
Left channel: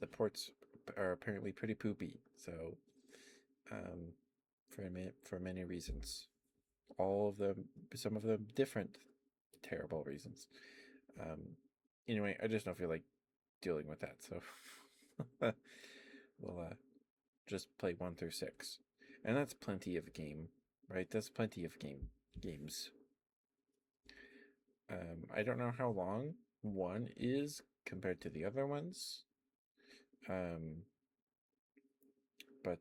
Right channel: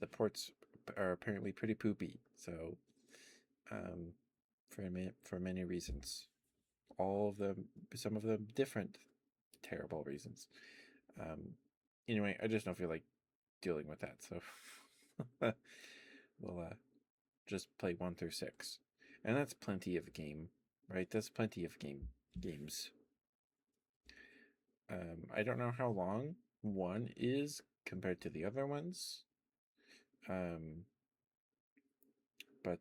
The ports are apparently pretty poopy. So, um, for many reasons, all of them, some of them different, terrible reasons. Um, anyway, I just don't feel like dealing with that. So, we'll just play 1 through 6, and that's plenty of game, right? That's plenty of games. I don't know how long one is compared to the other ones, um, but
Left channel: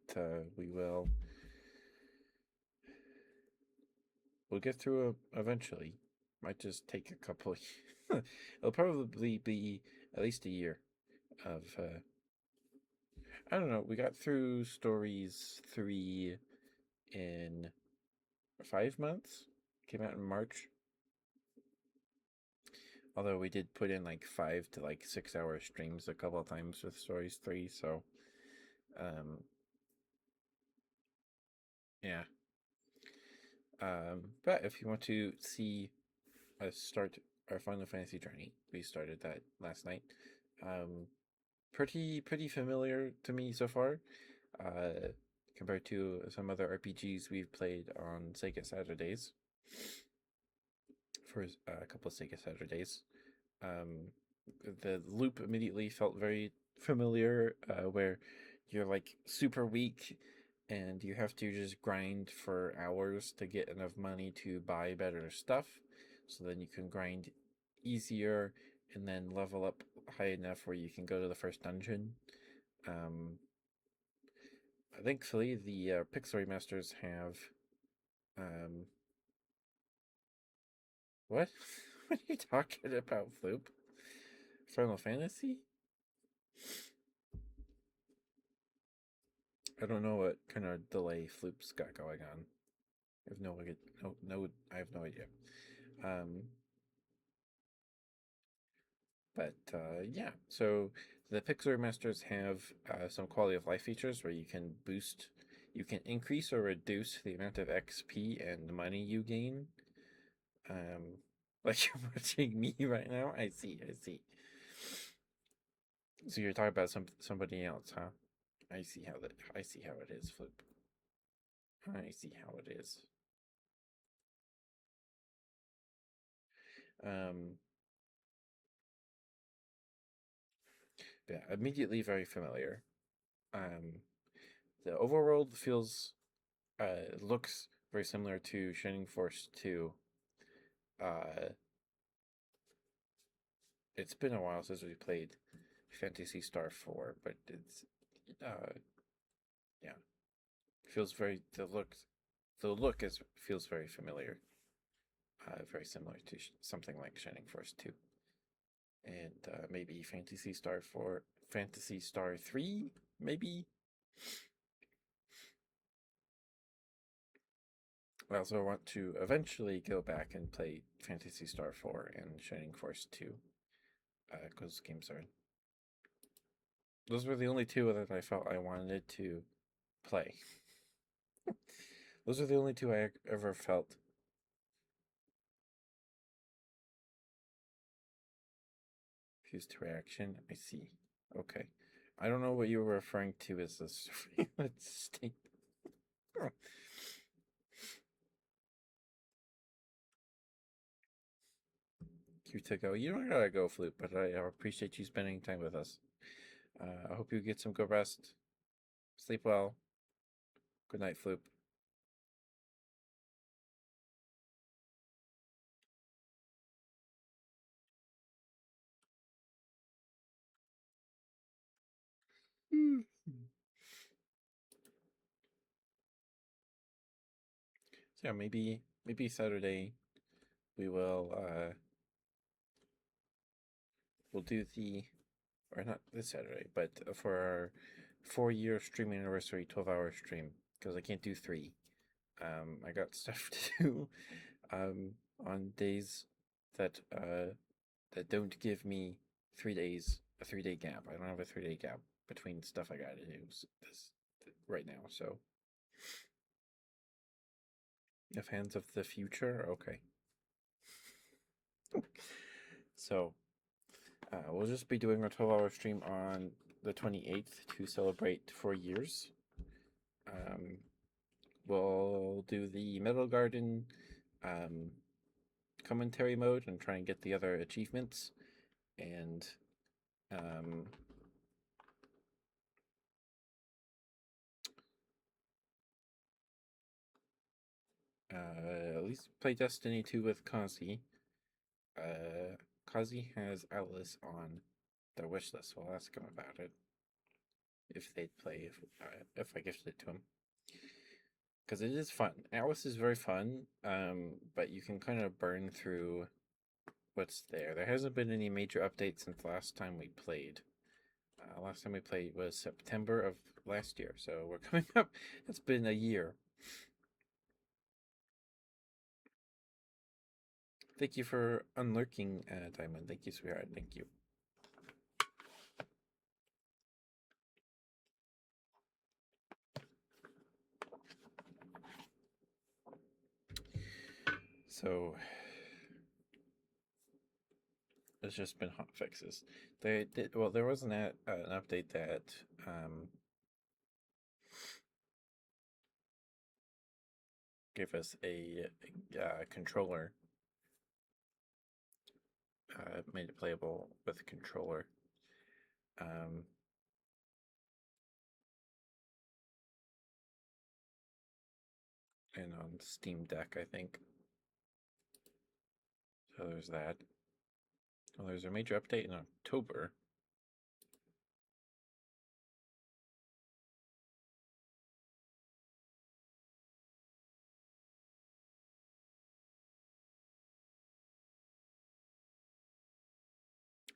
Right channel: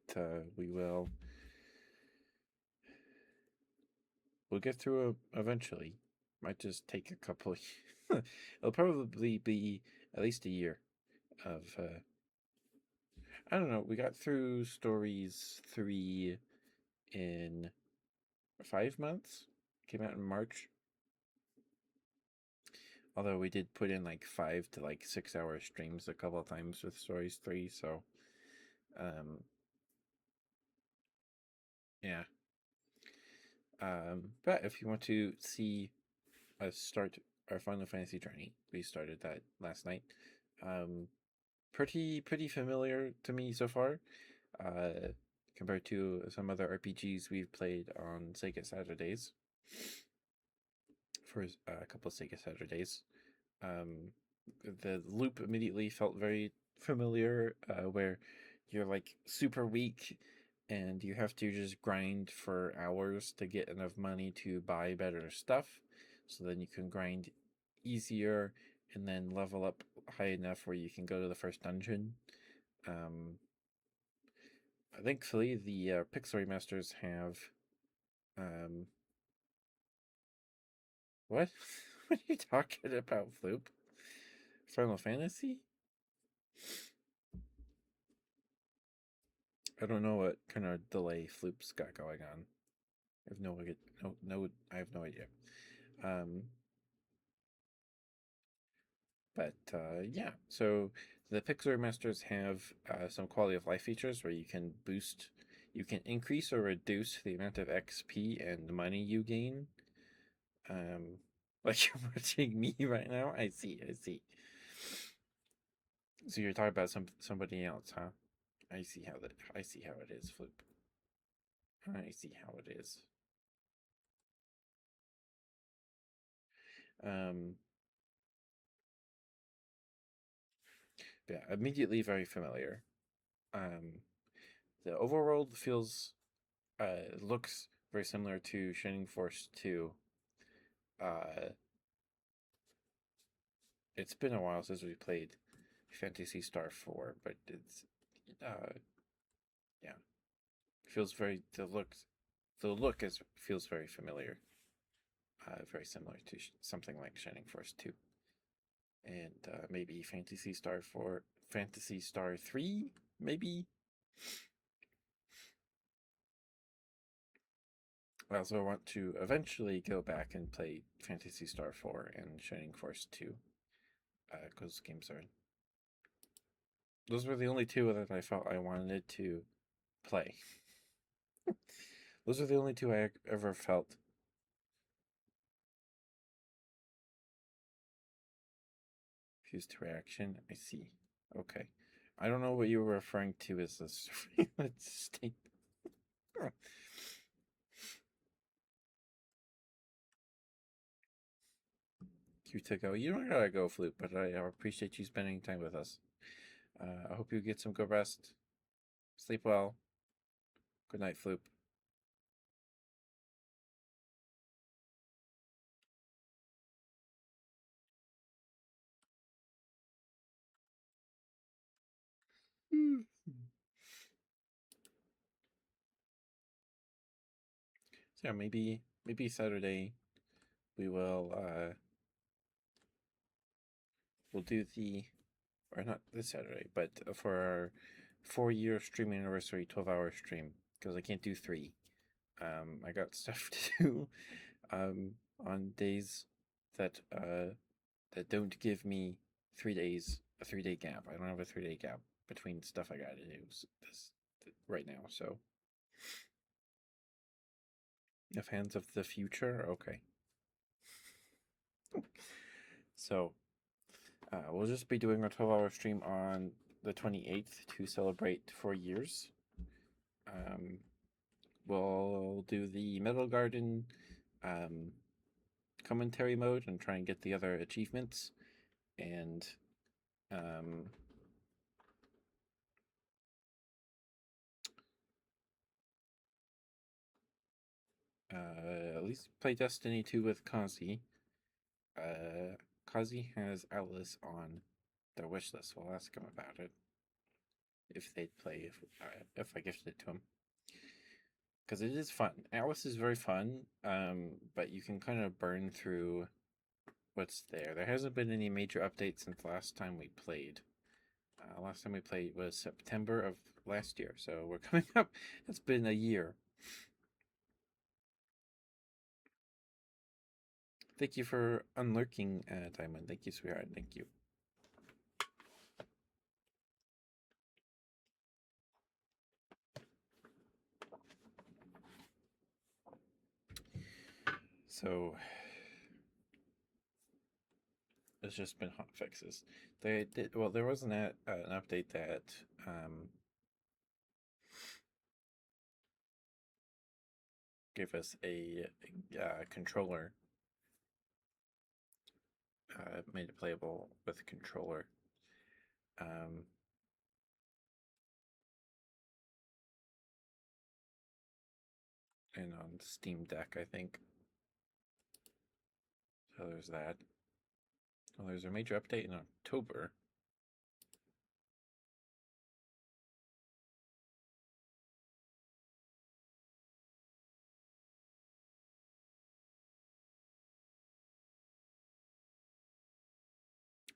we'll get through it eventually. Might just take a couple. It'll probably be at least a year of. I don't know. We got through stories 3 in 5 months. Came out in March. Although we did put in like 5 to 6 hour streams a couple of times with stories 3, so um, yeah. But if you want to see us start our Final Fantasy journey, we started that last night. Um, pretty familiar to me so far, uh, compared to some other RPGs we've played on Sega Saturdays. For a couple of Sega Saturdays, um, the loop immediately felt very familiar, where you're like super weak and you have to just grind for hours to get enough money to buy better stuff, so then you can grind easier and then level up high enough where you can go to the first dungeon. um, Thankfully the Pixel remasters have um, what what are you talking about, Floop? Final Fantasy? I don't know what kind of delay Floop's got going on. I have no idea. No, I have no idea. Um, but yeah, so the Pixel remasters have some quality of life features where you can increase or reduce the amount of XP and money you gain. Um, like you're watching me right now. I see. I see. So you're talking about somebody else, huh? I see how it is, Flip. I see how it is. Um, yeah, immediately very familiar. Um, the overworld looks very similar to Shining Force 2. Uh, it's been a while since we played Fantasy Star 4, but it's yeah, feels very the look is feels very familiar. Very similar to something like Shining Force 2, and maybe Fantasy Star 4, Fantasy Star 3, maybe. I also want to eventually go back and play Fantasy Star 4 and Shining Force 2, because games are those were the only two that I felt I wanted to play. Those are the only two I ever felt. Fused to reaction. I see. Okay. I don't know what you were referring to as a surveillance state. You to go. You don't gotta go, Flute, but I appreciate you spending time with us. I hope you get some good rest. Sleep well. Good night, Floop. So yeah, maybe Saturday we will we'll do the, or not this Saturday, but for our 4-year streaming anniversary 12-hour stream, because I can't do 3. I got stuff to do um on days that that don't give me 3 days, a 3-day gap. I don't have a 3-day gap between stuff I gotta do this right now. So, if hands of the future, okay. So, we'll just be doing our 12-hour stream on the 28th to celebrate 4 years. We'll do the Metal Garden commentary mode and try and get the other achievements. And at least play Destiny 2 with Kazi. Kazi has Atlas on their wish list. So I'll ask him about it if they'd play if I gifted it to him, because it is fun. Atlas is very fun, but you can kind of burn through what's there. There hasn't been any major updates since last time we played. Last time we played was September of last year, so we're coming up. It's been a year. Thank you for unlurking, Diamond. Thank you, sweetheart. Thank you. So it's just been hot fixes. They did well. There was an update that gave us a controller. Made it playable with a controller. And on Steam Deck, I think. So there's that. Well, there's a major update in October.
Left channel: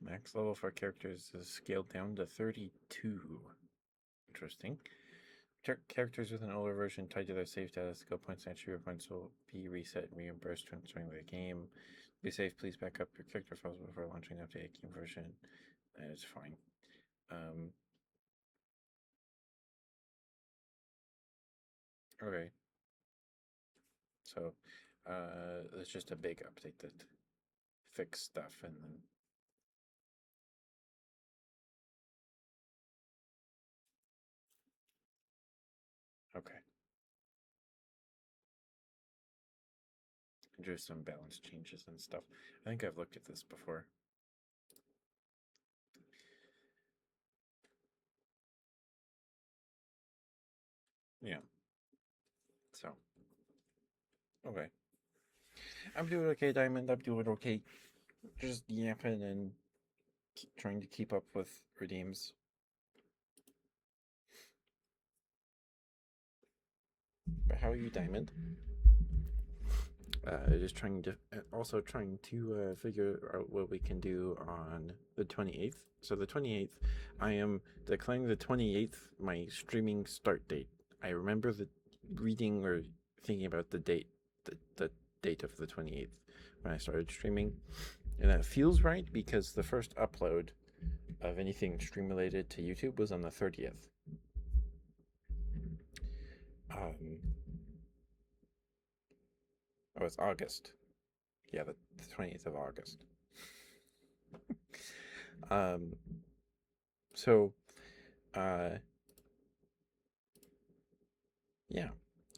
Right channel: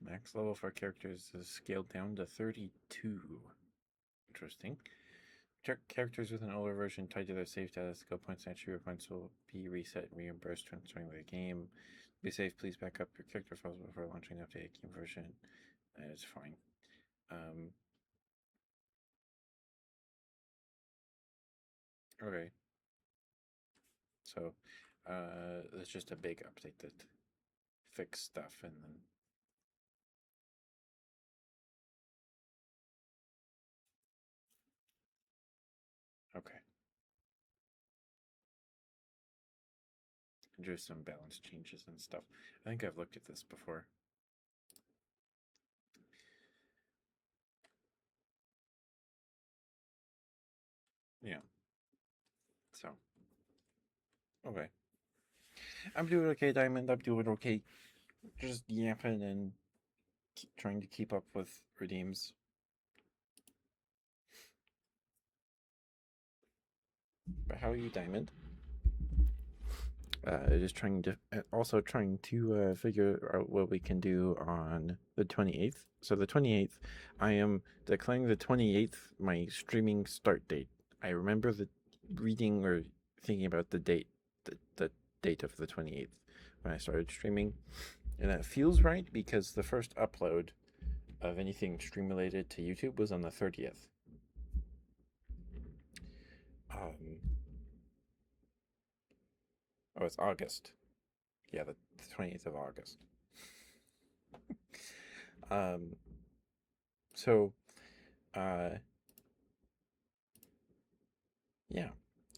Max level for characters is scaled down to 32. Interesting. Characters with an older version tied to their save data, skill points, and attribute points will be reset and reimbursed when joining the game. Be safe, please back up your character files before launching the updated game version. It's fine. Okay. So, it's just a big update that fixed stuff and then. Okay. And just some balance changes and stuff. I think I've looked at this before. Yeah. So. Okay. I'm doing okay, Diamond. I'm doing okay. Just yapping and trying to keep up with redeems. But how are you, Diamond? Just trying to also trying to figure out what we can do on the 28th. So the 28th, I am declaring the 28th my streaming start date. I remember the reading or thinking about the date, the date of the 28th when I started streaming, and that feels right because the first upload of anything stream related to YouTube was on the 30th. Oh, it's August. Yeah, the 20th of August. Um, so, uh, yeah.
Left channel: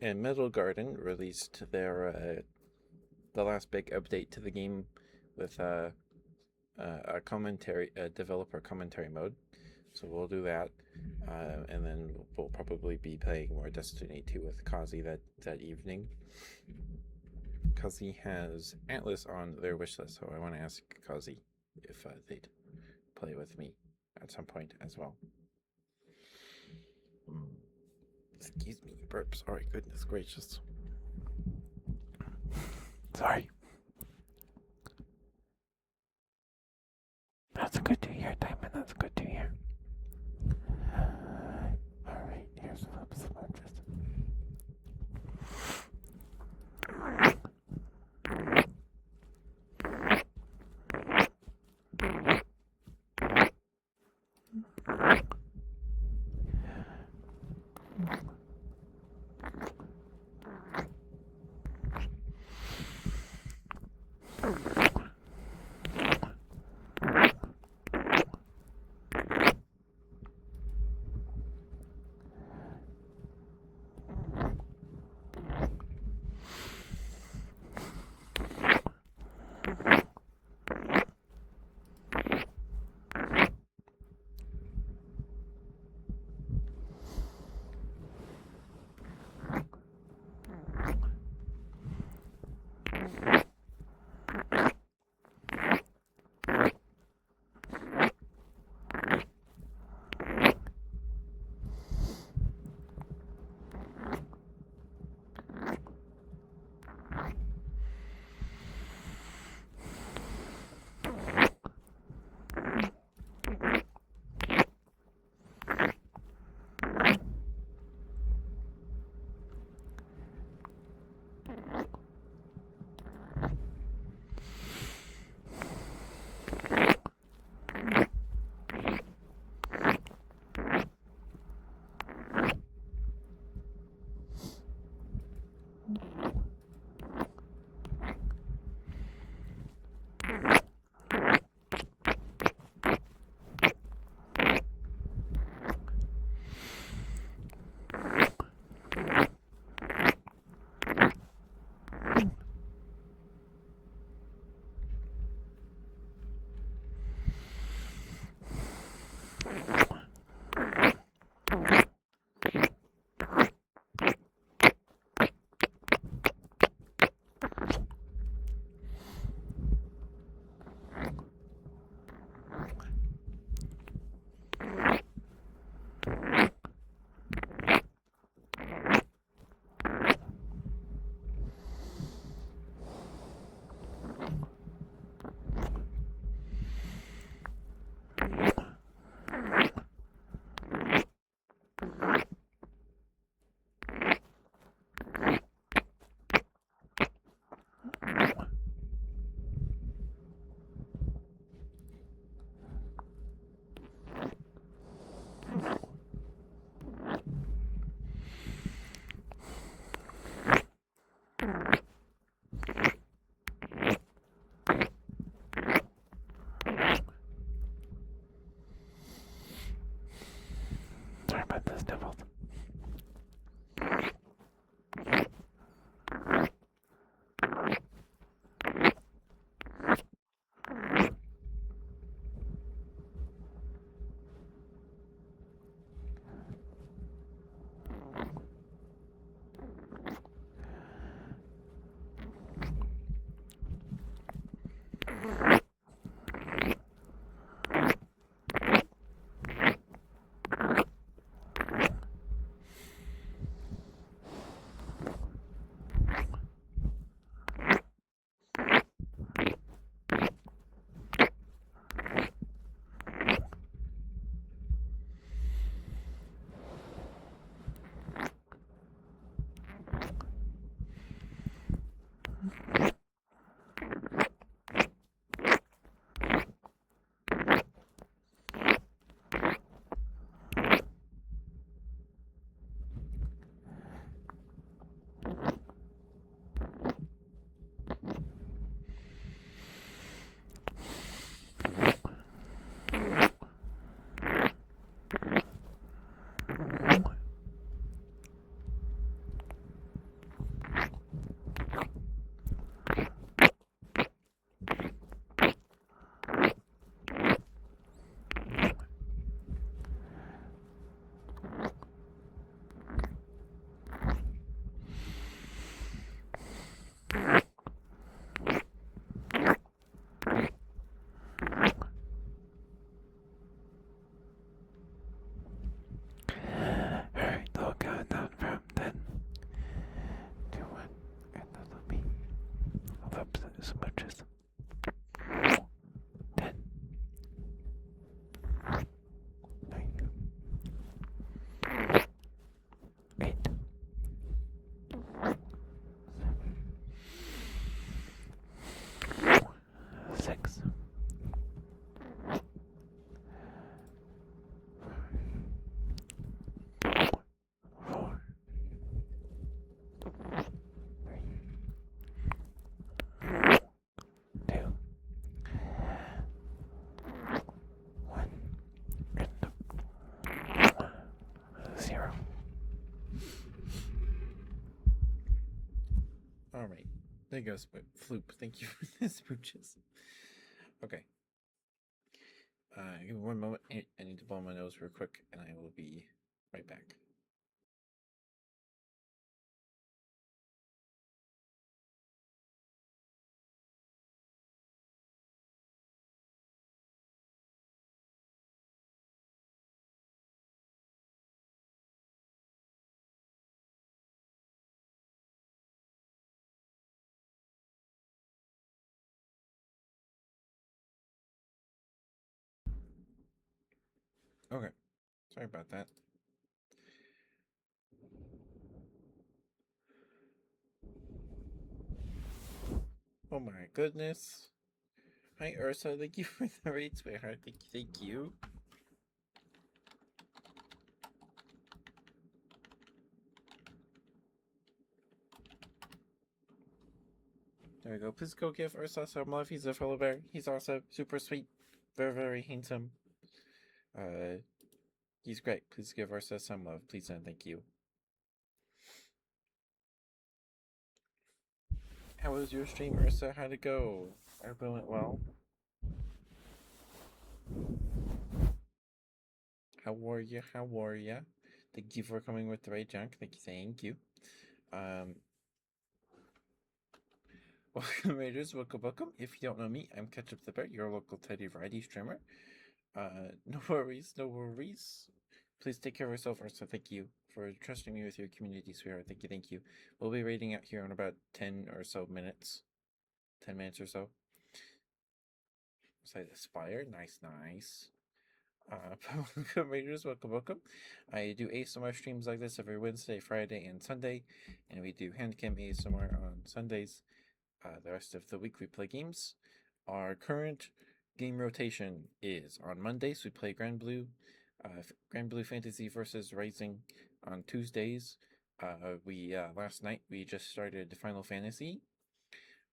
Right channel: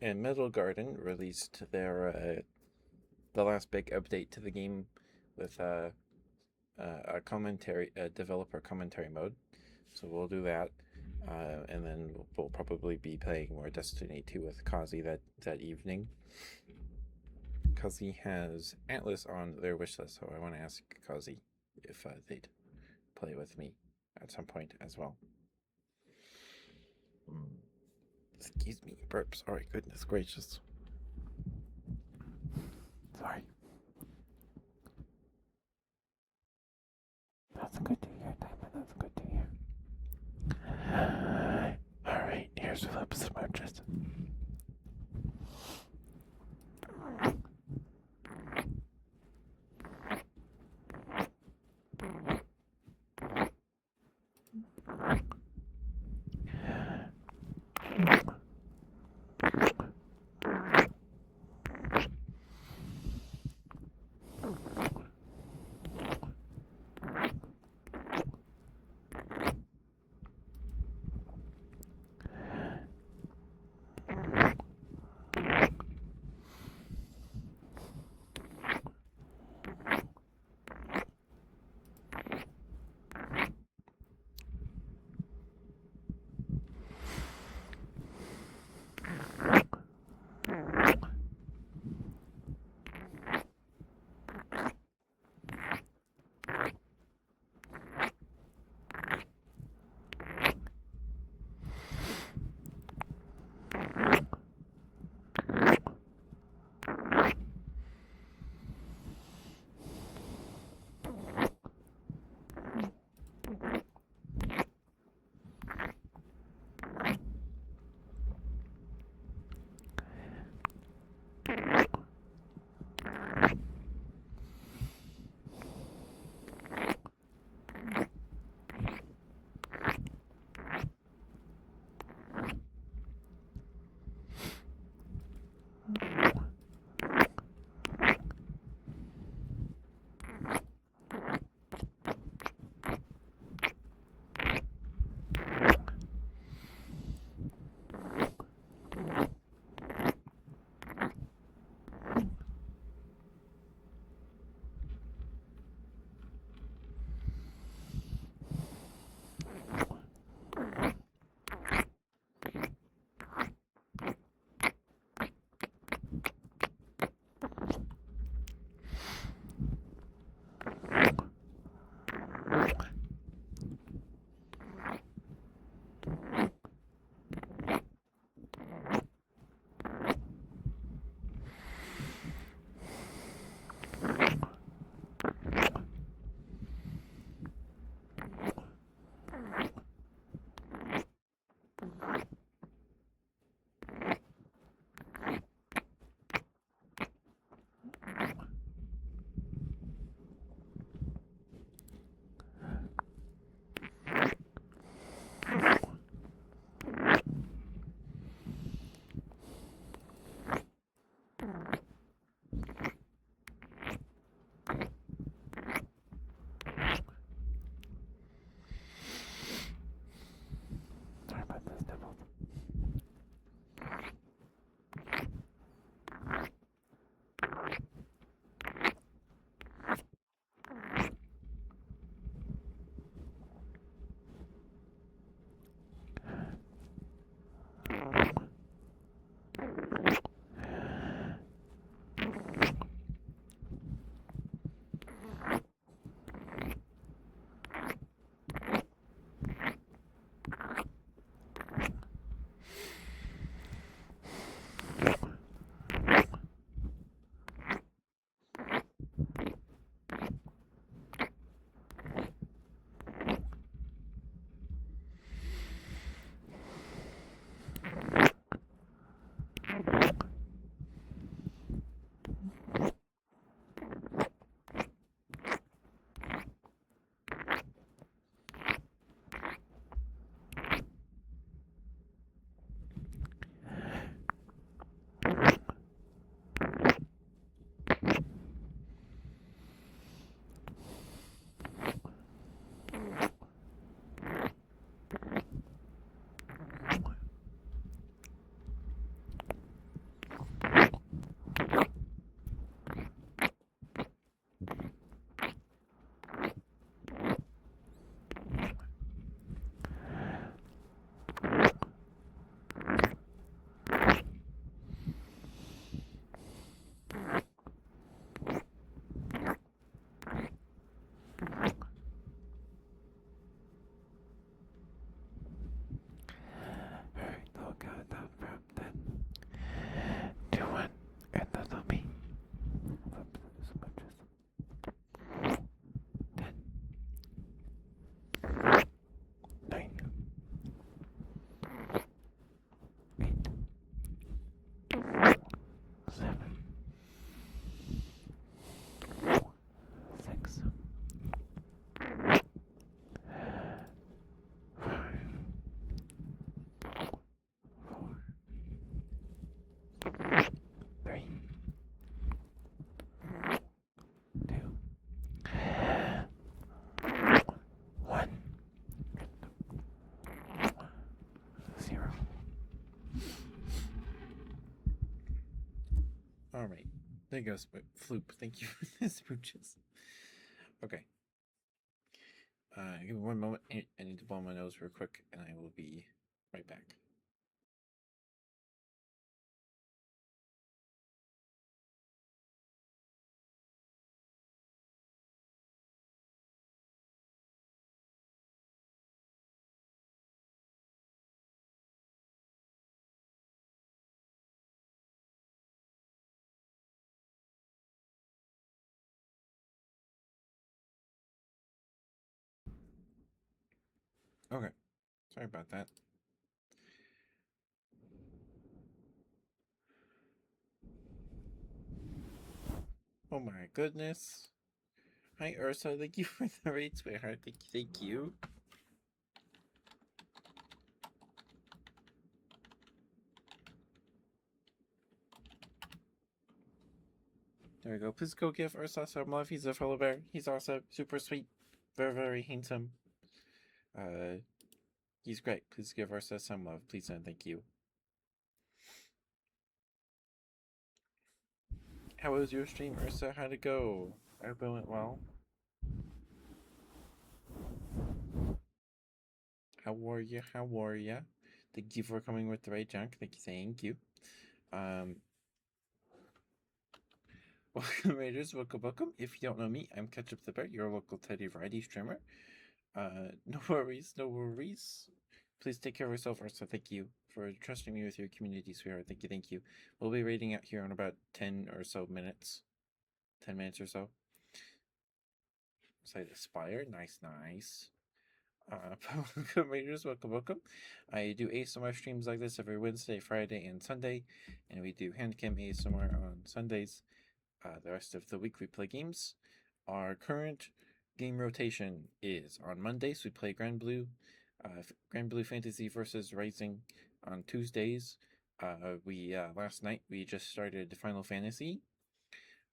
And Middle Garden released the last big update to the game with a developer commentary mode. So we'll do that, and then we'll probably be playing more Destiny 2 with Kazi that evening. Kazi has Atlas on their wish list, so I want to ask Kazi if they'd play with me at some point as well. Excuse me, burps. All right, goodness gracious. Sorry. That's good to hear, Diamond. That's good to hear. Alright, here's Philip's smooches. All right. There goes Floop. Thank you for the smooches. Okay. Give me one moment. I need to blow my nose real quick, and I will be right back. Okay. Sorry about that. Oh my goodness. Hi, Ursa. Thank you for the raid, sweetheart. Thank you. Thank you. There we go. Please go give Ursa some love. He's a fellow bear. He's also super sweet. Very, very handsome. He's great. Please give Ursa some love. Please and thank you. How was your stream, Ursa? How'd it go? I hope it went well. How are you? How are you? Thank you for coming with the right junk. Thank you. Um, welcome, Raiders. Welcome. If you don't know me, I'm Ketchup the Bear, your local Teddy Variety streamer. No worries, no worries. Please take care of yourself, Ursa. Thank you for trusting me with your community, sweetheart. Thank you. We'll be raiding out here in about 10 or so minutes. 10 minutes or so. Site Aspire. Nice. Welcome, Raiders. Welcome. I do ASMR streams like this every Wednesday, Friday, and Sunday, and we do handcam ASMR on Sundays. The rest of the week we play games. Our current game rotation is on Mondays we play Grand Blue Fantasy versus Rising. On Tuesdays, we last night we just started Final Fantasy.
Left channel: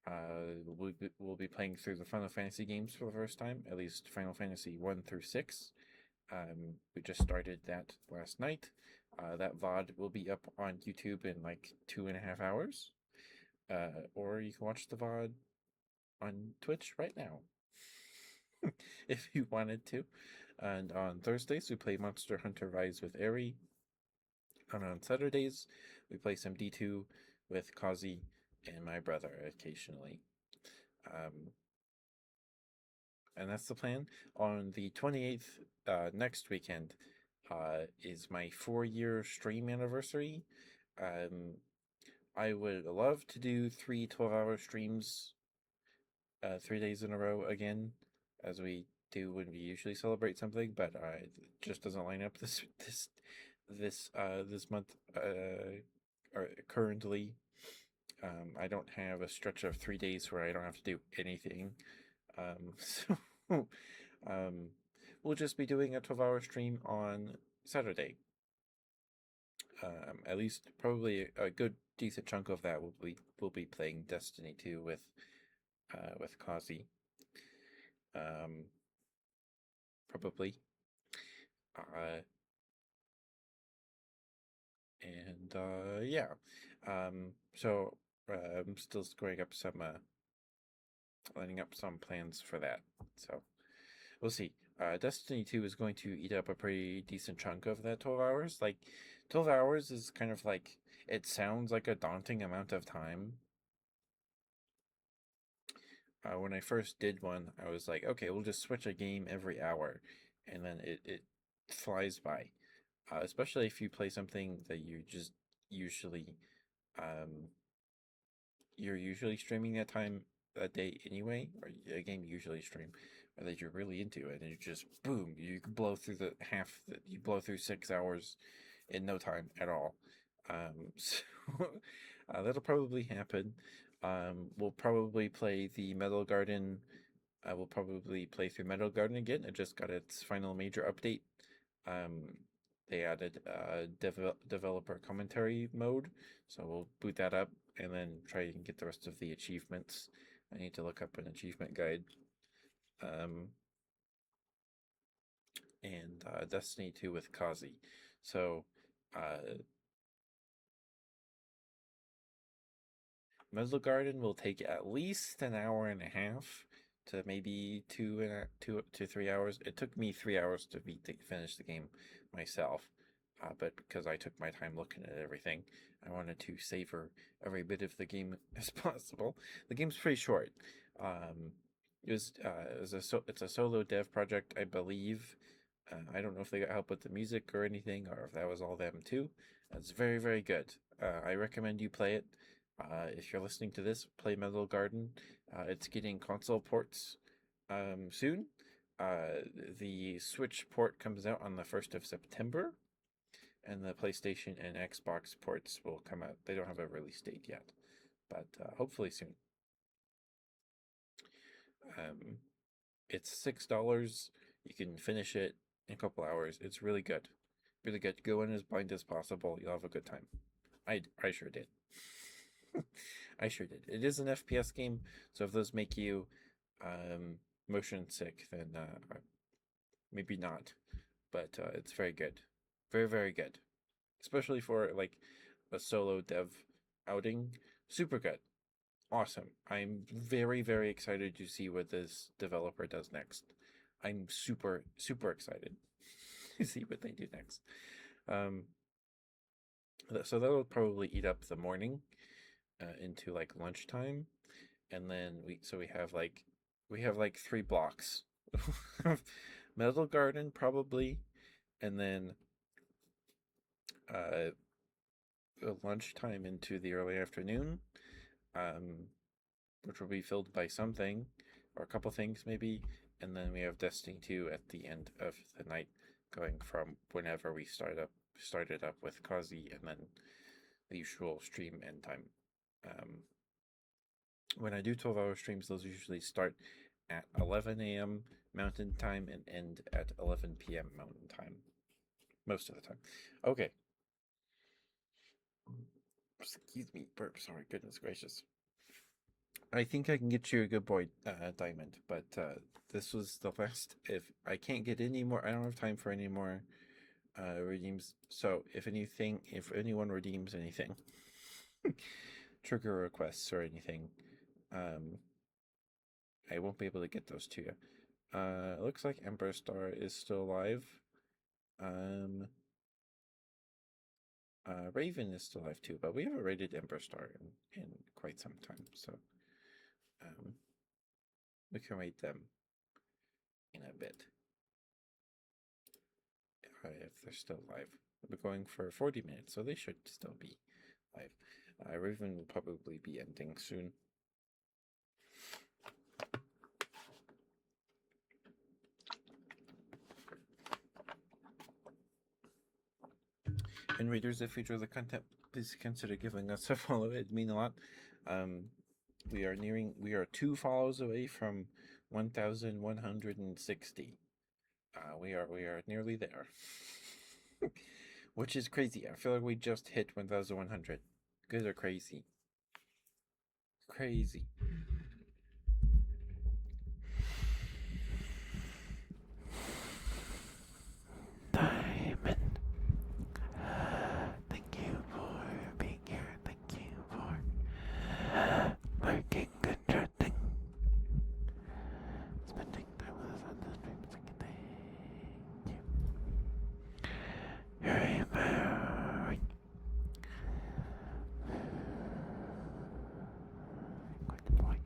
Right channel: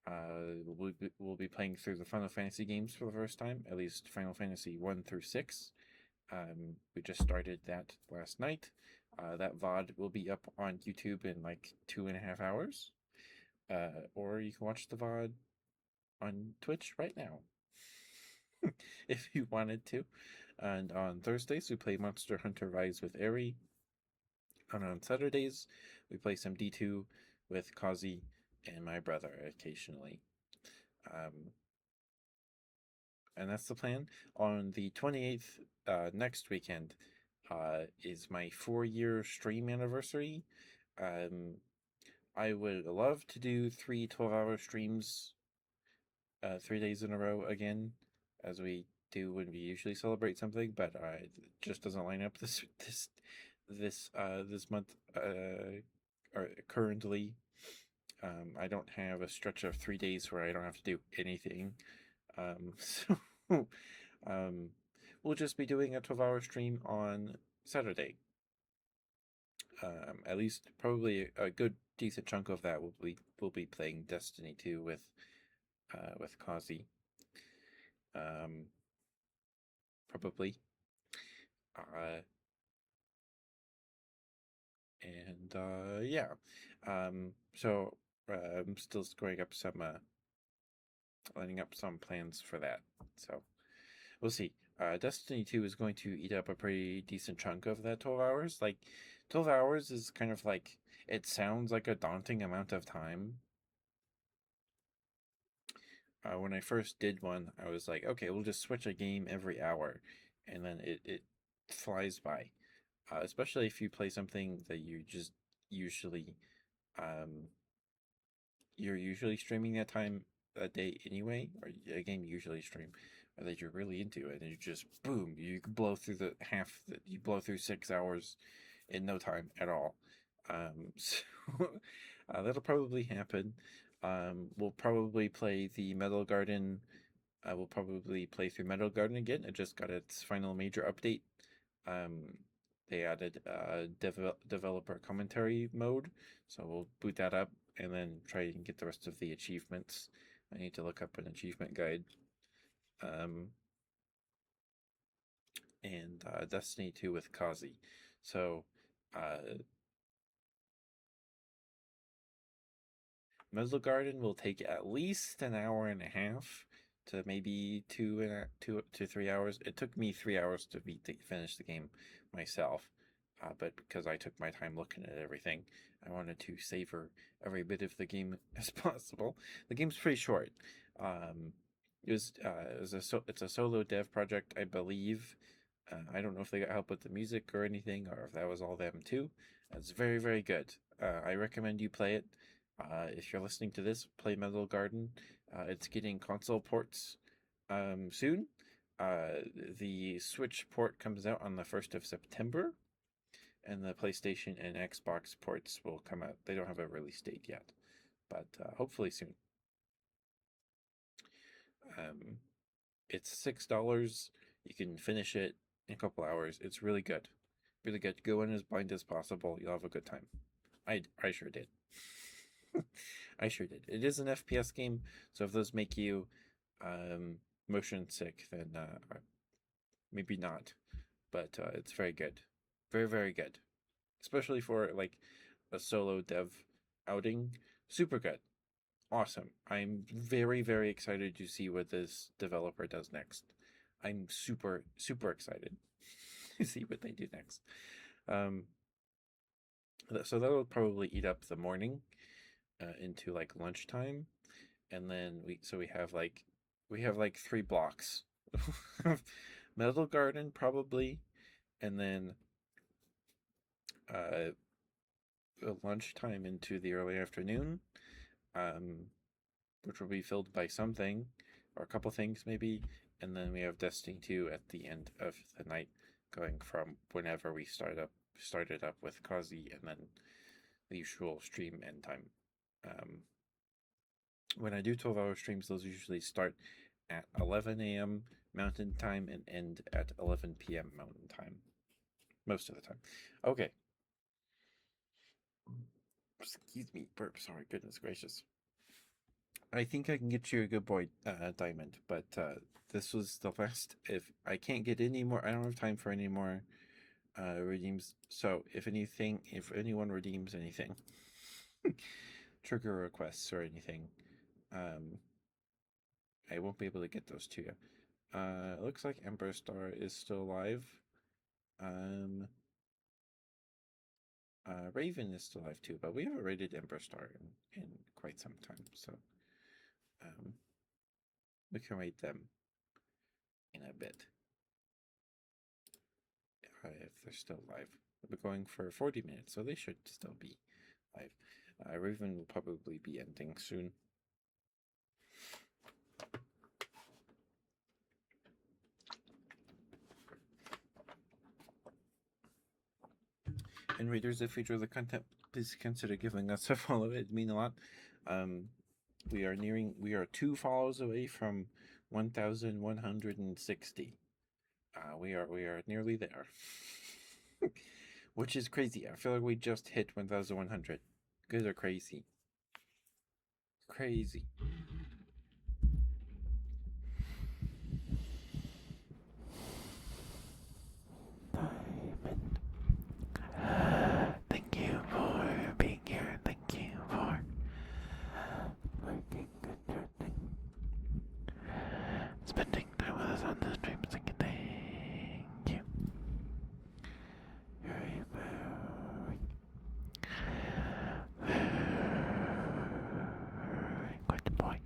We'll be playing through the Final Fantasy games for the first time, at least Final Fantasy 1 through 6. We just started that last night. That VOD will be up on YouTube in like 2.5 hours. Or you can watch the VOD on Twitch right now if you wanted to. And on Thursdays, we play Monster Hunter Rise with Eri. And on Saturdays, we play some D2 with Kazi and my brother occasionally. And that's the plan. On the 28th, next weekend, is my 4-year stream anniversary. I would love to do 3 12-hour streams 3 days in a row again, as we do when we usually celebrate something, but it just doesn't line up this month. Or currently, I don't have a stretch of 3 days where I don't have to do anything. So we'll just be doing a 12-hour stream on Saturday. At least probably a good decent chunk of that will be playing Destiny 2 with Kazi. Probably. And yeah. So I'm still scoring up some lining up some plans for that. So we'll see. Destiny 2 is going to eat up a pretty decent chunk of that 12 hours. Like 12 hours is kind of like, it sounds like a daunting amount of time. When I first did one, I was like, okay, we'll just switch a game every hour, and then it flies by. Especially if you play something that you just usually, you're usually streaming that day anyway, or a game you usually stream, or that you're really into it, and you just boom, you blow through you blow through 6 hours in no time at all. So that'll probably happen. We'll probably play the Metal Garden. We'll probably play through Metal Garden again. It just got its final major update. They added developer commentary mode, so we'll boot that up and then try and get the rest of the achievements. I need to look up an achievement guide. And Destiny 2 with Kazi. So Meadow Garden will take at least an hour and a half to maybe 2 to 3 hours. It took me 3 hours to finish the game myself, but because I took my time looking at everything, I wanted to savor every bit of the game as possible. The game's pretty short. Um, it's a solo dev project, I believe. I don't know if they got help with the music or anything, or if that was all them too. It's very, very good. I recommend you play it. If you're listening to this, play Metal Garden. It's getting console ports soon. The Switch port comes out on the 1st of September, and the PlayStation and Xbox ports will come out. They don't have a release date yet, but hopefully soon. It's $6. You can finish it in a couple hours. It's really good. Really good. Go in as blind as possible. You'll have a good time. I sure did. I sure did. It is an FPS game, so if those make you motion sick, then maybe not. But it's very good. Very, very good. Especially for like a solo dev outing. Super good. Awesome. I'm very, very excited to see what this developer does next. I'm super, super excited to see what they do next. Um, so that'll probably eat up the morning into like lunchtime, and then we have like 3 blocks. Metal Garden probably, and then uh, lunchtime into the early afternoon, um, which will be filled by something or a couple things maybe, and then we have Destiny 2 at the end of the night, going from whenever we started up with Kazi, and then the usual stream end time. When I do 12-hour streams, those usually start at 11 a.m. Mountain Time and end at 11 p.m. Mountain Time. Most of the time. Okay. Excuse me, burp. Sorry, goodness gracious. I think I can get you a good boy diamond, but this was the last. If I can't get any more, I don't have time for any more redeems. So if anyone redeems anything, trigger requests or anything, I won't be able to get those to you. It looks like Ember Star is still alive. Raven is still alive too, but we haven't rated Ember Star in quite some time, so we can rate them in a bit if they're still live. We're going for 40 minutes, so they should still be live. Raven will probably be ending soon. And readers, if you enjoy the content, please consider giving us a follow. It'd mean a lot. We are 2 follows away from 1,160. We are nearly there, which is crazy. I feel like we just hit 1,100. Good or crazy? Crazy. Diamond. Thank you for being here. Thank you for lurking, contracting, spending time with us on the stream. Thank you. You're a very good boy.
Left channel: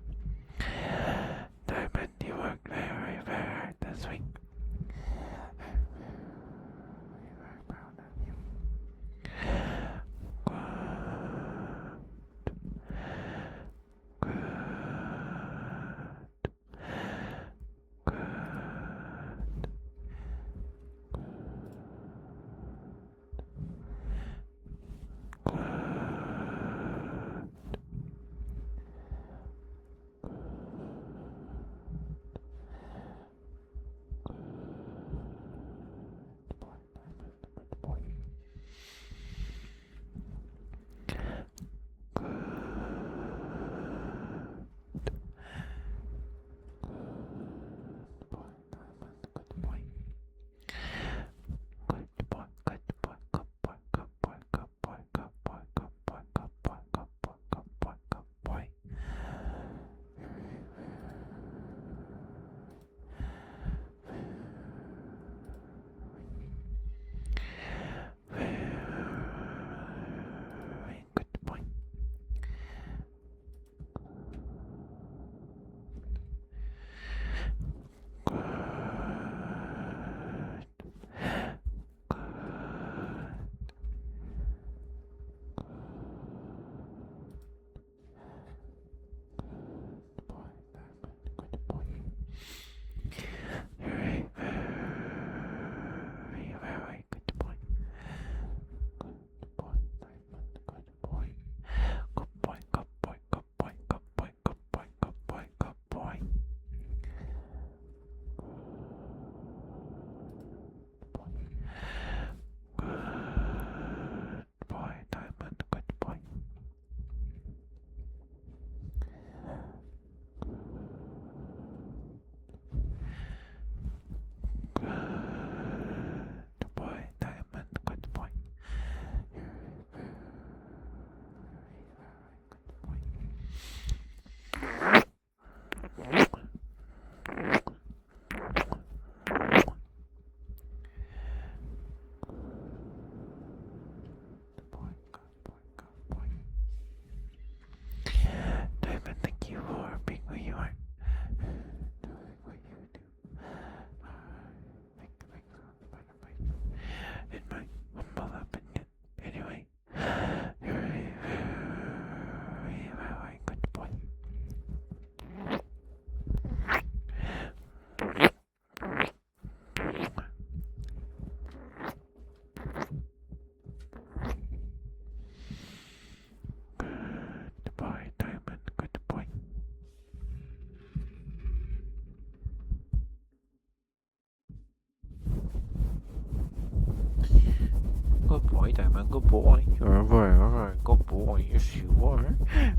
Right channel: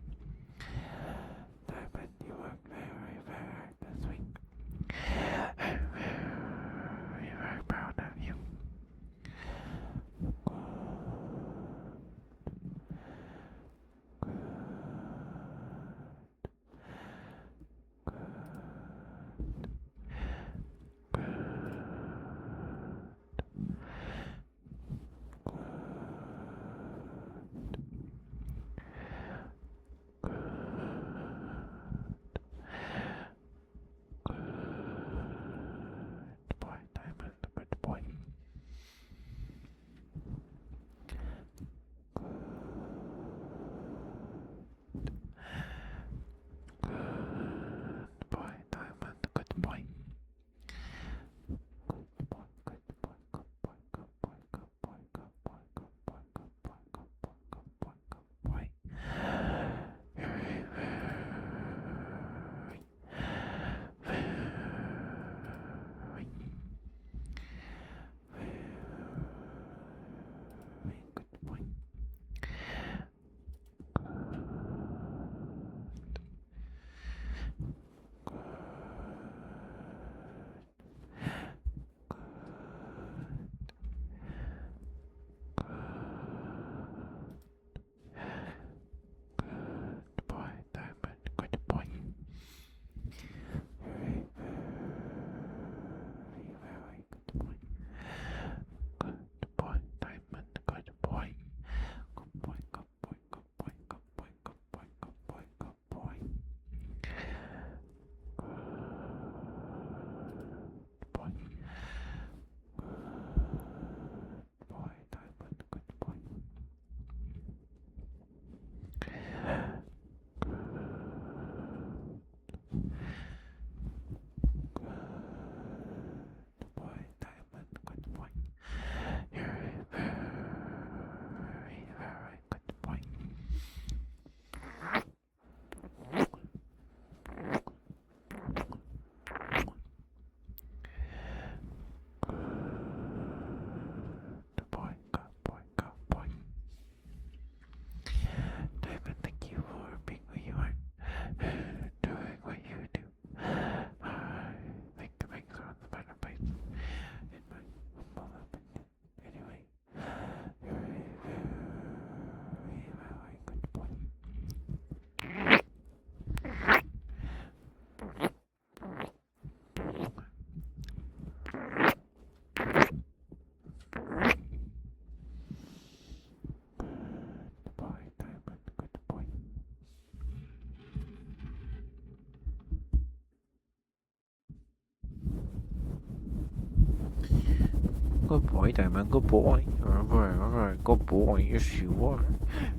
Good boy, Diamond. Good boy. You're a very good boy. Yes, you are.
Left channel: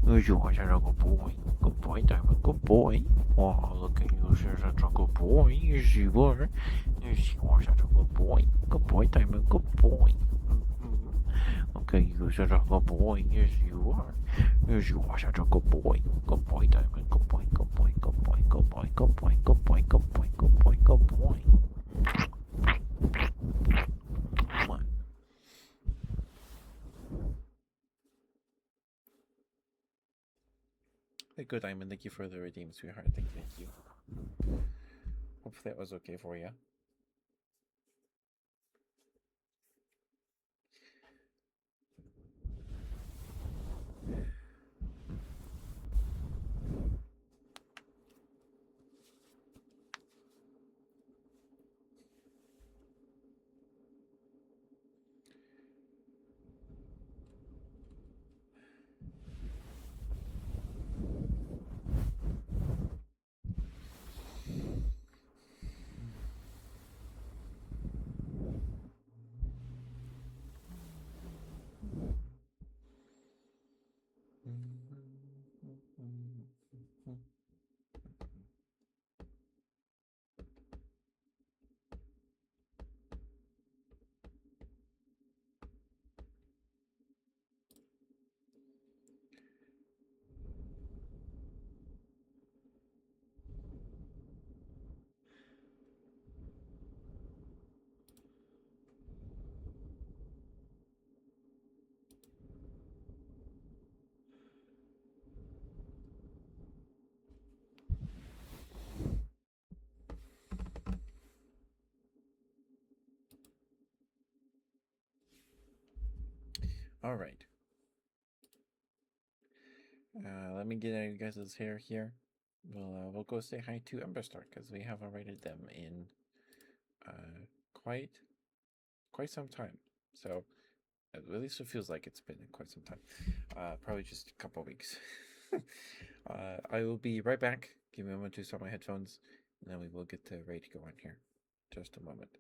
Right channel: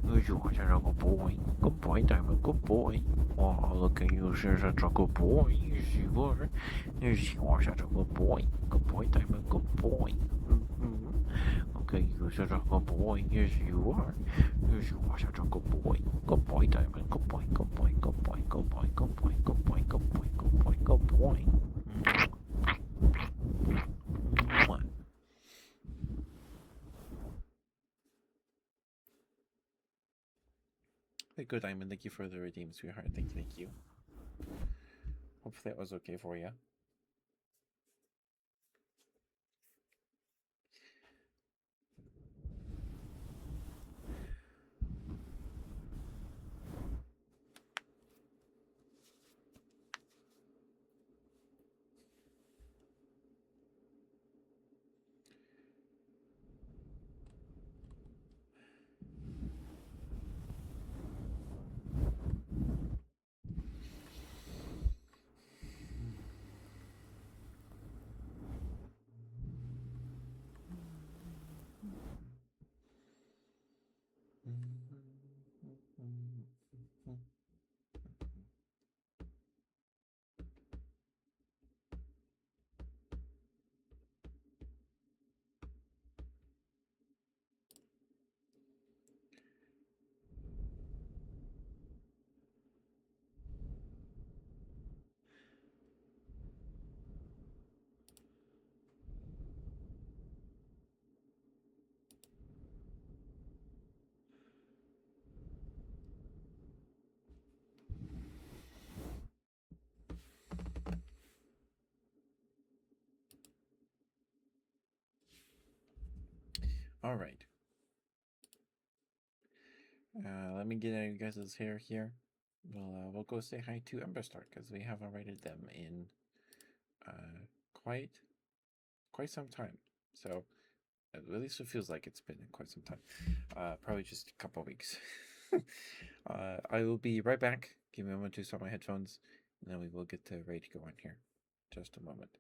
Yes, you are such a good boy. Good boy, Diamond. Good boy. Oh, look at you. You're such a good boy. Yes, you are. Yes, you are such a good boy. Good boy, Diamond. Good boy. Mm-hmm. Okay, you're such a good boy. Yes, you are. Yes, you are such a good boy. Good boy, Diamond. Good boy. Good boy. Good boy. Good boy. Good boy. Good boy. Good boy. Good boy. Good boy. Mwah. Hey, good Diamond. Thank you for the redeem, sweetheart. Thank you. Hopefully that was okay for you. All right. Let me get out of you guys' hair here. We'll go say hi to Emberstar because we haven't rated them in uh, quite some time. So at least it feels like it's been quite some time. Probably just a couple weeks. I will be right back. Give me a moment to start my headphones, and then we will get ready to go on here. Just a moment.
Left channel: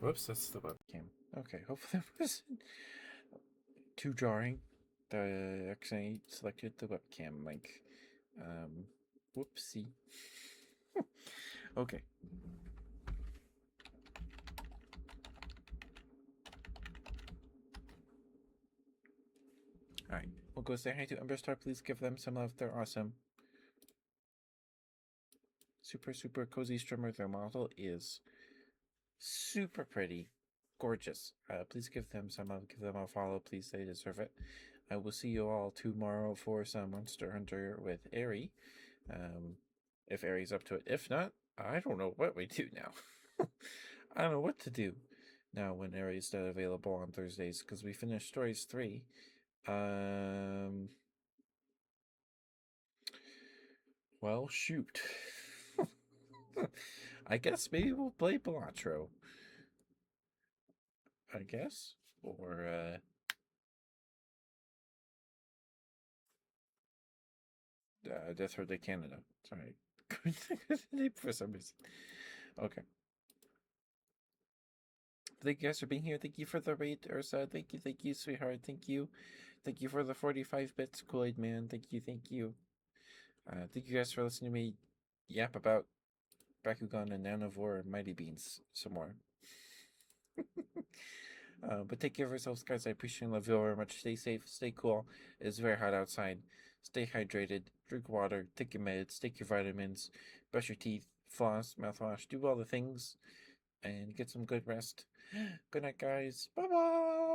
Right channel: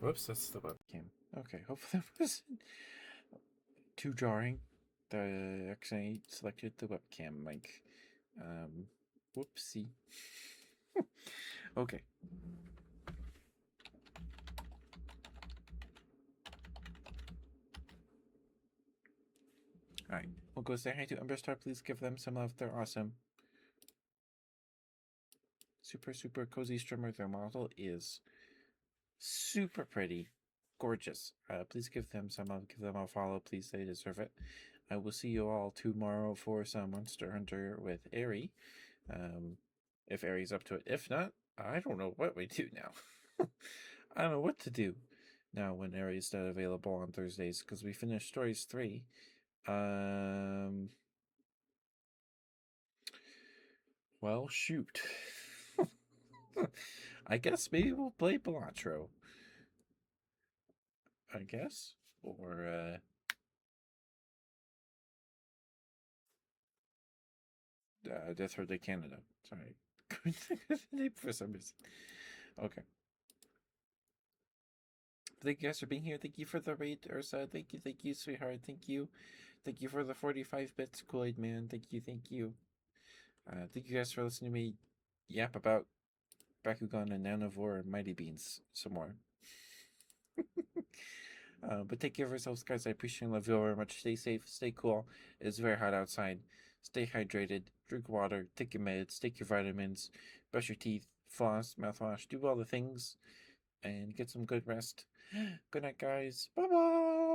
Whoops, that's the webcam. Okay, hopefully that wasn't too jarring. The actually selected the webcam mic. Whoopsie. Okay. Alright. We'll go say hi to Emberstar. Please give them some love. They're awesome. Super cozy streamer. Their model is super pretty. Gorgeous. Please give them some love. Give them a follow. Please, they deserve it. I will see you all tomorrow for some Monster Hunter with Airy. If Airy's up to it. If not, I don't know what we do now. I don't know what to do now when Airy's not available on Thursdays because we finished Stories 3. Well, shoot. I guess maybe we'll play Balatro. I guess. Or, Death Road to Canada. Sorry. For some reason. Okay. Thank you guys for being here. Thank you for the raid, Ursa. Thank you, sweetheart. Thank you. Thank you for the 45 bits, Kool-Aid Man. Thank you. Thank you guys for listening to me yap about Bakugan and Nanavore and Mighty Beans some more. But take care of yourselves, guys. I appreciate and love you all very much. Stay safe, stay cool. It's very hot outside. Stay hydrated. Drink water. Take your meds. Take your vitamins. Brush your teeth. Floss. Mouthwash. Do all the things. And get some good rest. Good night, guys. Bye bye.